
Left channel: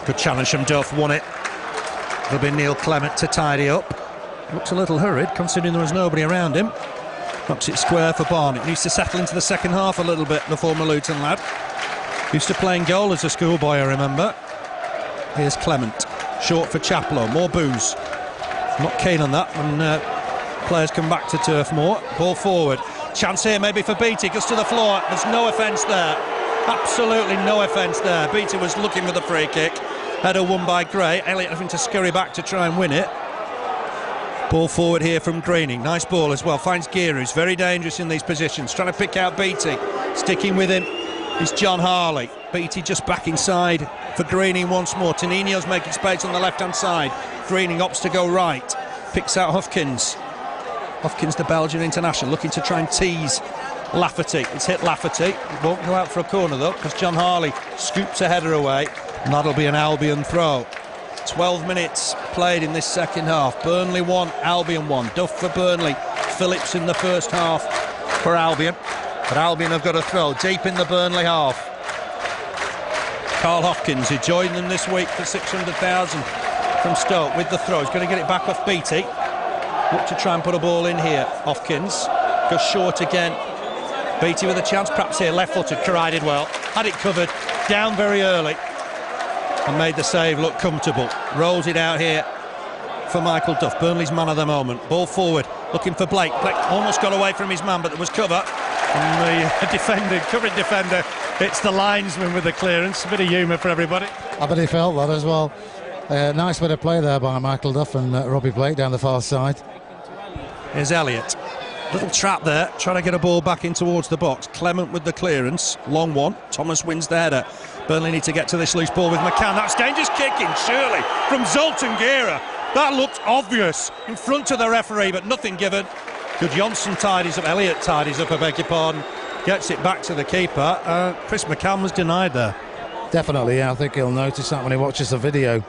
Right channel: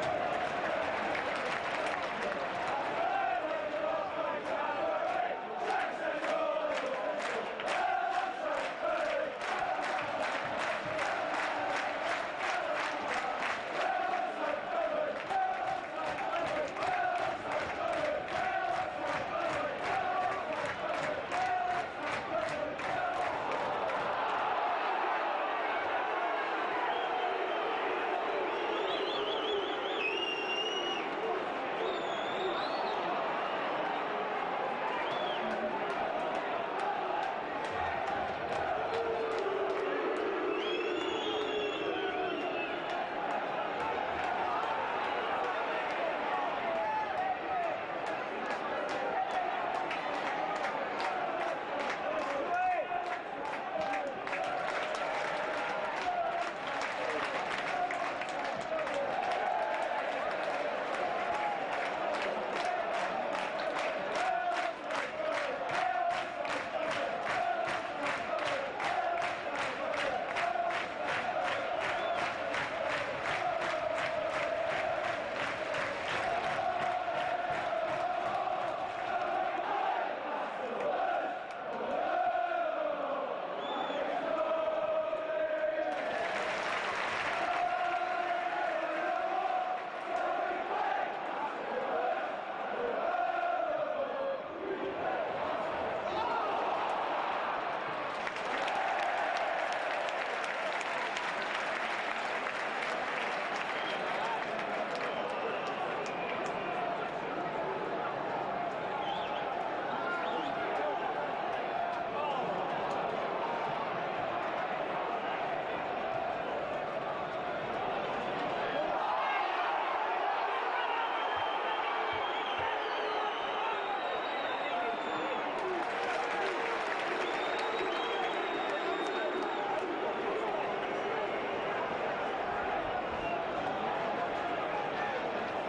Good challenge from Duff, won it. It'll be Neil Clement to tidy up. Looks a little hurried considering there was nobody around him. Knocks it square for Barnett. Needs to settle into the second half a little bit, the former Luton lad. Used to playing goal as a schoolboy, I remember. Here's Clement. Short for Chaplow. More booze. Not keen on that when players come back to Turf Moor. Ball forward. Chance here maybe for Beattie. Goes to the floor. There's no offence there. Absolutely no offence there. Beattie was looking for the free kick. Header won by Gray. Elliott having to scurry back to try and win it. Ball forward here from Greening. Nice ball as well. Finds Gear, who's very dangerous in these positions. Trying to pick out Beattie. Sticking with him is John Harley. Beattie just back inside for Greening once more. Tenino's making space on the left-hand side. Greening opts to go right. Picks out Hufkins. Hufkins, the Belgian international, looking to try and tease Lafferty. It's hit Lafferty. It won't go out for a corner though, because John Harley scoops a header away, and that'll be an Albion throw. 12 minutes played in this second half. Burnley 1, Albion 1. Duff for Burnley, Phillips in the first half for Albion. But Albion have got a throw deep in the Burnley half. Carl Hopkins, who joined them this week for 600,000 from Stoke, with the throw. He's going to get it back off Beattie. Look to try and put a ball in here. Hopkins goes short again. Beattie with a chance, perhaps here, left-footed. Karai did well, had it covered, down very early, and made the save look comfortable. Rolls it out here for Michael Duff, Burnley's man of the moment. Ball forward, looking for Blake. Blake almost got away from his man, but there was cover. And the defender, covering defender, it's the linesman with the clearance. A bit of humour for everybody. I bet he felt that as well. Nice bit of play there by Michael Duff and Robbie Blake down the far side. Here's Elliott. Little trap there, trying to get a ball back in towards the box. Clement with the clearance, long one. Thomas wins the header. Burnley need to get to this loose ball with McCann. That's dangerous kicking, surely, from Zoltan Gera. That looked obvious in front of the referee, but nothing given. Good Johnson tidies up, Elliott tidies up, I beg your pardon. Gets it back to the keeper. Chris McCann was denied there. Definitely, yeah, I think he'll notice that when he watches the video.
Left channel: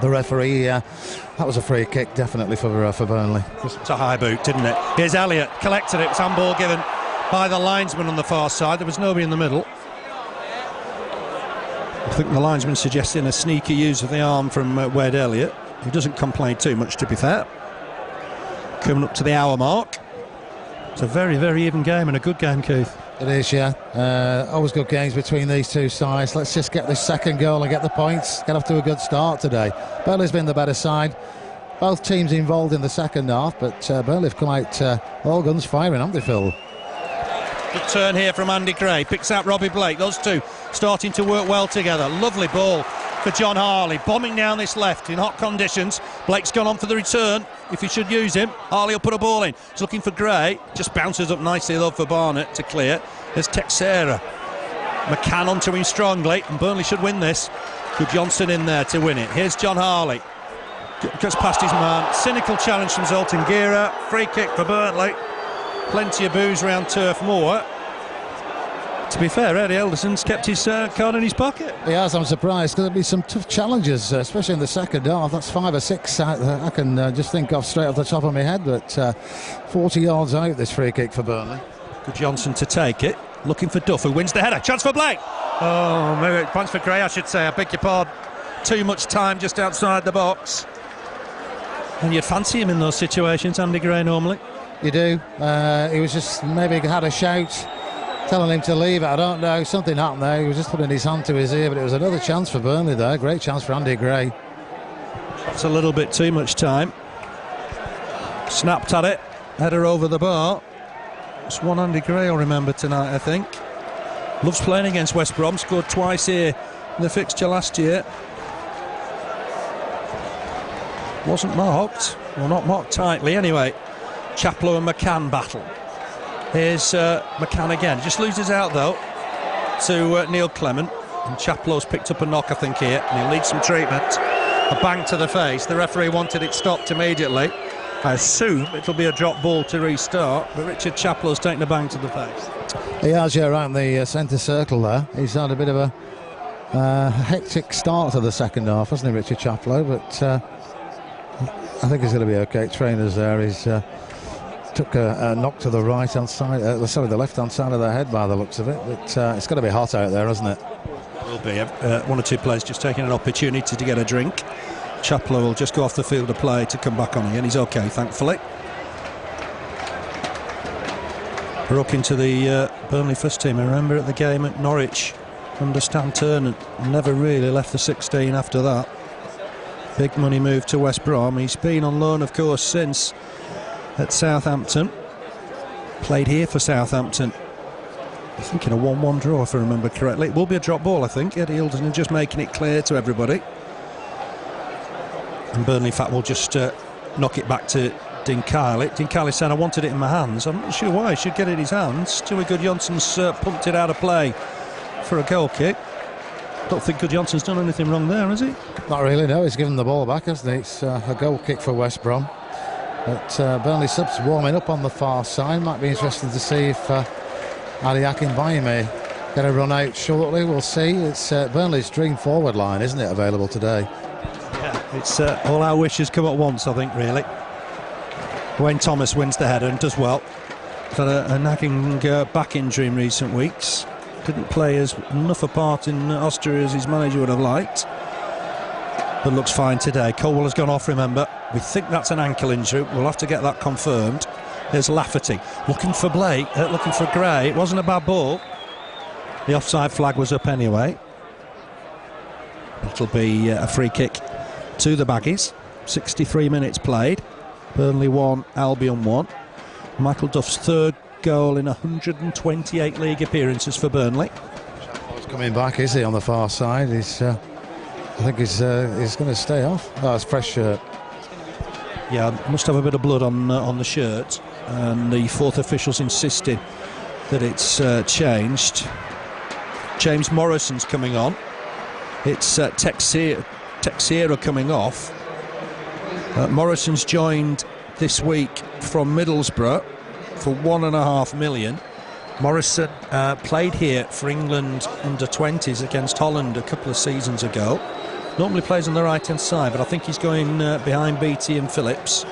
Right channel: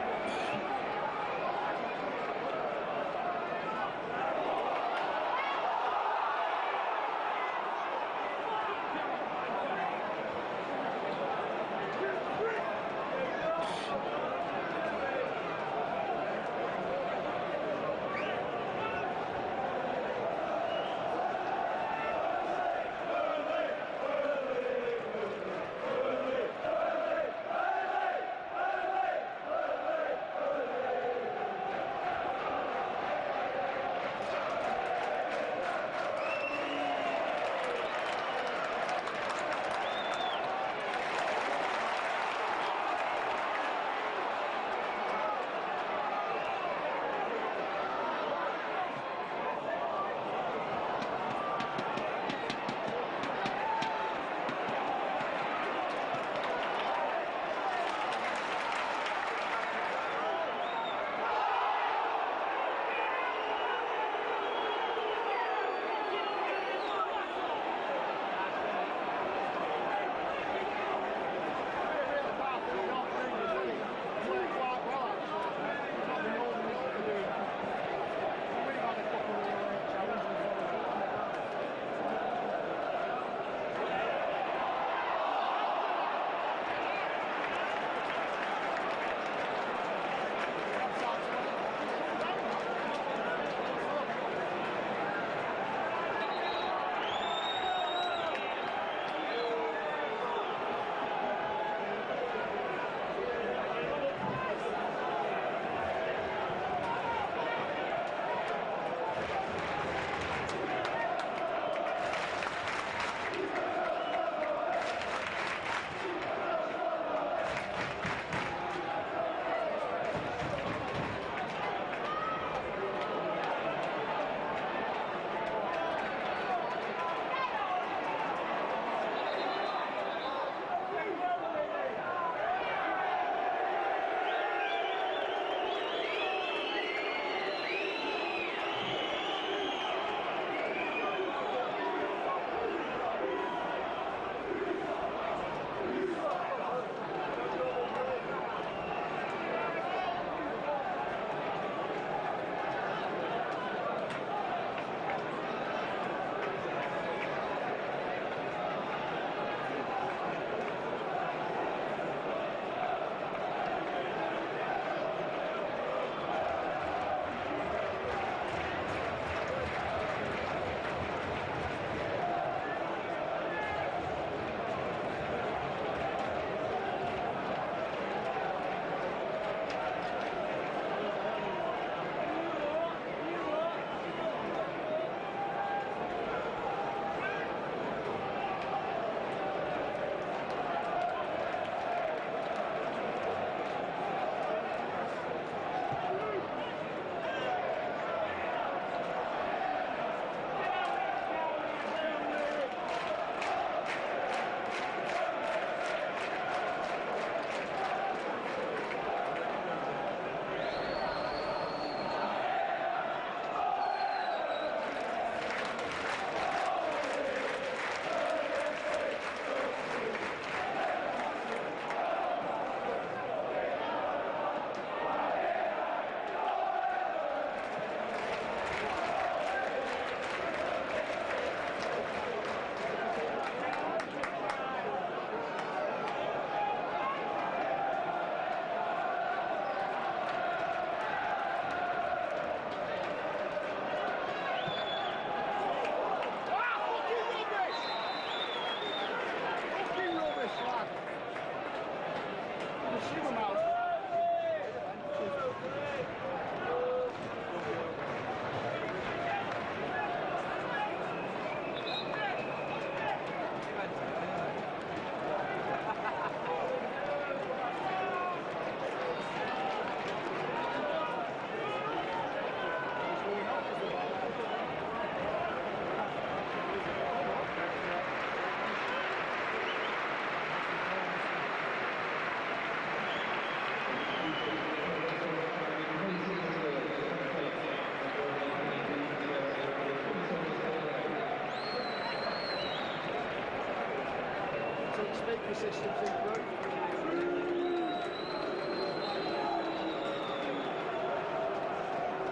The referee, that was a free kick, definitely for Burnley. It's a high boot, didn't it? Here's Elliott, collected it. It's handball given by the linesman on the far side. There was nobody in the middle. I think the linesman suggesting a sneaky use of the arm from Wade Elliott. He doesn't complain too much, to be fair. Coming up to the hour mark. It's a very, very even game and a good game, Keith. It is, yeah. Always good games between these two sides. Let's just get this second goal and get the points. Get off to a good start today. Burnley's been the better side. Both teams involved in the second half, but Burnley've come out all guns firing, haven't they, Phil? Good turn here from Andy Gray. Picks out Robbie Blake. Those two starting to work well together. Lovely ball for John Harley. Bombing down this left in hot conditions. Blake's gone on for the return. If he should use him, Harley will put a ball in. He's looking for Gray. Just bounces up nicely though for Barnett to clear. There's Texera. McCann onto him strongly, and Burnley should win this. Good Johnson in there to win it. Here's John Harley. Gets past his man. Cynical challenge from Zoltan Gera. Free kick for Burnley. Plenty of booze around Turf Moor. To be fair, Eddie Elderson's kept his card in his pocket. He has, I'm surprised, because there'll be some tough challenges, especially in the second half. That's 5 or 6 I can just think of straight off the top of my head, but 40 yards out, this free kick for Burnley. Good Johnson to take it. Looking for Duff, who wins the header. Chance for Blake. Oh, maybe points for Gray, I should say. I beg your pardon. Too much time just outside the box. And you'd fancy him in those situations, Andy Gray, normally. You do. He was just maybe had a shout telling him to leave it. I don't know. Something happened there. He was just putting his hand to his ear, but it was another chance for Burnley there. Great chance for Andy Gray. It's a little bit too much time. Snapped at it. Header over the bar. It's one Andy Gray I'll remember tonight, I think. Loves playing against West Brom. Scored twice here in the fixture last year. Wasn't marked. Well, not marked tightly anyway. Chaplow and McCann battle. Here's McCann again. Just loses out though to Neil Clement. And Chaplow's picked up a knock, I think, here. And he'll need some treatment. A bang to the face. The referee wanted it stopped immediately. I assume it'll be a drop ball to restart. But Richard Chaplow's taken a bang to the face. He has, yeah, around the centre circle there. He's had a bit of a hectic start to the second half, hasn't he, Richard Chaplow? But I think he's going to be okay. Trainers there. He's took a knock to the right-hand side, the left-hand side of the head by the looks of it. But it's going to be hot out there, isn't it? Will be. One or two players just taking an opportunity to get a drink. Chaplow will just go off the field of play to come back on again. He's okay, thankfully. Broke into the Burnley first team. I remember at the game at Norwich under Stan Turner, never really left the 16 after that. Big money move to West Brom. He's been on loan, of course, since at Southampton. Played here for Southampton. I think in a 1-1 draw, if I remember correctly. It will be a drop ball, I think. Eddie Hilderson just making it clear to everybody. And Burnley, in fact, will just knock it back to Dean Kiley. Dean Kiley saying, I wanted it in my hands. I'm not sure why he should get it in his hands. Stewie Good-Johnson's pumped it out of play for a goal kick. Don't think Good-Johnson's done anything wrong there, has he? Not really, no. He's given the ball back, hasn't he? It's a goal kick for West Brom. But Burnley subs warming up on the far side. Might be interesting to see if Ali Akinbaye may get a run out shortly. We'll see. It's Burnley's dream forward line, isn't it, available today? Yeah, it's all our wishes come at once, I think, really. Wayne Thomas wins the header and does well. He's had a nagging back injury in recent weeks. Didn't play as enough a part in Austria as his manager would have liked, but looks fine today. Colwell has gone off, remember. We think that's an ankle injury. We'll have to get that confirmed. There's Lafferty looking for Blake, looking for Gray. It wasn't a bad ball. The offside flag was up anyway. It'll be a free kick to the Baggies. 63 minutes played. Burnley 1, Albion 1. Michael Duff's third goal in 128 league appearances for Burnley. He's coming back, is he, on the far side? He's, I think he's going to stay off. Oh, it's fresh shirt. Yeah, must have a bit of blood on the shirt, and the fourth official's insisted that it's changed. James Morrison's coming on. It's Teixeira coming off. Morrison's joined this week from Middlesbrough for £1.5 million. Morrison played here for England under-20s against Holland a couple of seasons ago. Normally plays on the right-hand side, but I think he's going behind Beattie and Phillips.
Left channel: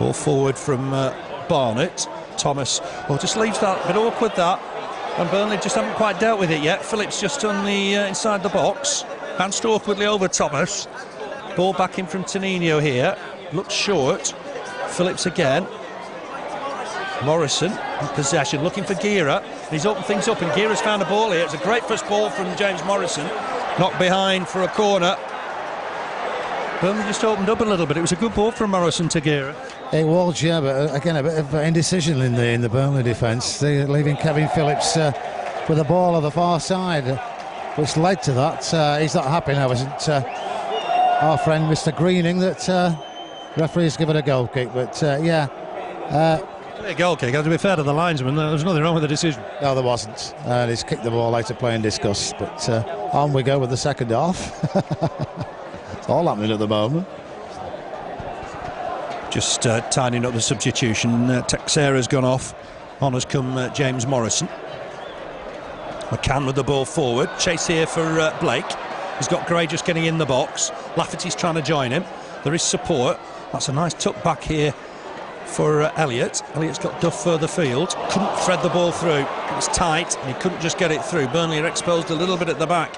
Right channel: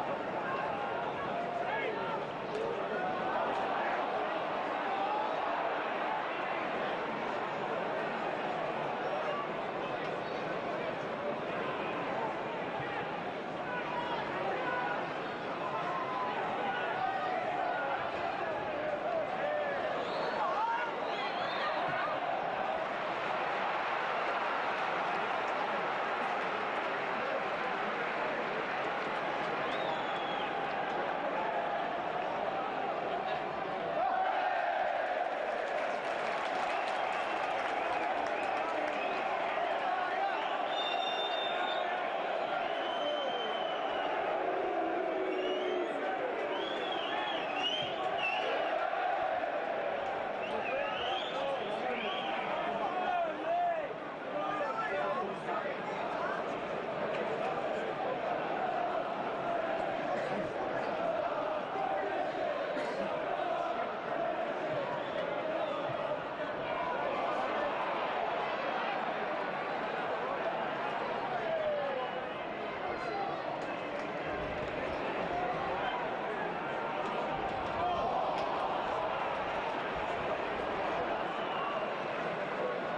Ball forward from Barnett. Thomas, well, just leaves that a bit awkward, that. And Burnley just haven't quite dealt with it yet. Phillips just on the inside the box. Bounced awkwardly over Thomas. Ball back in from Tonino here. Looks short. Phillips again. Morrison in possession, looking for Gira. He's opened things up, and Gira's found a ball here. It's a great first ball from James Morrison. Knocked behind for a corner. Burnley just opened up a little bit. It was a good ball from Morrison to Gira. It was, yeah, but again, a bit of indecision in the Burnley defence. They're leaving Kevin Phillips with the ball on the far side, which led to that. He's not happy now, isn't our friend Mr. Greening, that referee's given a goal kick, but yeah. A goal kick. To be fair to the linesman, there was nothing wrong with the decision. No, there wasn't. He's kicked the ball out of play and discussed, but on we go with the second half. It's all happening at the moment. Just tidying up the substitution. Teixeira's gone off. On has come James Morrison. McCann with the ball forward. Chase here for Blake. He's got Gray just getting in the box. Lafferty's trying to join him. There is support. That's a nice tuck back here for Elliott. Elliott's got Duff further field. Couldn't thread the ball through. It was tight and he couldn't just get it through. Burnley are exposed a little bit at the back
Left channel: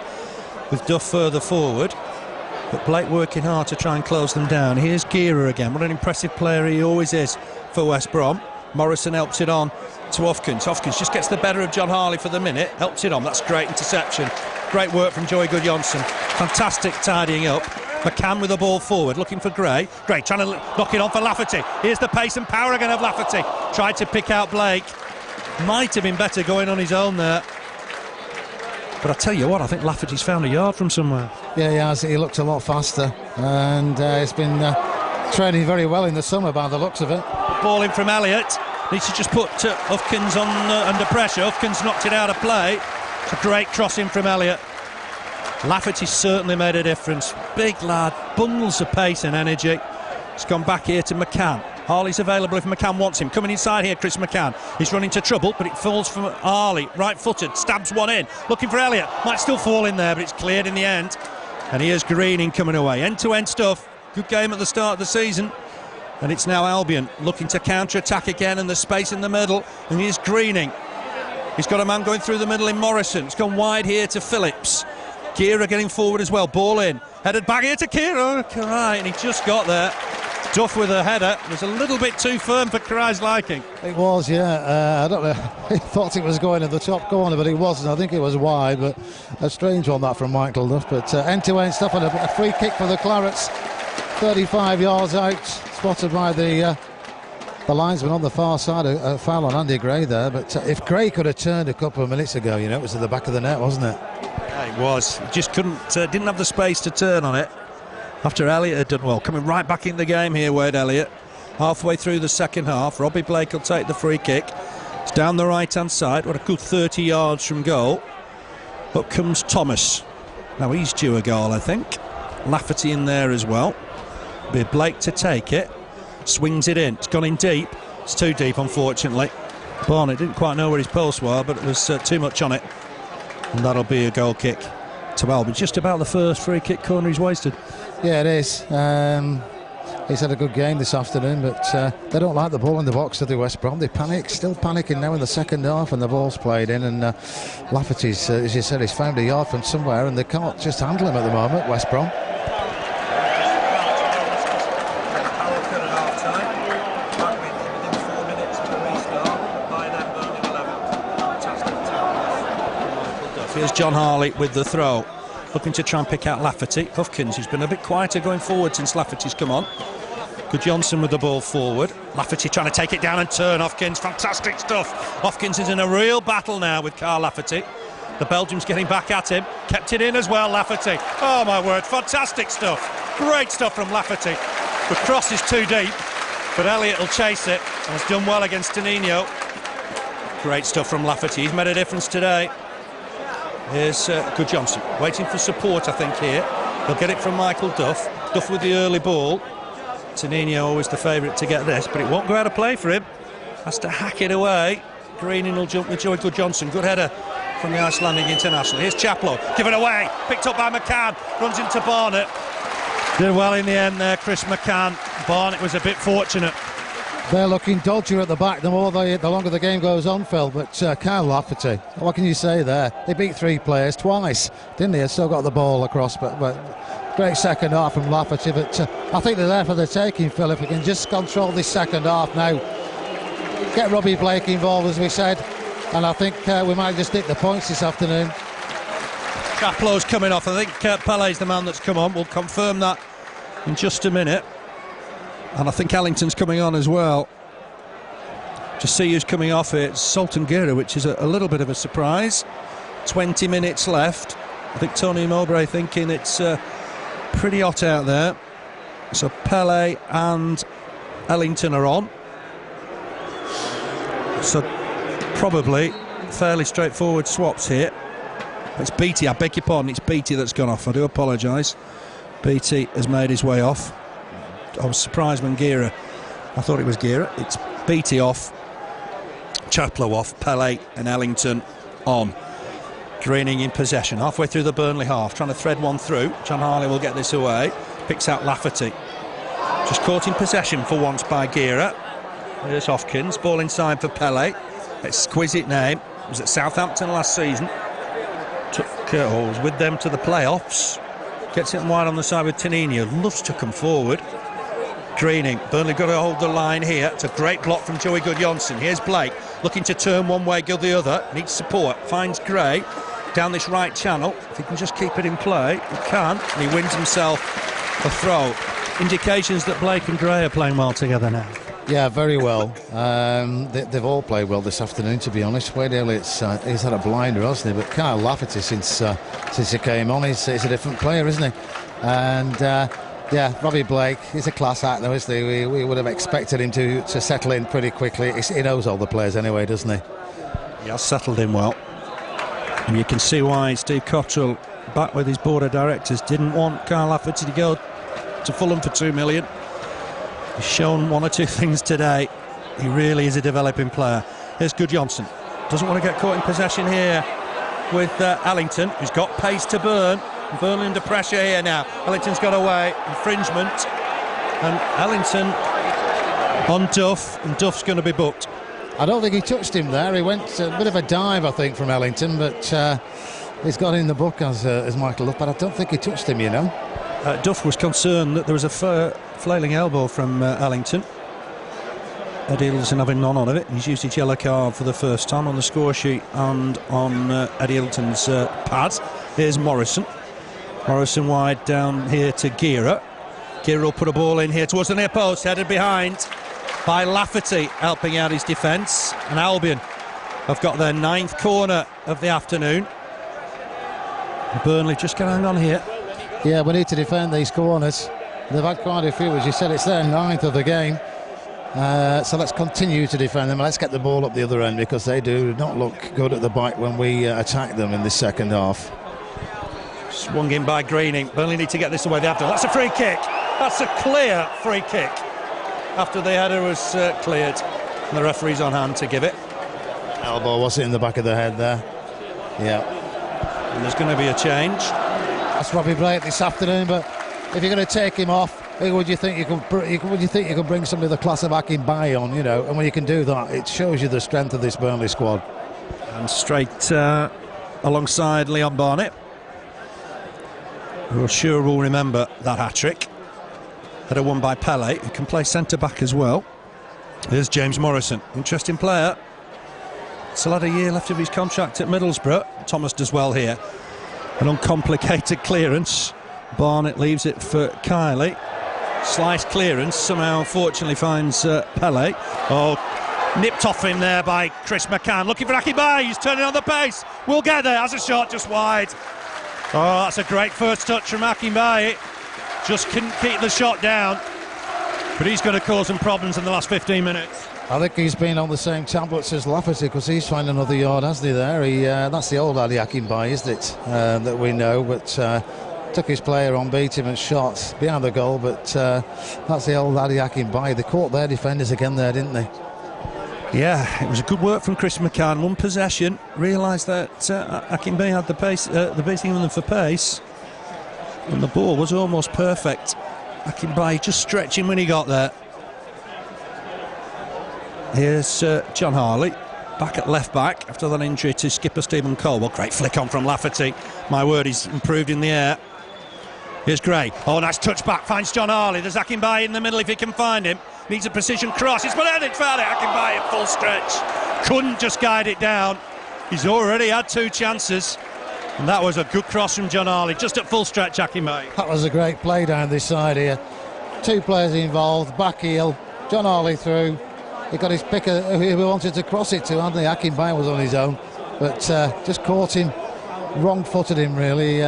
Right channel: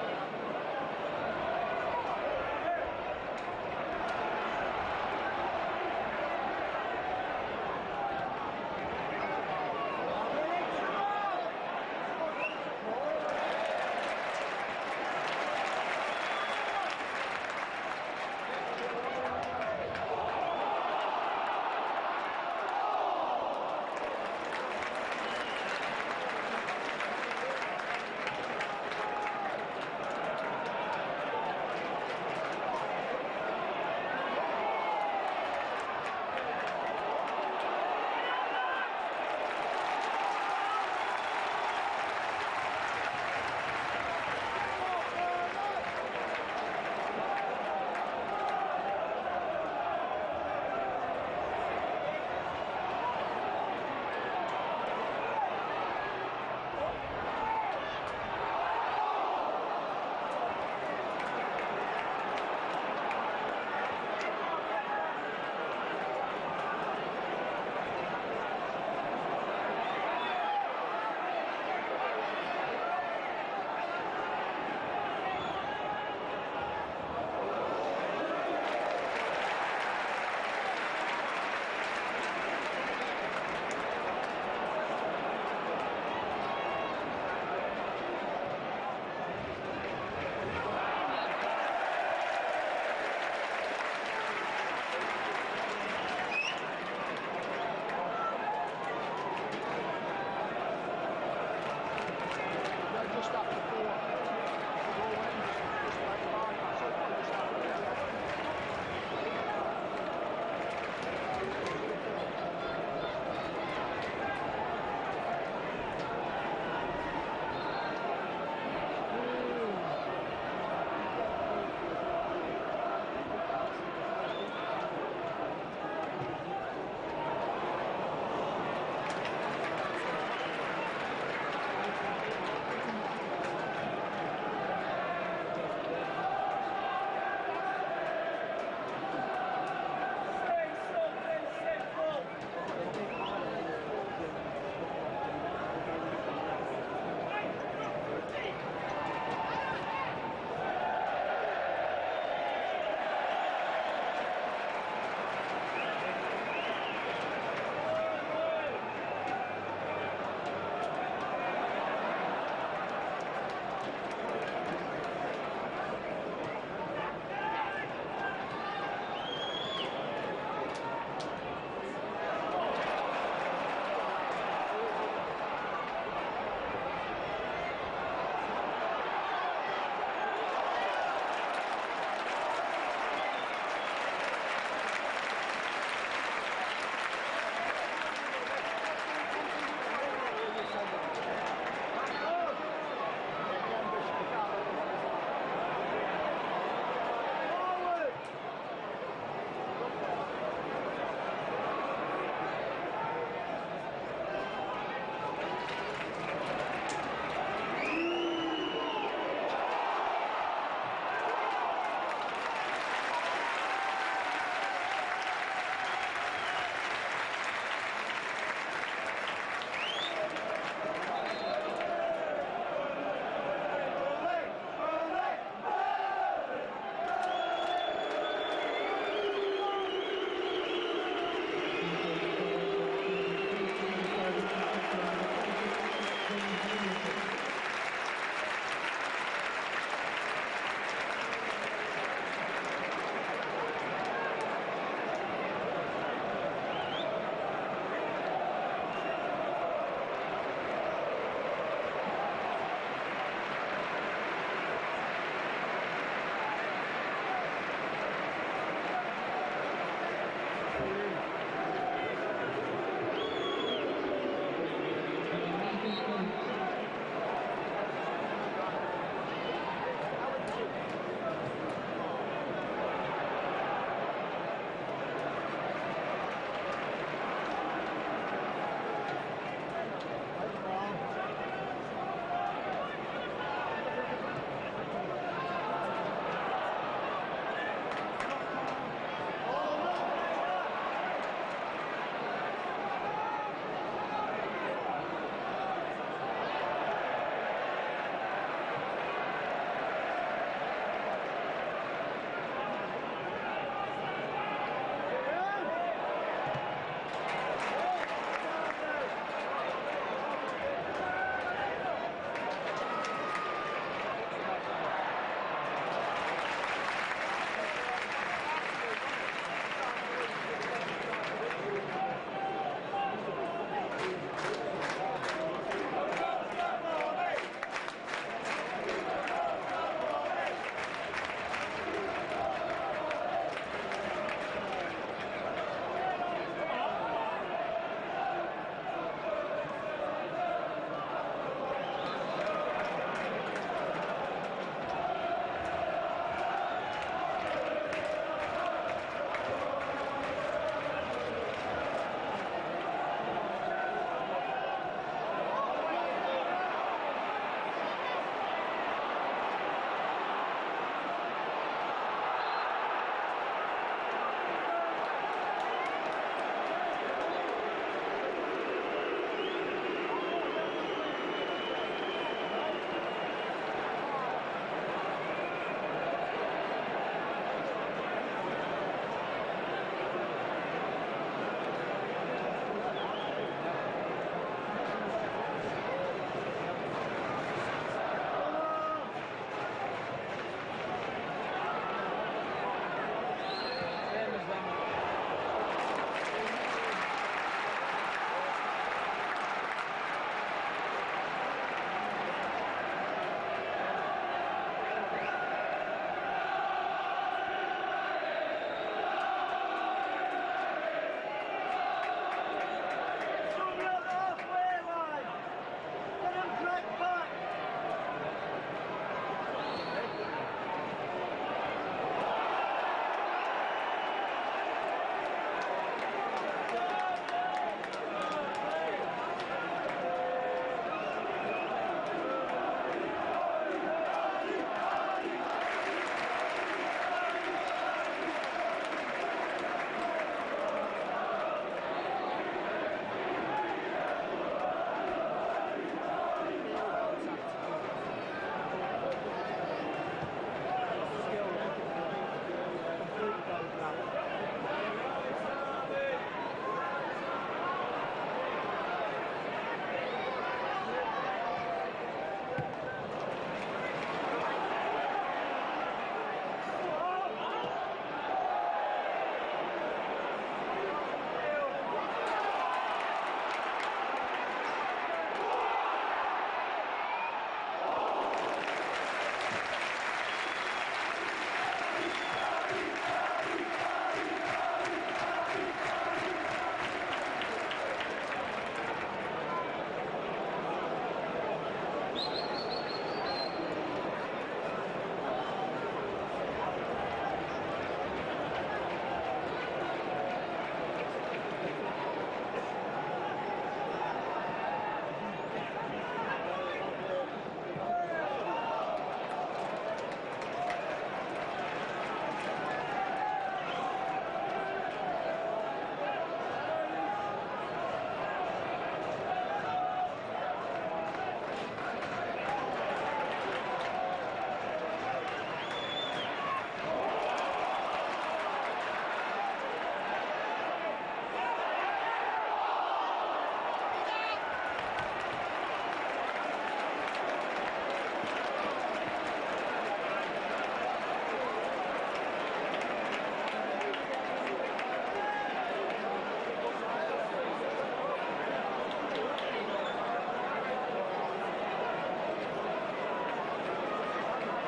with Duff further forward. But Blake working hard to try and close them down. Here's Gira again. What an impressive player he always is for West Brom. Morrison helps it on to Hopkins. Hopkins just gets the better of John Harley for the minute. Helps it on. That's great interception. Great work from Joey Gudjonsson. Fantastic tidying up. McCann with the ball forward, looking for Gray. Gray trying to knock it on for Lafferty. Here's the pace and power again of Lafferty. Tried to pick out Blake. Might have been better going on his own there. But I tell you what, I think Lafferty's found a yard from somewhere. Yeah, he has. He looked a lot faster, and he's been training very well in the summer by the looks of it. Ball in from Elliott. Needs to just put Hopkins on under pressure. Hopkins knocked it out of play. It's a great crossing from Elliott. Lafferty certainly made a difference. Big lad, bundles of pace and energy. It's gone back here to McCann. Harley's available if McCann wants him. Coming inside here, Chris McCann. He's running into trouble, but it falls from Harley. Right-footed, stabs one in. Looking for Elliott. Might still fall in there, but it's cleared in the end. And here's Greening coming away. End-to-end stuff. Good game at the start of the season. And it's now Albion looking to counter-attack again, and there's space in the middle. And here's Greening. He's got a man going through the middle in Morrison. It's gone wide here to Phillips. Gira getting forward as well. Ball in. Headed back here to Gira. Karai, and he just got there. Duff with a header. It was a little bit too firm for Karai's liking. It was, yeah. I don't know. He thought it was going in the top corner, but it wasn't. I think it was wide, but a strange one that from Michael Duff. But end-to-end stuff, and a free kick for the Clarets. 35 yards out, spotted by the linesman on the far side. A foul on Andy Gray there. But if Gray could have turned a couple of minutes ago, you know, it was at the back of the net, wasn't it? Yeah, it was. He just didn't have the space to turn on it. After Elliott had done well. Coming right back in the game here, Wade Elliott. Halfway through the second half, Robbie Blake will take the free kick. It's down the right-hand side. What a good 30 yards from goal. Up comes Thomas. Now he's due a goal, I think. Lafferty in there as well. Be Blake to take it. Swings it in. It's gone in deep. It's too deep, unfortunately. Barnett didn't quite know where his pulse was, but it was too much on it. And that'll be a goal kick to Albion. Just about the first free kick corner he's wasted. Yeah, it is. He's had a good game this afternoon, but they don't like the ball in the box of the West Brom. They panic, still panicking now in the second half, and the ball's played in. And Lafferty's, as you said, he's found a yard from somewhere, and they can't just handle him at the moment, West Brom. Here's John Harley with the throw, looking to try and pick out Lafferty. Huffkins, who's been a bit quieter going forward since Lafferty's come on. Good Johnson with the ball forward. Lafferty trying to take it down and turn. Huffkins, fantastic stuff. Huffkins is in a real battle now with Carl Lafferty. The Belgium's getting back at him. Kept it in as well, Lafferty. Oh my word, fantastic stuff. Great stuff from Lafferty. The cross is too deep, but Elliott will chase it. And has done well against Tonino. Great stuff from Lafferty. He's made a difference today. Here's Good Johnson, waiting for support, I think, here. He'll get it from Michael Duff. Duff with the early ball. Tonino always the favourite to get this, but it won't go out of play for him. Has to hack it away. Greening will jump with Joy Good Johnson. Good header from the Icelandic international. Here's Chaplow, give it away. Picked up by McCann, runs into Barnett. Did well in the end there, Chris McCann. Barnett was a bit fortunate. They're looking dodgier at the back the longer the game goes on, Phil. But Kyle Lafferty, what can you say there? They beat 3 players twice, didn't they? Still got the ball across, but great second half from Lafferty. But I think they're there for the taking, Phil. If we can just control this second half now, get Robbie Blake involved, as we said, and I think we might just nick the points this afternoon. Chaplow's coming off. I think Pele's the man that's come on. We'll confirm that in just a minute. And I think Ellington's coming on as well. To see who's coming off it, it's Sultan Gira, which is a little bit of a surprise. 20 minutes left. I think Tony Mowbray thinking it's pretty hot out there. So Pele and Ellington are on. So probably fairly straightforward swaps here. It's Beattie, I beg your pardon, it's Beattie that's gone off. I do apologise. Beattie has made his way off. I was surprised when Gira, I thought it was Gira. It's Beattie off, Chaplow off, Pele and Ellington on. Greening in possession, halfway through the Burnley half, trying to thread one through. John Harley will get this away, picks out Lafferty. Just caught in possession for once by Gira. Here's Hopkins, ball inside for Pele. Exquisite name, was at Southampton last season. Was with them to the playoffs. Gets it wide on the side with Tonino, loves to come forward. Greening, Burnley got to hold the line here. It's a great block from Joey Good-Johnson. Here's Blake, looking to turn one way, go the other. Needs support, finds Gray down this right channel. If he can just keep it in play, he can, and he wins himself a throw. Indications that Blake and Gray are playing well together now. Yeah, very well. They've all played well this afternoon, to be honest. Wade Elliott's he's had a blinder, hasn't he? But Kyle Lafferty, since he came on, he's a different player, isn't he? And yeah, Robbie Blake, he's a class act, though, isn't he? We would have expected him to settle in pretty quickly. He knows all the players anyway, doesn't he? He has settled in well. And you can see why Steve Cottrell, back with his board of directors, didn't want Kyle Lafferty to go to Fulham for $2 million. He's shown one or two things today. He really is a developing player. Here's Good Johnson. Doesn't want to get caught in possession here with Ellington, who's got pace to burn. Burnley under pressure here now. Ellington's got away. Infringement. And Ellington on Duff, and Duff's going to be booked. I don't think he touched him there. He went a bit of a dive, I think, from Ellington, but he's got in the book as Michael Duff, but I don't think he touched him, you know. Duff was concerned that there was a flailing elbow from Ellington. Eddie Hilton having none of it. He's used his yellow card for the first time on the score sheet and on Eddie Hilton's pads. Here's Morrison. Morrison wide down here to Gira. Gira will put a ball in here towards the near post, headed behind by Lafferty, helping out his defence. And Albion have got their 9th corner of the afternoon. Burnley just going to hang on here. Yeah, we need to defend these corners. They've had quite a few, as you said. It's their 9th of the game. So let's continue to defend them. Let's get the ball up the other end, because they do not look good at the back when we attack them in this second half. Swung in by Greening. Burnley need to get this away. They have to. That's a free kick. That's a clear free kick after the header was cleared. And the referee's on hand to give it. Elbow was it in the back of the head there? Yeah. And there's going to be a change. That's Robbie Blake this afternoon, but if you're going to take him off, would you think you can bring somebody of the class of Akinbaye on, you know? And when you can do that, it shows you the strength of this Burnley squad. And straight alongside Leon Barnett, who sure will remember that hat-trick. Header won by Pele, who can play centre-back as well. There's James Morrison, interesting player. Still had a year left of his contract at Middlesbrough. Thomas does well here. An uncomplicated clearance. Barnett leaves it for Kylie. Slice clearance, somehow unfortunately finds Pele. Oh, nipped off him there by Chris McCann. Looking for Akinbaye, he's turning on the pace. We'll get there, has a shot just wide. Oh, that's a great first touch from Akinbaye. Just couldn't keep the shot down. But he's going to cause some problems in the last 15 minutes. I think he's been on the same tablets as Lafferty because he's trying another yard, hasn't he, there? That's the old Adi Akinbaye, isn't it, that we know, but took his player on, beat him and shot behind the goal, but that's the old Adi Akinbaye. They caught their defenders again there, didn't they? Yeah, it was a good work from Chris McCann. One possession, realised that Akinbaye had the pace, the beating of them for pace, and the ball was almost perfect. Akinbaye just stretching when he got there. Here's John Harley, back at left-back after that injury to skipper Stephen Colwell. Great flick on from Lafferty. My word, he's improved in the air. Here's Gray. Oh, nice touch back, finds John Harley. There's Akinbaye in the middle if he can find him. Needs a precision cross. It's been headed, found it. Akinbaye at full stretch. Couldn't just guide it down. He's already had 2 chances. And that was a good cross from John Harley, just at full stretch, Akinbaye. That was a great play down this side here. 2 players involved, back heel, John Harley through. He got his picker who he wanted to cross it to, hadn't he? Akinbaye was on his own, but just caught him, wrong-footed him really,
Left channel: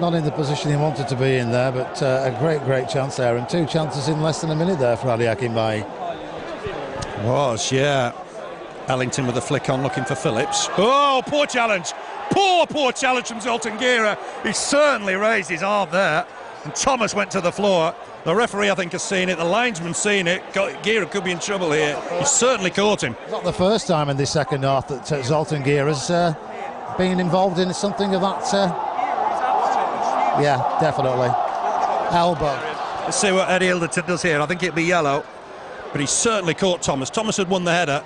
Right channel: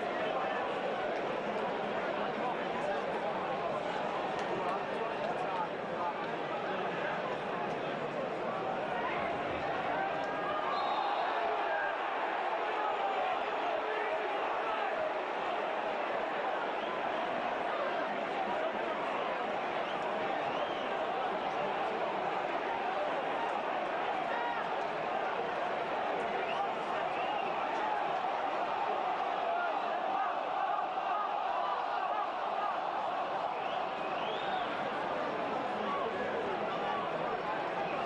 not in the position he wanted to be in there, but a great chance there, and 2 chances in less than a minute there for Adi Akinbaye. Was, yeah. Ellington with a flick on, looking for Phillips. Oh, poor challenge. Poor challenge from Zoltan Gira. He certainly raised his arm there, and Thomas went to the floor. The referee, I think, has seen it. The linesman's seen it. Gira could be in trouble here. He certainly caught him. Not the first time in this second half that Zoltan Gira's been involved in something of that. Yeah, definitely. Elbow. Let's see what Eddie Ilderton does here. I think it'd be yellow, but he certainly caught Thomas. Thomas had won the header.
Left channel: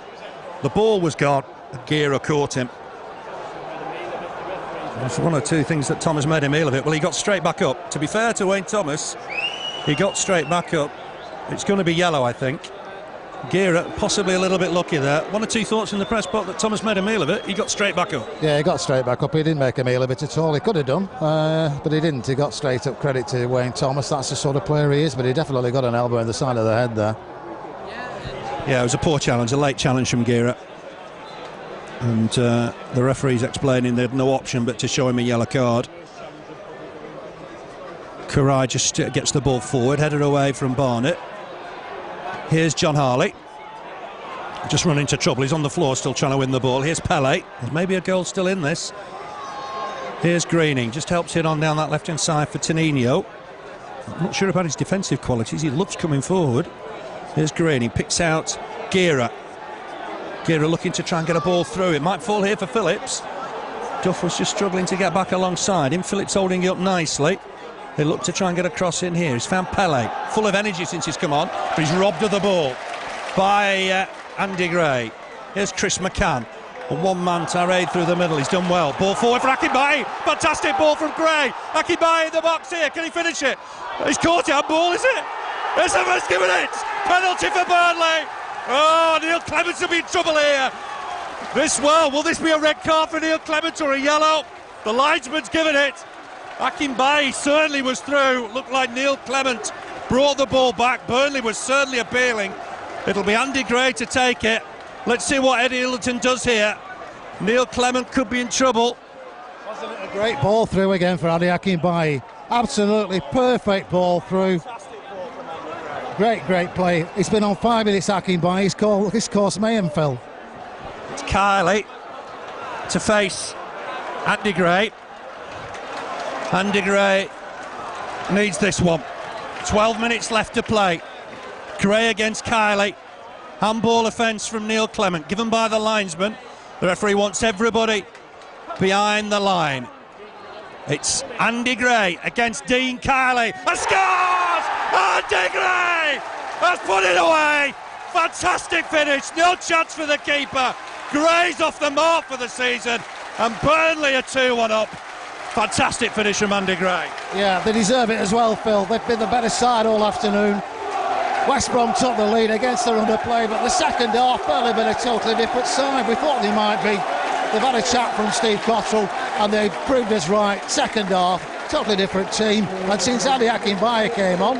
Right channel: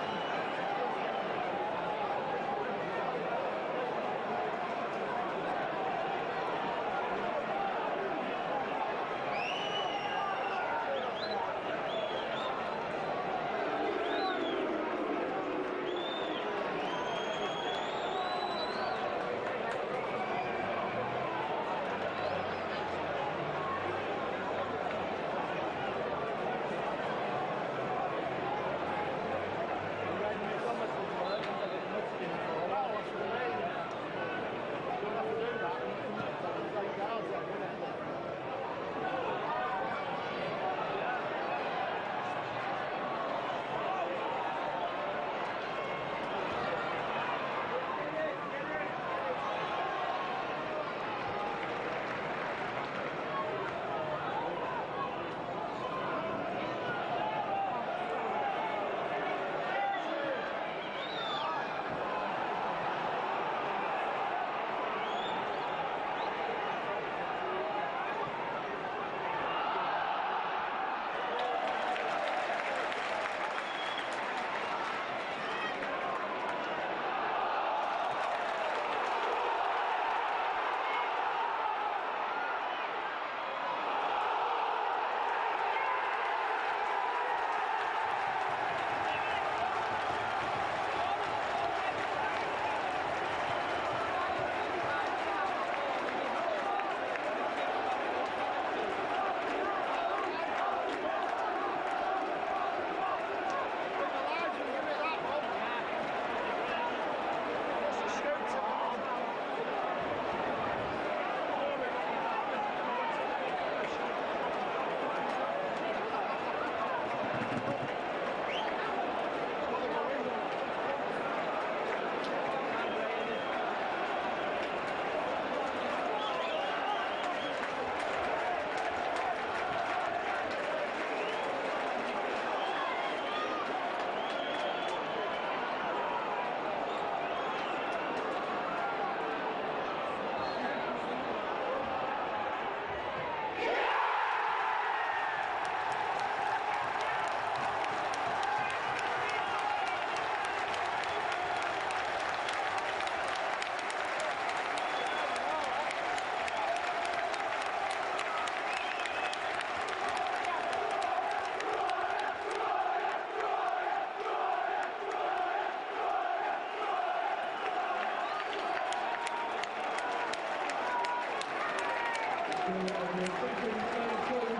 The ball was gone. Gira caught him. That's 1 or 2 things that Thomas made a meal of it. Well, he got straight back up. To be fair to Wayne Thomas, he got straight back up. It's going to be yellow, I think. Gira possibly a little bit lucky there. 1 or 2 thoughts in the press box that Thomas made a meal of it. He got straight back up. Yeah, he got straight back up. He didn't make a meal of it at all. He could have done, but he didn't. He got straight up. Credit to Wayne Thomas. That's the sort of player he is, but he definitely got an elbow in the side of the head there. Yeah, it was a poor challenge, a late challenge from Gira. And the referee's explaining they had no option but to show him a yellow card. Karai just gets the ball forward, headed away from Barnett. Here's John Harley. Just run into trouble. He's on the floor still trying to win the ball. Here's Pele. There's maybe a goal still in this. Here's Greening. Just helps it on down that left-hand side for Tenino. I'm not sure about his defensive qualities. He loves coming forward. Here's Greening. Picks out Gira. Gira looking to try and get a ball through. It might fall here for Phillips. Duff was just struggling to get back alongside him. Phillips holding it up nicely. They look to try and get a cross in here. He's found Pele, full of energy since he's come on, but he's robbed of the ball by Andy Gray. Here's Chris McCann. A one-man tirade through the middle. He's done well. Ball forward for Akinbaye. Fantastic ball from Gray. Akinbaye in the box here. Can he finish it? He's caught it. Ball, is it? It's the first given it. Penalty for Burnley. Oh, Neil Clements will be in trouble here. Will this be a red card for Neil Clements or a yellow? The linesman's given it. Akinbaye certainly was through. Looked like Neil Clement brought the ball back. Burnley was certainly appealing. It'll be Andy Gray to take it. Let's see what Eddie Ilderton does here. Neil Clement could be in trouble. Wasn't it a great ball through again for Adi Akinbaye? Absolutely perfect ball through. Great play. He's been on 5 minutes, Akinbaye. He's caused mayhem, Phil. It's Kylie to face Andy Gray. Andy Gray needs this one. 12 minutes left to play. Gray against Kylie. Handball offence from Neil Clement, given by the linesman. The referee wants everybody behind the line. It's Andy Gray against Dean Kiley. A scores! Andy Gray has put it away. Fantastic finish. No chance for the keeper. Gray's off the mark for the season, and Burnley are 2-1 up. Fantastic finish from Andy Gray. Yeah, they deserve it as well, Phil. They've been the better side all afternoon. West Brom took the lead against their underplay, but the second half, Burnley been a totally different side. We thought they might be. They've had a chat from Steve Cottrell, and they proved us right. Second half, totally different team. And since Adi Akinbaye came on,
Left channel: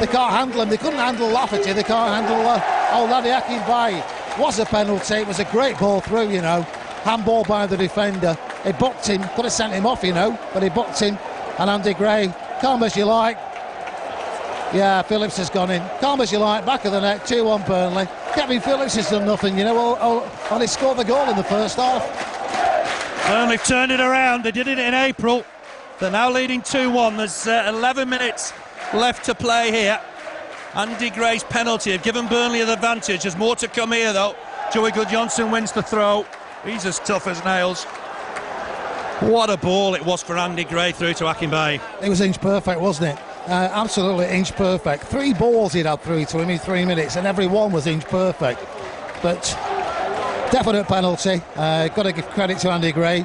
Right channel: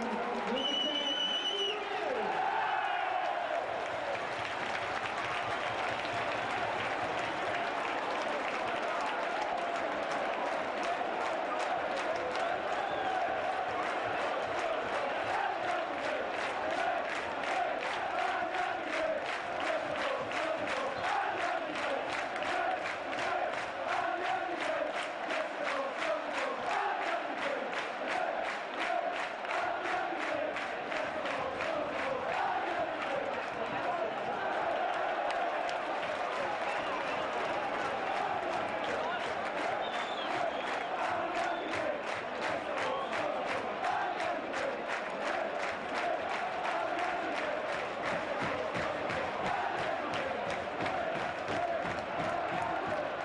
they can't handle him. They couldn't handle Lafferty. They can't handle old Adi Akinbaye. Was a penalty. It was a great ball through, you know. Handball by the defender. He booked him. Could have sent him off, you know, but he booked him. And Andy Gray, calm as you like. Yeah, Phillips has gone in. Calm as you like, back of the net, 2-1 Burnley. Kevin Phillips has done nothing, you know, only scored the goal in the first half. Burnley turned it around. They did it in April. They're now leading 2-1. There's 11 minutes left to play here. Andy Gray's penalty have given Burnley an advantage. There's more to come here, though. Joey Goodjohnson wins the throw. He's as tough as nails. What a ball it was for Andy Gray through to Akinbaye. It was inch perfect, wasn't it? Absolutely inch perfect. 3 balls he'd had through to him in 3 minutes, and every one was inch perfect. But definite penalty. Got to give credit to Andy Gray.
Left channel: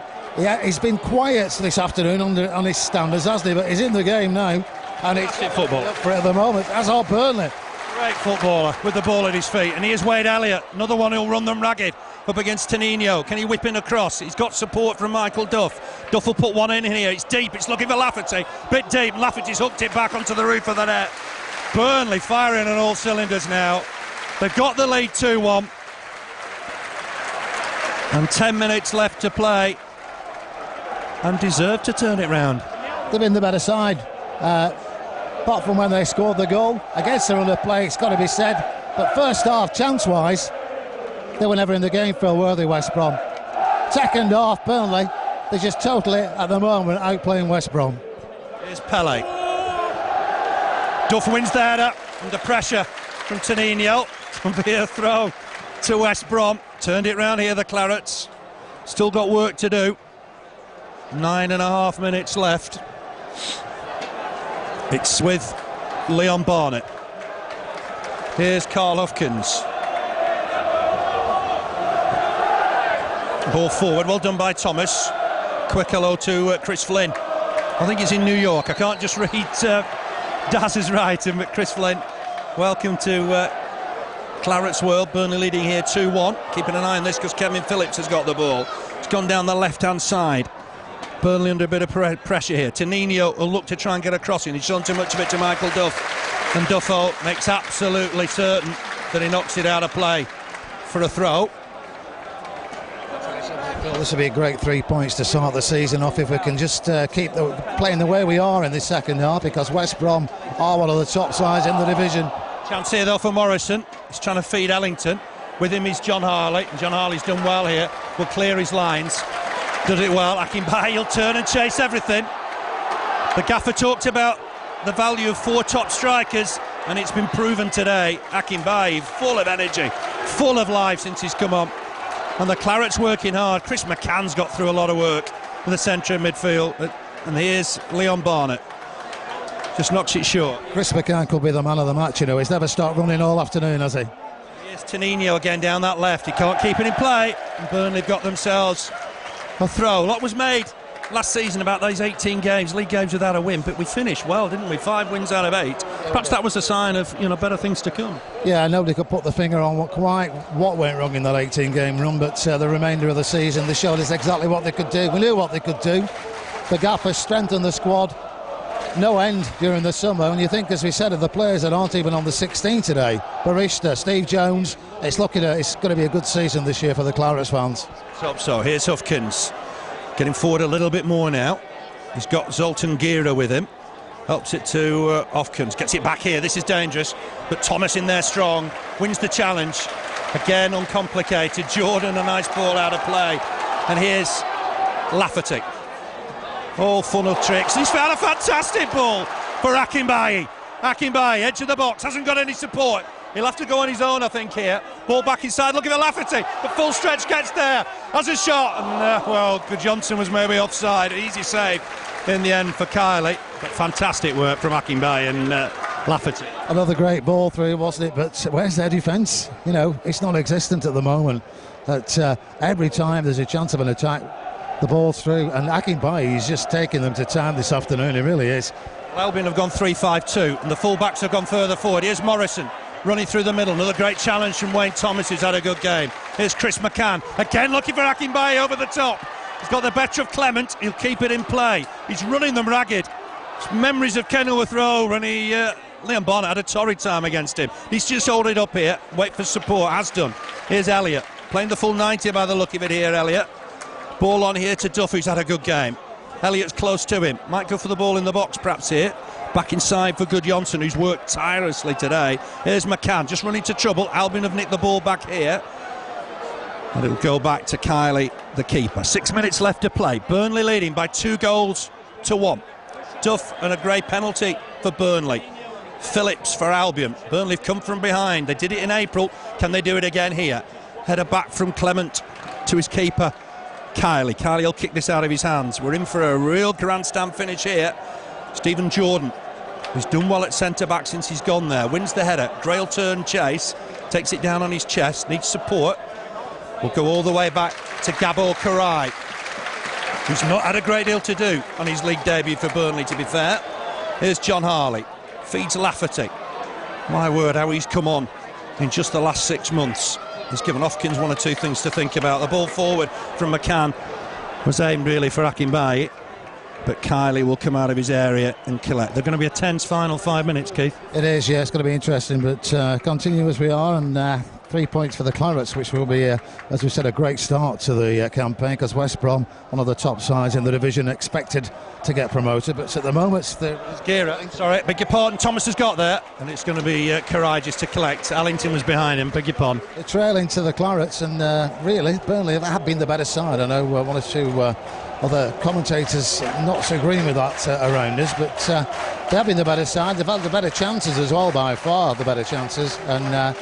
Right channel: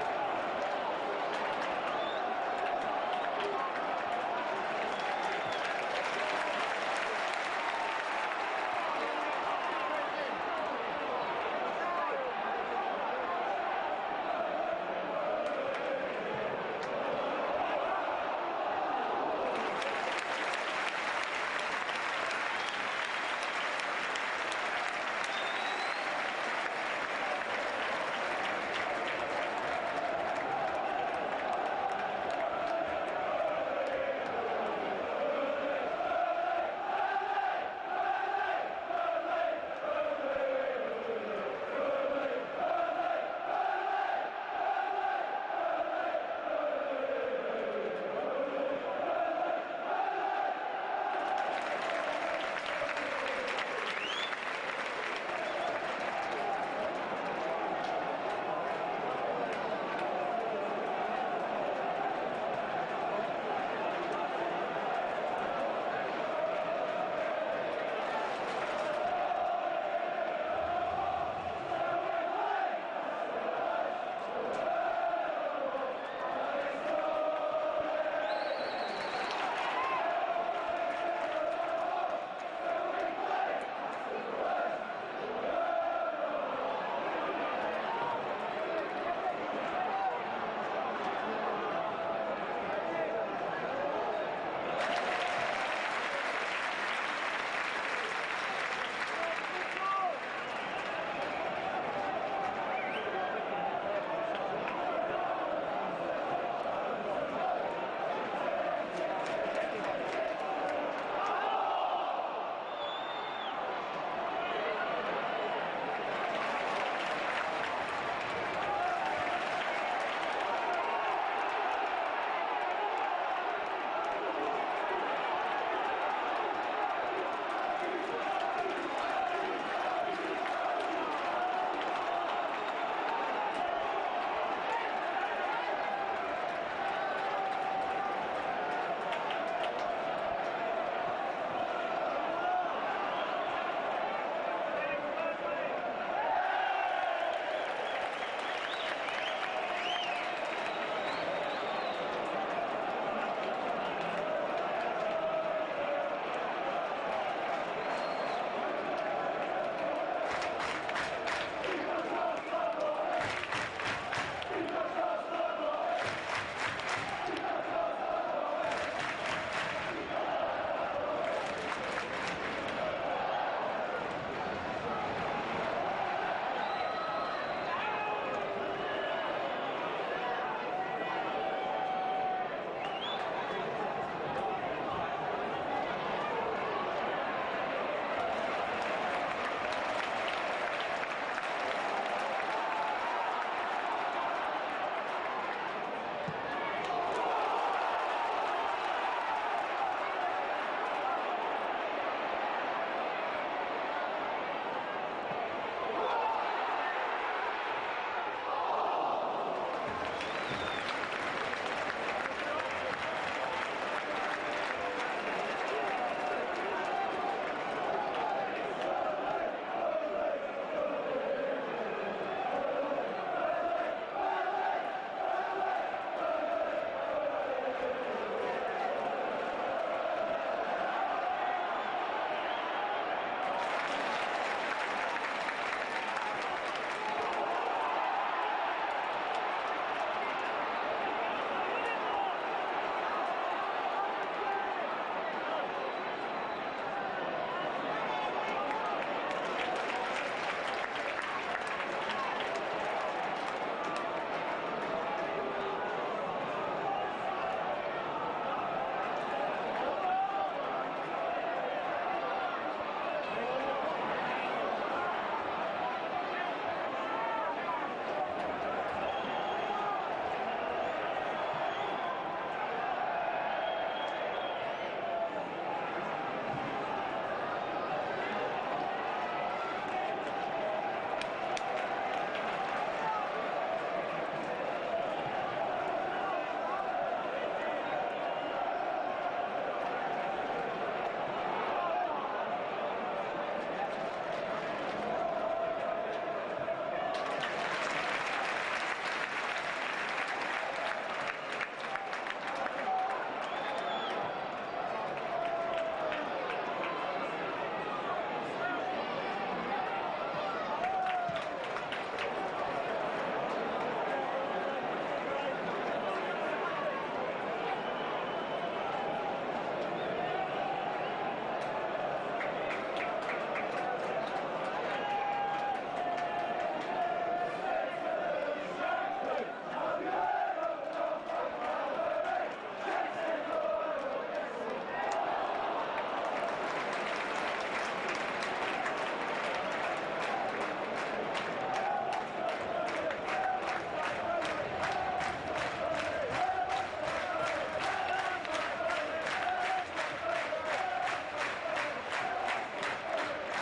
He's been quiet this afternoon on his standards, hasn't he? But he's in the game now, and it's football for at the moment. As are Burnley. Great footballer with the ball at his feet, and here's Wade Elliott, another one who'll run them ragged up against Tenino. Can he whip in across? He's got support from Michael Duff. Duff will put one in here. It's deep. It's looking for Lafferty. Bit deep. Lafferty's hooked it back onto the roof of the net. Burnley firing on all cylinders now. They've got the lead 2-1. And 10 minutes left to play. And deserve to turn it round. They've been the better side. Apart from when they scored the goal. Against their underplay, it's got to be said. But first half, chance-wise, they were never in the game, Phil, were they, West Brom? Second half, Burnley, they're just totally, at the moment, outplaying West Brom. Here's Pele. Duff wins the header under pressure from Tenino. Can be a throw to West Brom. Turned it round here, the Clarets. Still got work to do. 9.5 minutes left. It's with Leon Barnett. Here's Carl Hufkins. Ball forward, well done by Thomas. Quick hello to Chris Flynn. I think he's in New York. I can't just read Daz's writing, but Chris Flynn, welcome to Claret's World. Burnley leading here 2-1. Keeping an eye on this because Kevin Phillips has got the ball. It's gone down the left-hand side. Burnley under a bit of pressure here. Tenino will look to try and get a crossing. He's shown too much of it to Michael Duff. And Duffo makes absolutely certain that he knocks it out of play for a throw. Well, this will be a great 3 points to start the season off if we can just keep playing the way we are in this second half, because West Brom are one of the top sides in the division. Chance here though for Morrison. He's trying to feed Ellington. With him is John Harley. And John Harley's done well here. Will clear his lines. Does it well. Akinbaye, he'll turn and chase everything. The gaffer talked about the value of 4 top strikers, and it's been proven today. Akinbaye, full of energy, full of life since he's come on. And the Clarets working hard. Chris McCann's got through a lot of work in the centre of midfield. And here's Leon Barnett. Just knocks it short. Chris McCann could be the man of the match, you know. He's never stopped running all afternoon, has he? Here's Tenino again down that left. He can't keep it in play. And Burnley got themselves a throw. A lot was made last season about those 18 games, league games without a win, but we finished well, didn't we? 5 wins out of 8. Perhaps that was a sign of, you know, better things to come. Yeah, nobody could put the finger on what went wrong in that 18-game run, but the remainder of the season, they showed us exactly what they could do. We knew what they could do. The gaffer strengthened the squad. No end during the summer, and you think, as we said, of the players that aren't even on the 16 today. Barista, Steve Jones. It's going to be a good season this year for the Clarets fans. Hope so. Here's Hufkins. Getting forward a little bit more now. He's got Zoltan Gira with him. Helps it to Hufkins. Gets it back here. This is dangerous. But Thomas in there strong. Wins the challenge. Again, uncomplicated. Jordan, a nice ball out of play. And here's Lafferty. All full of tricks. He's found a fantastic ball for Akinbaye. Akinbaye, edge of the box. Hasn't got any support. He'll have to go on his own, I think, here. Ball back inside, looking at Lafferty. The full stretch gets there. Has a shot. And, well, Johnson was maybe offside. Easy save in the end for Kylie. But fantastic work from Akinbaye and Lafferty. Another great ball through, wasn't it? But where's their defence? You know, it's non-existent at the moment. But every time there's a chance of an attack, the ball's through. And Akinbaye is just taking them to town this afternoon. He really is. Albion have gone 3-5-2, and the full-backs have gone further forward. Here's Morrison running through the middle. Another great challenge from Wayne Thomas, who's had a good game. Here's Chris McCann, again looking for Akinbaye over the top. He's got the better of Clement. He'll keep it in play. He's running them ragged. It's memories of Kenilworth Road when Liam Bonner had a torrid time against him. He's just holding up here, wait for support, has done. Here's Elliott, playing the full 90 by the look of it here, Elliott. Ball on here to Duff, who's had a good game. Elliott's close to him, might go for the ball in the box perhaps here. Back inside for Johnson, who's worked tirelessly today. Here's McCann, just running to trouble. Albion have nicked the ball back here. And it'll go back to Kylie, the keeper. 6 minutes left to play. Burnley leading by 2-1. Duff and a grey penalty for Burnley. Phillips for Albion. Burnley have come from behind. They did it in April. Can they do it again here? Header back from Clement to his keeper, Kylie. Kylie will kick this out of his hands. We're in for a real grandstand finish here. Stephen Jordan, who's done well at centre-back since he's gone there, wins the header. Grail turn chase, takes it down on his chest, needs support. We'll go all the way back to Gabor Karai, who's not had a great deal to do on his league debut for Burnley, to be fair. Here's John Harley, feeds Lafferty. My word, how he's come on in just the last 6 months. He's given Hopkins one or two things to think about. The ball forward from McCann was aimed really for Akinbaye, but Kylie will come out of his area and collect. They're going to be a tense final 5 minutes, Keith. It is, yeah, it's going to be interesting, but continue as we are, and 3 points for the Clarets, which will be, as we said, a great start to the campaign, because West Brom, one of the top sides in the division, expected to get promoted, but at the moment sorry, beg your pardon, Thomas has got there, and it's going to be Karai just to collect. Allington was behind him, beg your pardon. They're trailing to the Clarets, and really Burnley have been the better side. I know one or two other commentators not so agreeing with that around us, but they have been the better side. They've had the better chances as well, by far the better chances, and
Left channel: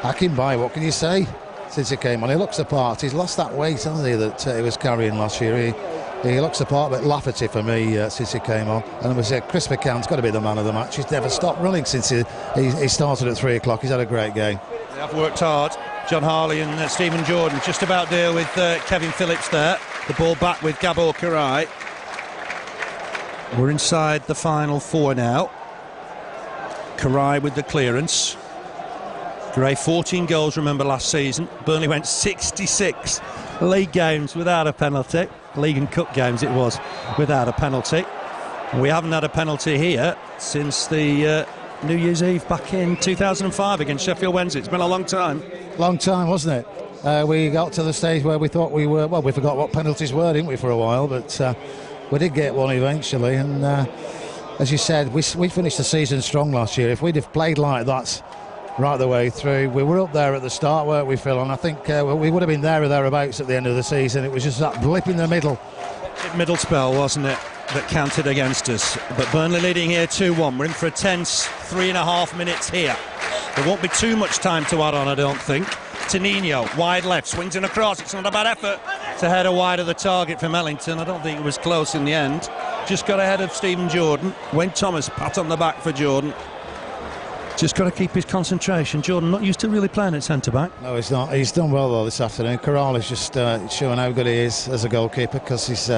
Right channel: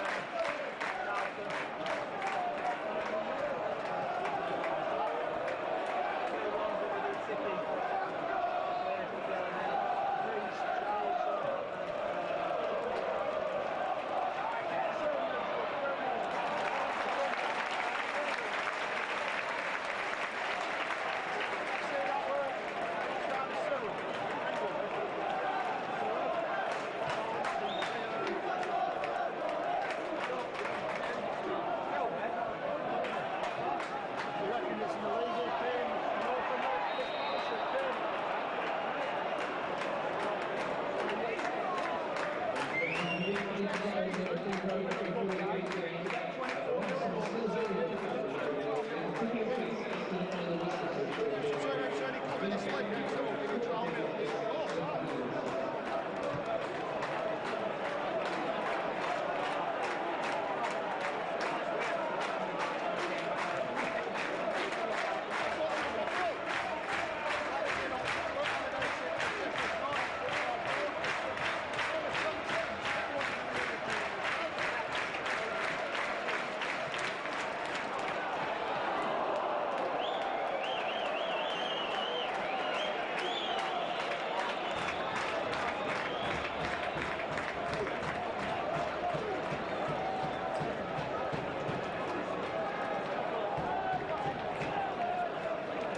Akinbaye, what can you say since he came on? He looks the part. He's lost that weight, hasn't he, that he was carrying last year. He looks the part, but Lafferty for me since he came on. And it was Chris McCann's got to be the man of the match. He's never stopped running since he started at 3 o'clock. He's had a great game. They have worked hard. John Harley and Stephen Jordan just about deal with Kevin Phillips there. The ball back with Gabor Karai. We're inside the final 4 now. Karai with the clearance. Gray, 14 goals, remember, last season. Burnley went 66 league games without a penalty. League and Cup games it was without a penalty. And we haven't had a penalty here since the New Year's Eve back in 2005 against Sheffield Wednesday. It's been a long time. Long time, wasn't it? We got to the stage where we thought we were, well, we forgot what penalties were, didn't we, for a while, but we did get one eventually, and as you said, we finished the season strong last year. If we'd have played like that right the way through, we were up there at the start, weren't we, Phil? And I think we would have been there or thereabouts at the end of the season. It was just that blip in the middle Spell, wasn't it, that counted against us. But Burnley leading here 2-1. We're in for a tense 3.5 minutes here. There won't be too much time to add on, I don't think. Tenino, wide left, swings in across. It's not a bad effort to head wide of the target from Ellington. I don't think it was close in the end. Just got ahead of Stephen Jordan. Wayne Thomas, pat on the back for Jordan. Just got to keep his concentration. Jordan not used to really playing at centre-back. No, he's not. He's done well, though, this afternoon. Corral is just showing how good he is as a goalkeeper, because he's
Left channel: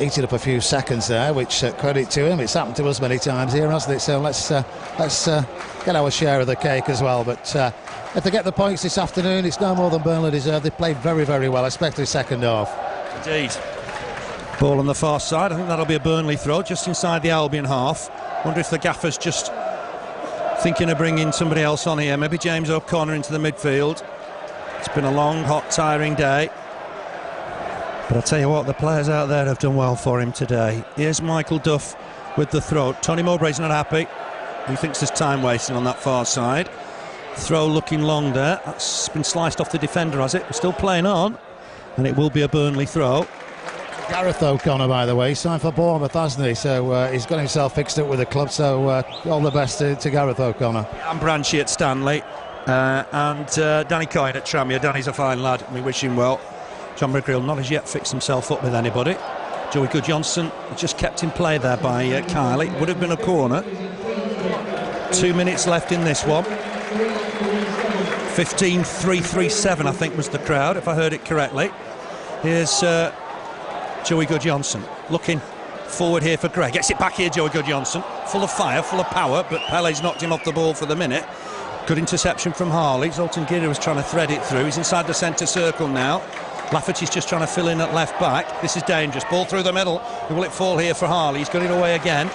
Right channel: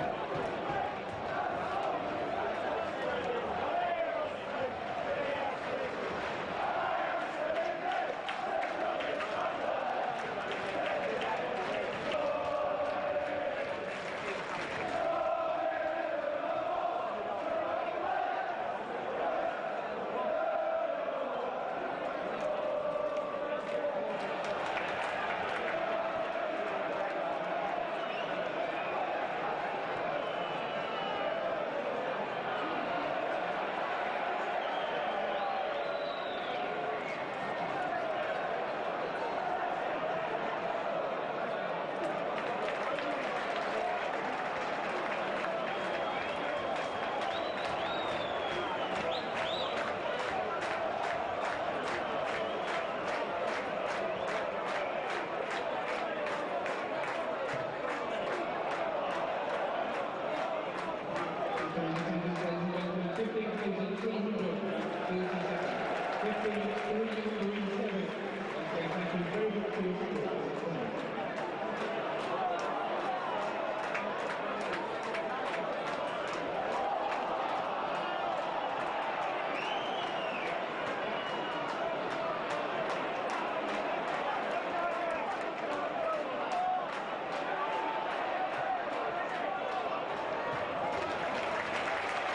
eaten up a few seconds there, which credit to him. It's happened to us many times here, hasn't it? So let's get our share of the cake as well. But if they get the points this afternoon, it's no more than Burnley deserve. They played very, very well, especially second half. Indeed. Ball on the far side. I think that'll be a Burnley throw, just inside the Albion half. Wonder if the gaffer's just thinking of bringing somebody else on here, maybe James O'Connor into the midfield. It's been a long, hot, tiring day, but I'll tell you what, the players out there have done well for him today. Here's Michael Duff with the throw. Tony Mowbray's not happy. He thinks there's time wasting on that far side. Throw looking long there. That's been sliced off the defender, has it? We're still playing on, and it will be a Burnley throw. Gareth O'Connor, by the way, signed for Bournemouth, hasn't he? So he's got himself fixed up with the club, so all the best to Gareth O'Connor. And Branchy at Stanley, and Danny Coyne at Tranmere. Danny's a fine lad, we wish him well. John McGreal not as yet fixed himself up with anybody. Joey Goodjohnson just kept in play there by Kylie. Would have been a corner. 2 minutes left in this one. 15,337 I think was the crowd, if I heard it correctly. Here's Joey Goodjohnson looking forward here for Gray. Gets it back here, Joey Goodjohnson. Full of fire, full of power, but Pele's knocked him off the ball for the minute. Good interception from Harley. Zoltan Gira was trying to thread it through. He's inside the centre circle now. Lafferty's just trying to fill in at left back. This is dangerous. Ball through the middle. Will it fall here for Harley? He's got it away again.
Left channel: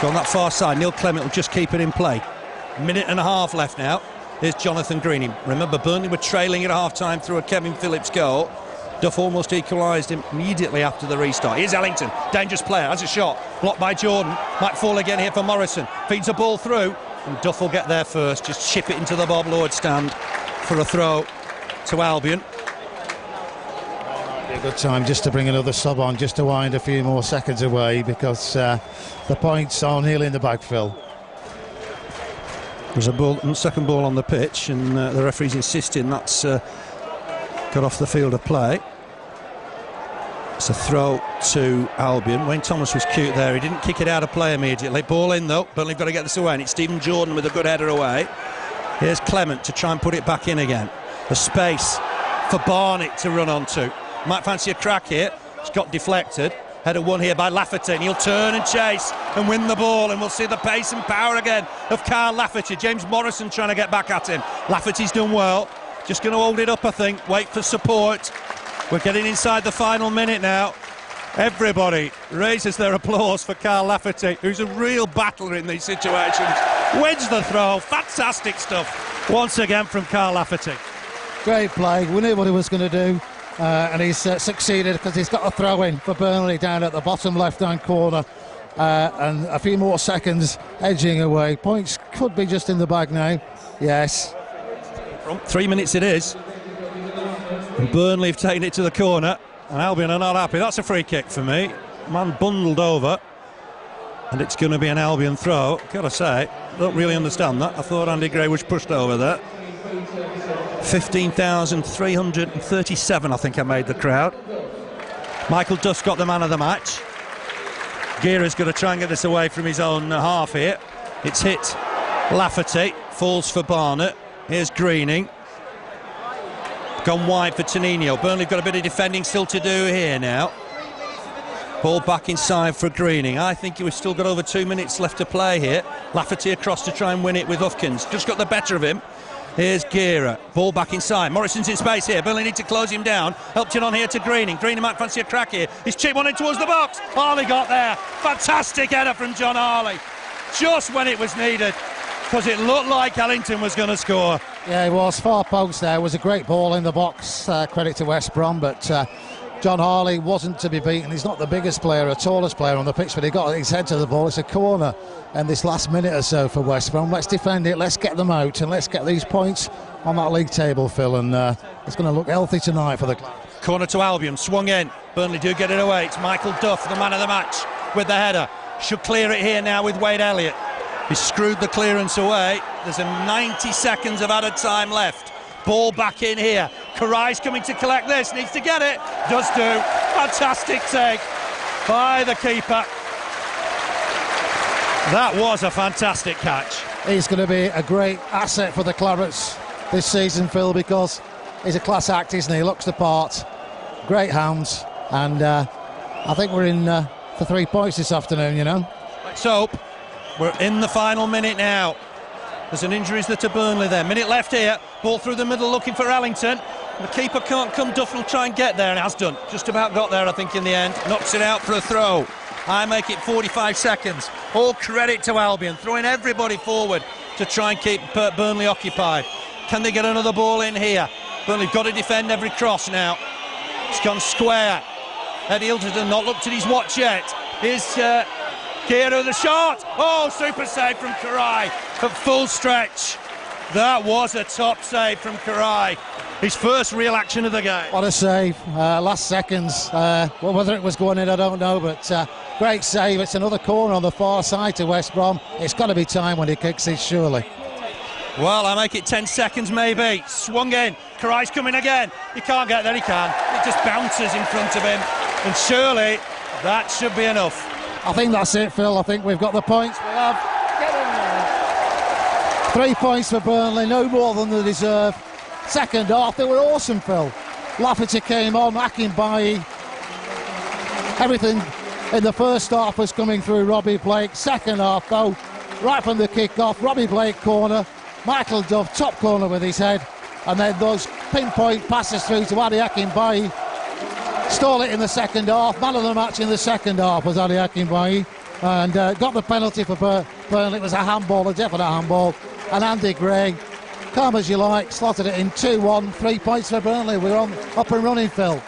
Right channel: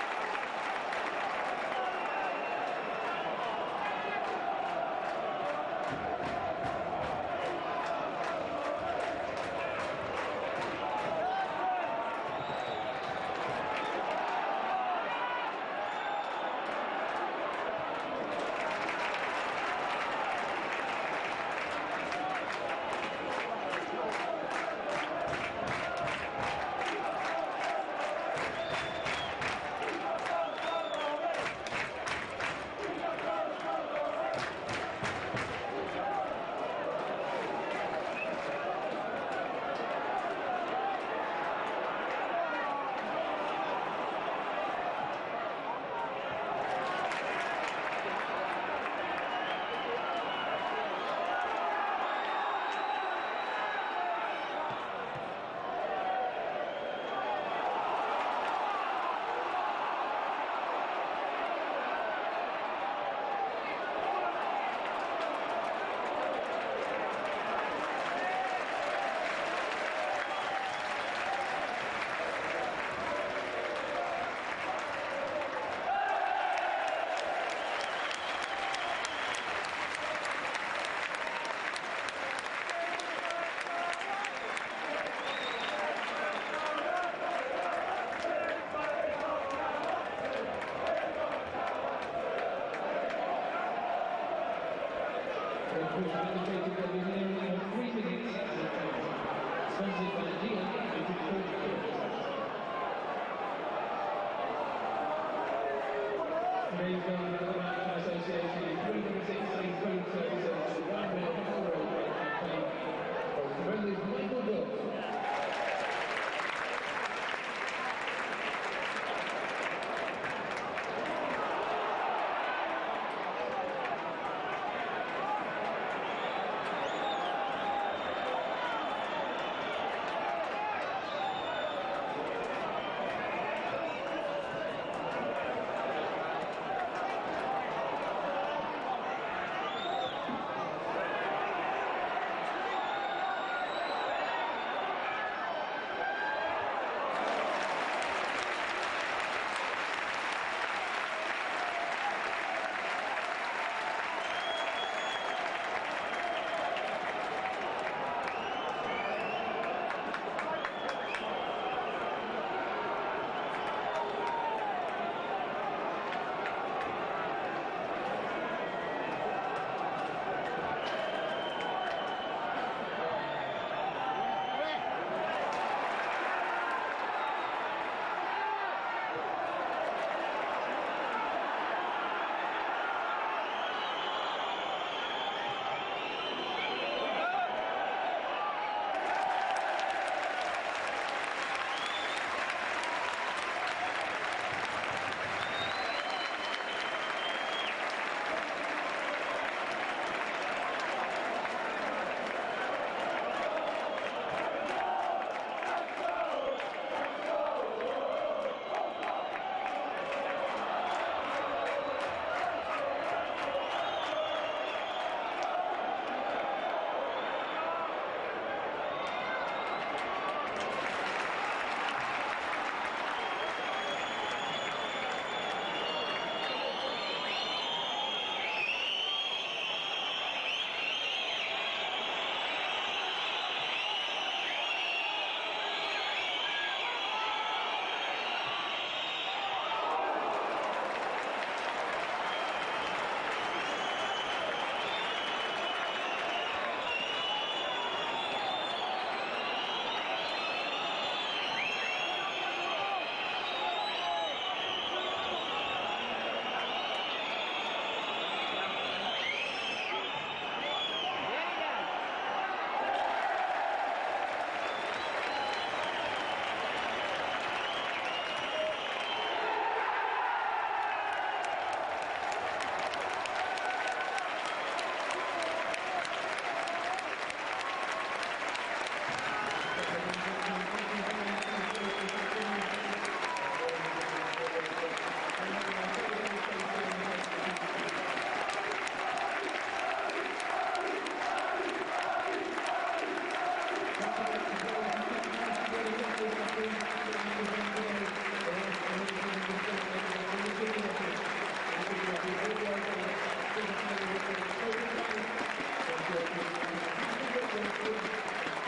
Go on that far side. Neil Clement will just keep it in play. Minute and a half left now. Here's Jonathan Greening. Remember, Burnley were trailing at half-time through a Kevin Phillips goal. Duff almost equalised immediately after the restart. Here's Ellington. Dangerous player. Has a shot. Blocked by Jordan. Might fall again here for Morrison. Feeds a ball through. And Duff will get there first. Just chip it into the Bob Lord stand for a throw to Albion. A good time just to bring another sub on, just to wind a few more seconds away, because the points are nearly in the bag, Phil. There's a ball, second ball on the pitch, and the referee's insisting that's got off the field of play. It's a throw to Albion. Wayne Thomas was cute there. He didn't kick it out of play immediately. Ball in though. Burnley have got to get this away, and it's Stephen Jordan with a good header away. Here's Clement to try and put it back in again. The space for Barnett to run onto. Might fancy a crack here. It's got deflected. Header won here by Lafferty, and he'll turn and chase and win the ball, and we'll see the pace and power again of Carl Lafferty. James Morrison trying to get back at him. Lafferty's done well. Just going to hold it up, I think. Wait for support. We're getting inside the final minute now. Everybody raises their applause for Carl Lafferty, who's a real battler in these situations. Wedge the throw. Fantastic stuff once again from Carl Lafferty. Great play. We knew what he was going to do. And he's succeeded, because he's got a throw in for Burnley down at the bottom left-hand corner, and a few more seconds edging away. Points could be just in the bag now. Yes. 3 minutes it is. And Burnley have taken it to the corner, and Albion are not happy. That's a free kick for me. Man bundled over, and it's going to be an Albion throw. Gotta say, don't really understand that. I thought Andy Gray was pushed over there. 15,337 I think I made the crowd. Michael Duff's got the man of the match. Gera's going to try and get this away from his own half here. It's hit Lafferty, falls for Barnett. Here's Greening. Gone wide for Tonino. Burnley have got a bit of defending still to do here now. Ball back inside for Greening. I think we've still got over 2 minutes left to play here. Lafferty across to try and win it with Hufkins. Just got the better of him. Here's Gera. Ball back inside. Morrison's in space here. Burnley need to close him down. Helped it on here to Greening. Greening might fancy a crack here. He's chipped one in towards the box. Harley got there. Fantastic header from John Harley. Just when it was needed, because it looked like Ellington was going to score. Yeah, he was. Far post there. It was a great ball in the box. Credit to West Brom, but John Harley wasn't to be beaten. He's not the biggest player or tallest player on the pitch, but he got his head to the ball. It's a corner in this last minute or so for West Brom. Let's defend it, let's get them out, and let's get these points on that league table, Phil, and it's going to look healthy tonight for the club. Corner to Albion, swung in. Burnley do get it away. It's Michael Duff, the man of the match, with the header. Should clear it here now with Wade Elliott. He screwed the clearance away. There's a 90 seconds of added time left. Ball back in here. Karai's coming to collect this, needs to get it. Does do. Fantastic save by the keeper. That was a fantastic catch. He's going to be a great asset for the Clarets this season, Phil, because he's a class act, isn't he? He looks the part. Great hands, and I think we're in for 3 points this afternoon, you know. Let's hope. We're in the final minute now. There's an injury to Burnley there. Minute left here. Ball through the middle looking for Ellington. The keeper can't come. Duff will try and get there, and has done. Just about got there, I think, in the end. Knocks it out for a throw. I make it 45 seconds. All credit to Albion, throwing everybody forward to try and keep Burnley occupied. Can they get another ball in here? Burnley got to defend every cross now. It's gone square. Eddie Hilton not looked at his watch yet. Here's Gera the shot. Oh, super save from Karai at full stretch. That was a top save from Karai. His first real action of the game. What a save, last seconds. Well, whether it was going in, I don't know, but great save. It's another corner on the far side to West Brom. It's got to be time when he kicks it, surely. Well, I make it 10 seconds maybe. Swung in. Karai's coming again. He can't get there, he can. It just bounces in front of him. And surely that should be enough. I think that's it, Phil. I think we've got the points. We have. Get in there. 3 points for Burnley, no more than they deserve. Second half, they were awesome, Phil. Lafferty came on, Akinbaye. Everything in the first half was coming through Robbie Blake. Second half, though, right from the kick-off, Robbie Blake corner. Michael Duff, top corner with his head, and then those pinpoint passes through to Adi Akinbaye. Stole it in the second half. Man of the match in the second half was Adi Akinbaye, and got the penalty for Burnley. It was a handball, a definite handball. And Andy Gray, calm as you like, slotted it in 2-1, 3 points for Burnley. We're on up and running, Phil.